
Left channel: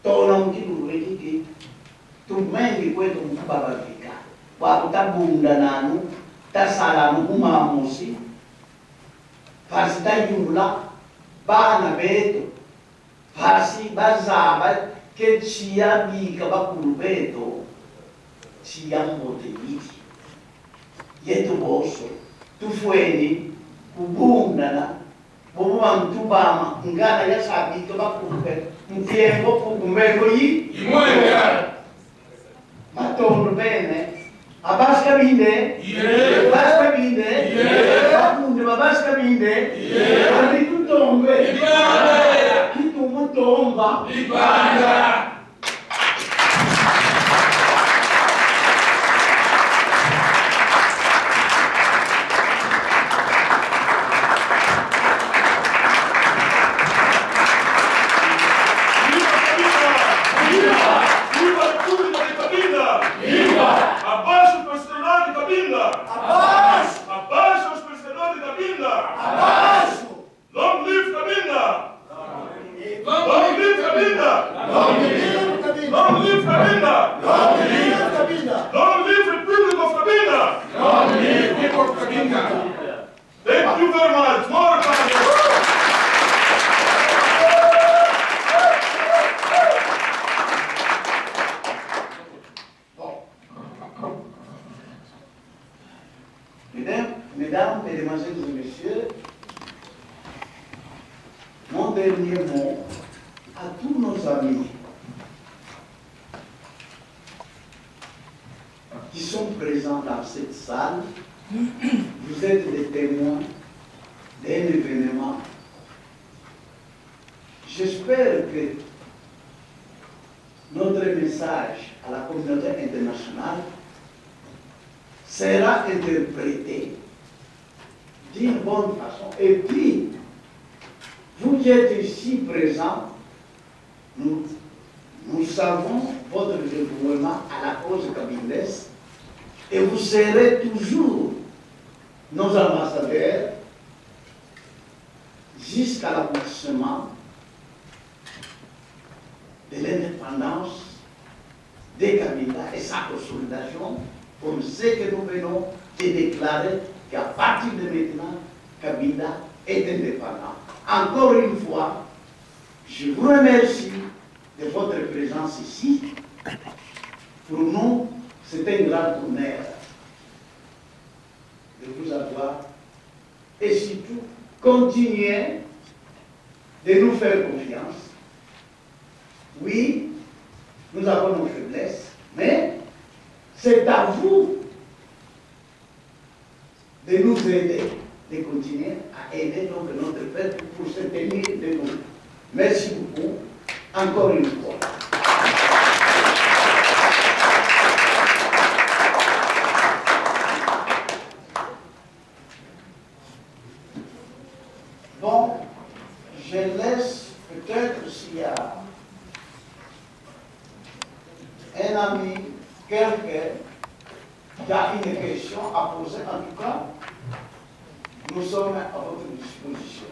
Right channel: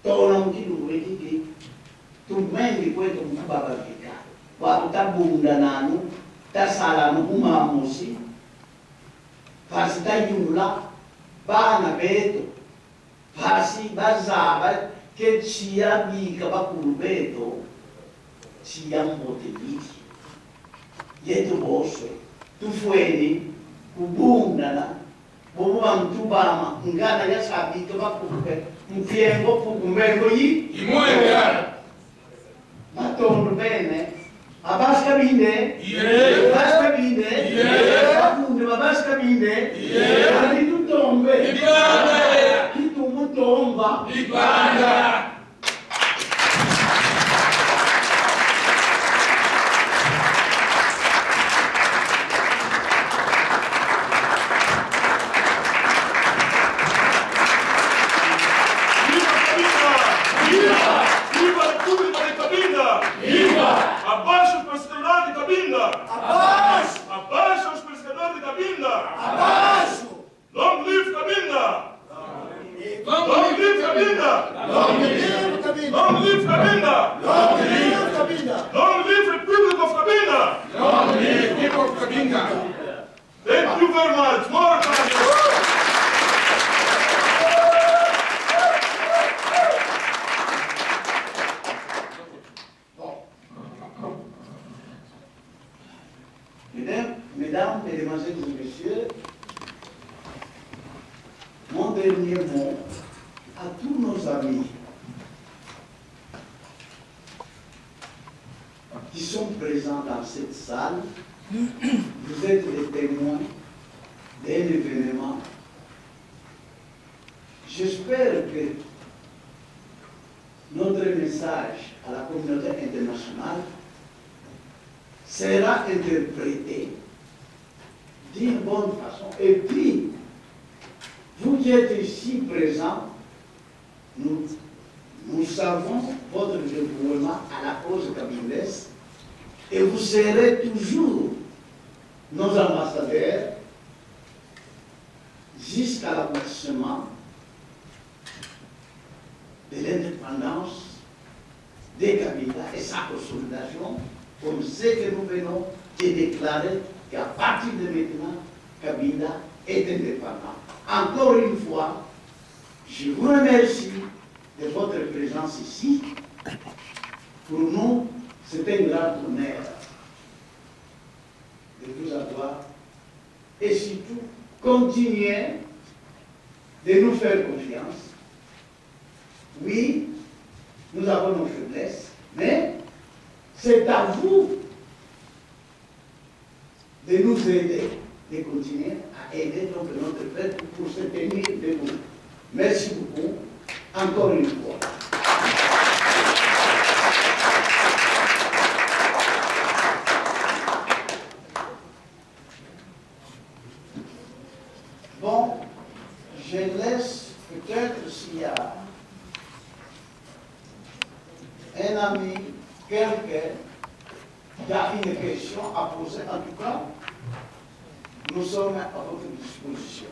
tona mkidu wekiki tumengi kwetu mkubaba vika wa tabunda nanu tasala nukumamusi pasi tayula bana beto pasi bazaba ke chia bika bakulu beto chia mbote yiti yetu boso tufueni kubunda na bobo mtubama ngana ya sabika bakulu beto mfiengo pukumbengo yi Imoya. matondo bene abaska binde abaska binde bakunde babaska binde ali tutombe kitumutomba Ibanda. Thank you very much. More time. Mesdames, Mesdemoiselles et Messieurs, mon dernier mot à tous nos amis qui sont présents dans cette salle. Vous êtes des témoins d'un événement. J'espère que notre message à la communauté internationale sera interprété d'une bonne façon. Et puis, vous qui êtes ici présents, nous savons votre dévouement à la cause kabylaise et vous serez toujours nos ambassadeurs jusqu'à l'aboutissement de l'indépendance des Kabila et sa consolidation, comme ce que nous venons de déclarer qu'à partir de maintenant, Kabila est indépendant. Encore une fois, je vous remercie de votre présence ici. Pour nous, c'est un grand honneur de vous avoir et surtout continuez de nous faire confiance. Oui, nous avons nos faiblesses, mais c'est à vous de nous aider, de continuer à aider donc notre peuple pour se tenir debout. Merci beaucoup, encore une fois. Bon, je laisse peut-être y a une question à poser, en tout cas, nous sommes à votre disposition.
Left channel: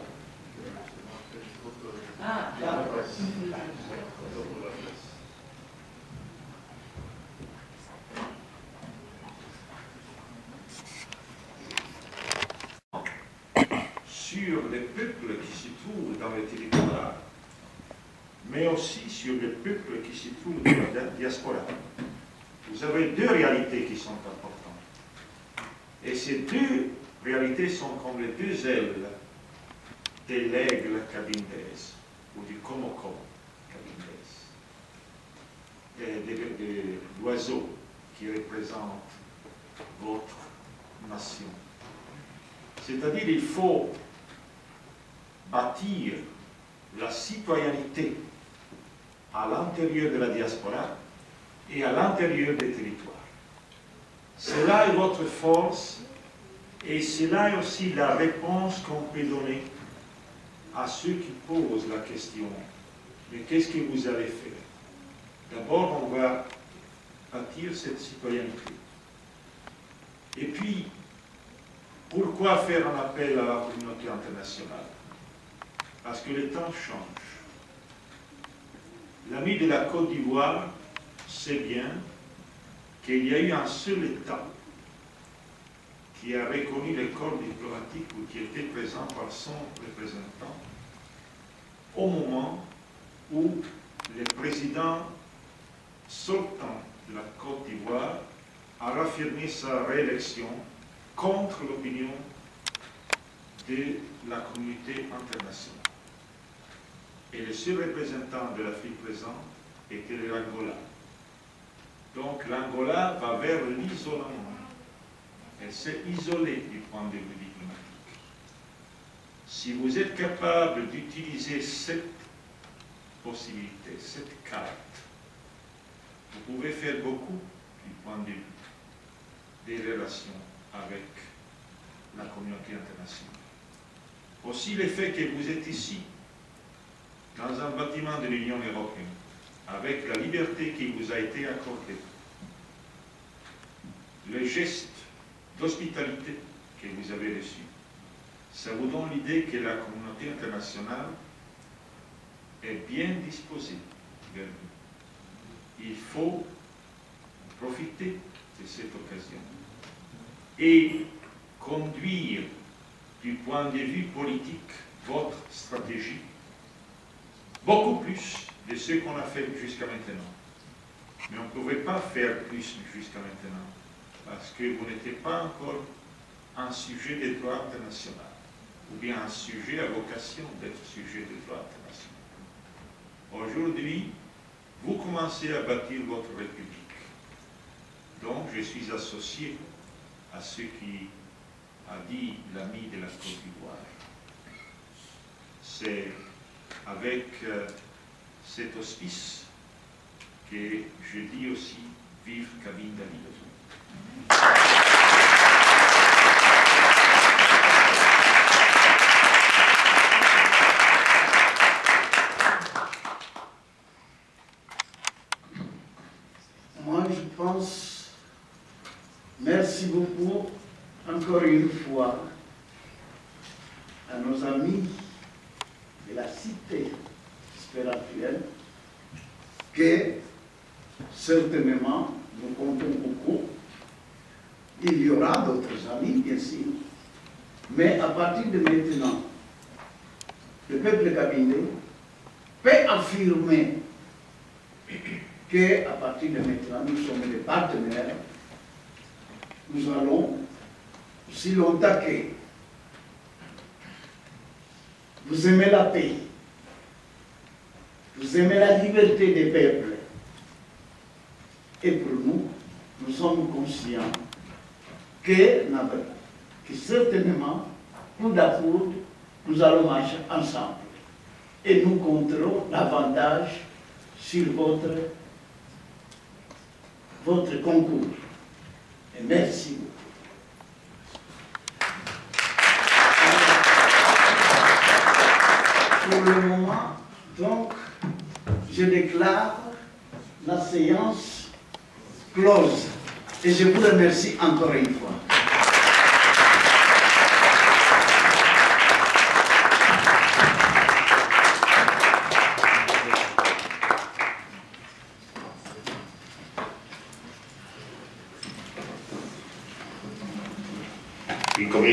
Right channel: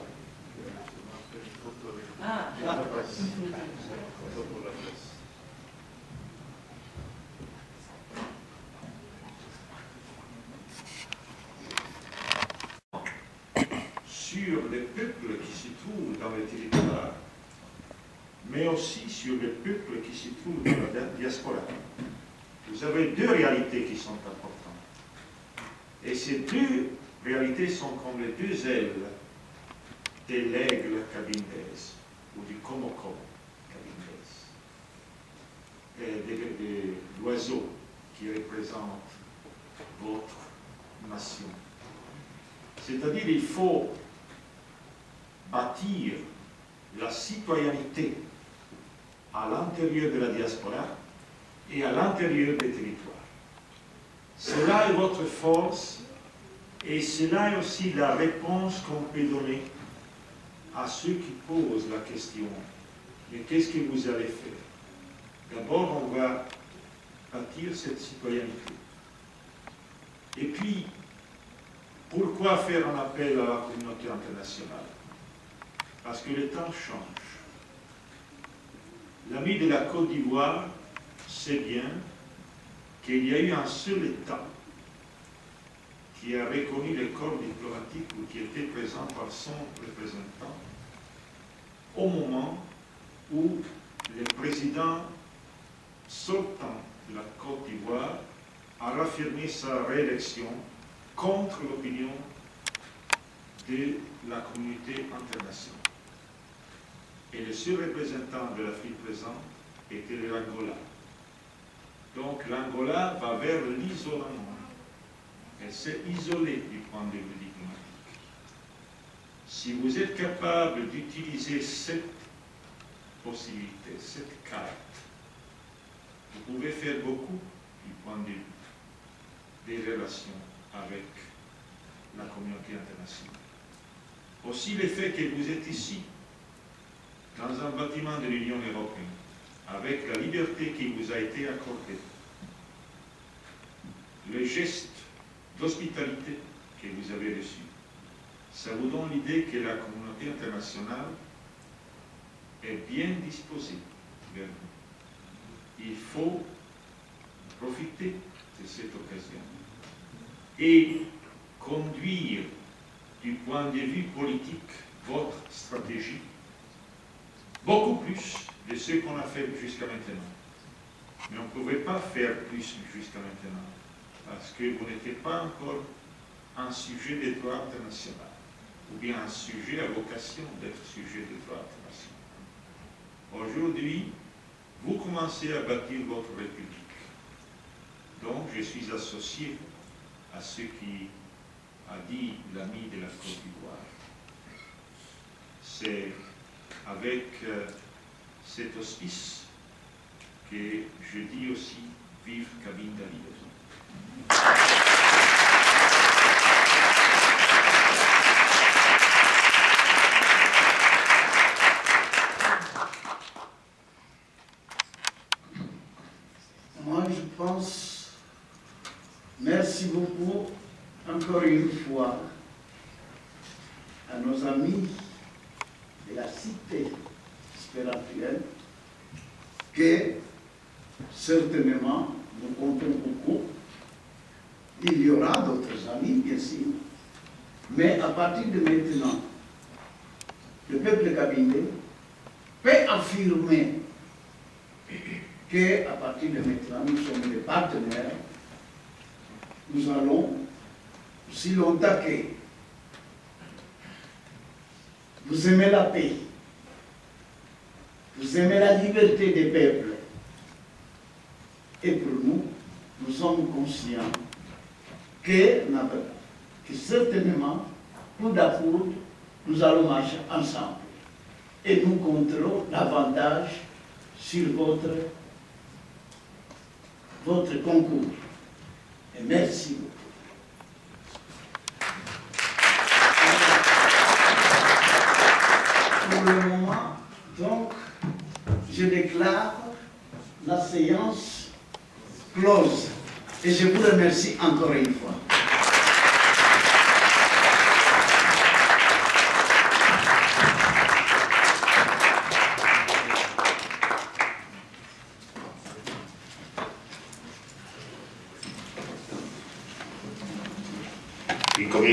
Sur les peuples qui se trouvent dans le territoire, mais aussi sur les peuples qui se trouvent dans la diaspora. Vous avez deux réalités qui sont importantes. Et ces deux réalités sont comme les deux ailes de l'aigle cabindaise ou du Komoko cabindaise, de l'oiseau qui représente votre nation. C'est-à-dire il faut bâtir la citoyenneté à l'intérieur de la diaspora et à l'intérieur des territoires. Cela est votre force et cela est aussi la réponse qu'on peut donner à ceux qui posent la question « Mais qu'est-ce que vous allez faire ?» D'abord, on va bâtir cette citoyenneté. Et puis, pourquoi faire un appel à la communauté internationale? Parce que le temps change. L'ami de la Côte d'Ivoire sait bien qu'il y a eu un seul État qui a reconnu le corps diplomatique ou qui était présent par son représentant au moment où le président sortant de la Côte d'Ivoire a raffirmé sa réélection contre l'opinion de la communauté internationale. Et le seul représentant de l'Afrique présente était l'Angola. Donc l'Angola va vers l'isolement. Elle s'est isolée du point de vue diplomatique. Si vous êtes capable d'utiliser cette possibilité, cette carte, vous pouvez faire beaucoup du point de vue des relations avec la communauté internationale. Aussi le fait que vous êtes ici, dans un bâtiment de l'Union européenne, avec la liberté qui vous a été accordée, le geste d'hospitalité que vous avez reçu, ça vous donne l'idée que la communauté internationale est bien disposée vers vous. Il faut profiter de cette occasion et conduire du point de vue politique votre stratégie beaucoup plus de ce qu'on a fait jusqu'à maintenant. Mais on ne pouvait pas faire plus jusqu'à maintenant parce que vous n'étiez pas encore un sujet de droit international ou bien un sujet à vocation d'être sujet de droit international. Aujourd'hui, vous commencez à bâtir votre République. Donc, je suis associé à ce qui a dit l'ami de la Côte d'Ivoire. C'est avec cet auspice que je dis aussi « Vive Cabinda Libre ». Moi, je pense, merci beaucoup, encore une fois, à nos amis de la cité espérantuelle, que certainement, nous comptons beaucoup. Il y aura d'autres amis, bien sûr, mais à partir de maintenant, le peuple cabindé peut affirmer qu'à partir de maintenant, nous sommes des partenaires. Nous allons, aussi longtemps que vous aimez la paix, vous aimez la liberté des peuples, et pour nous, nous sommes conscients que certainement, coude à coude, nous allons marcher ensemble. Et nous compterons davantage sur votre concours. Et merci beaucoup. Pour le moment, donc, je déclare la séance close. Et je vous remercie encore une fois. Une commission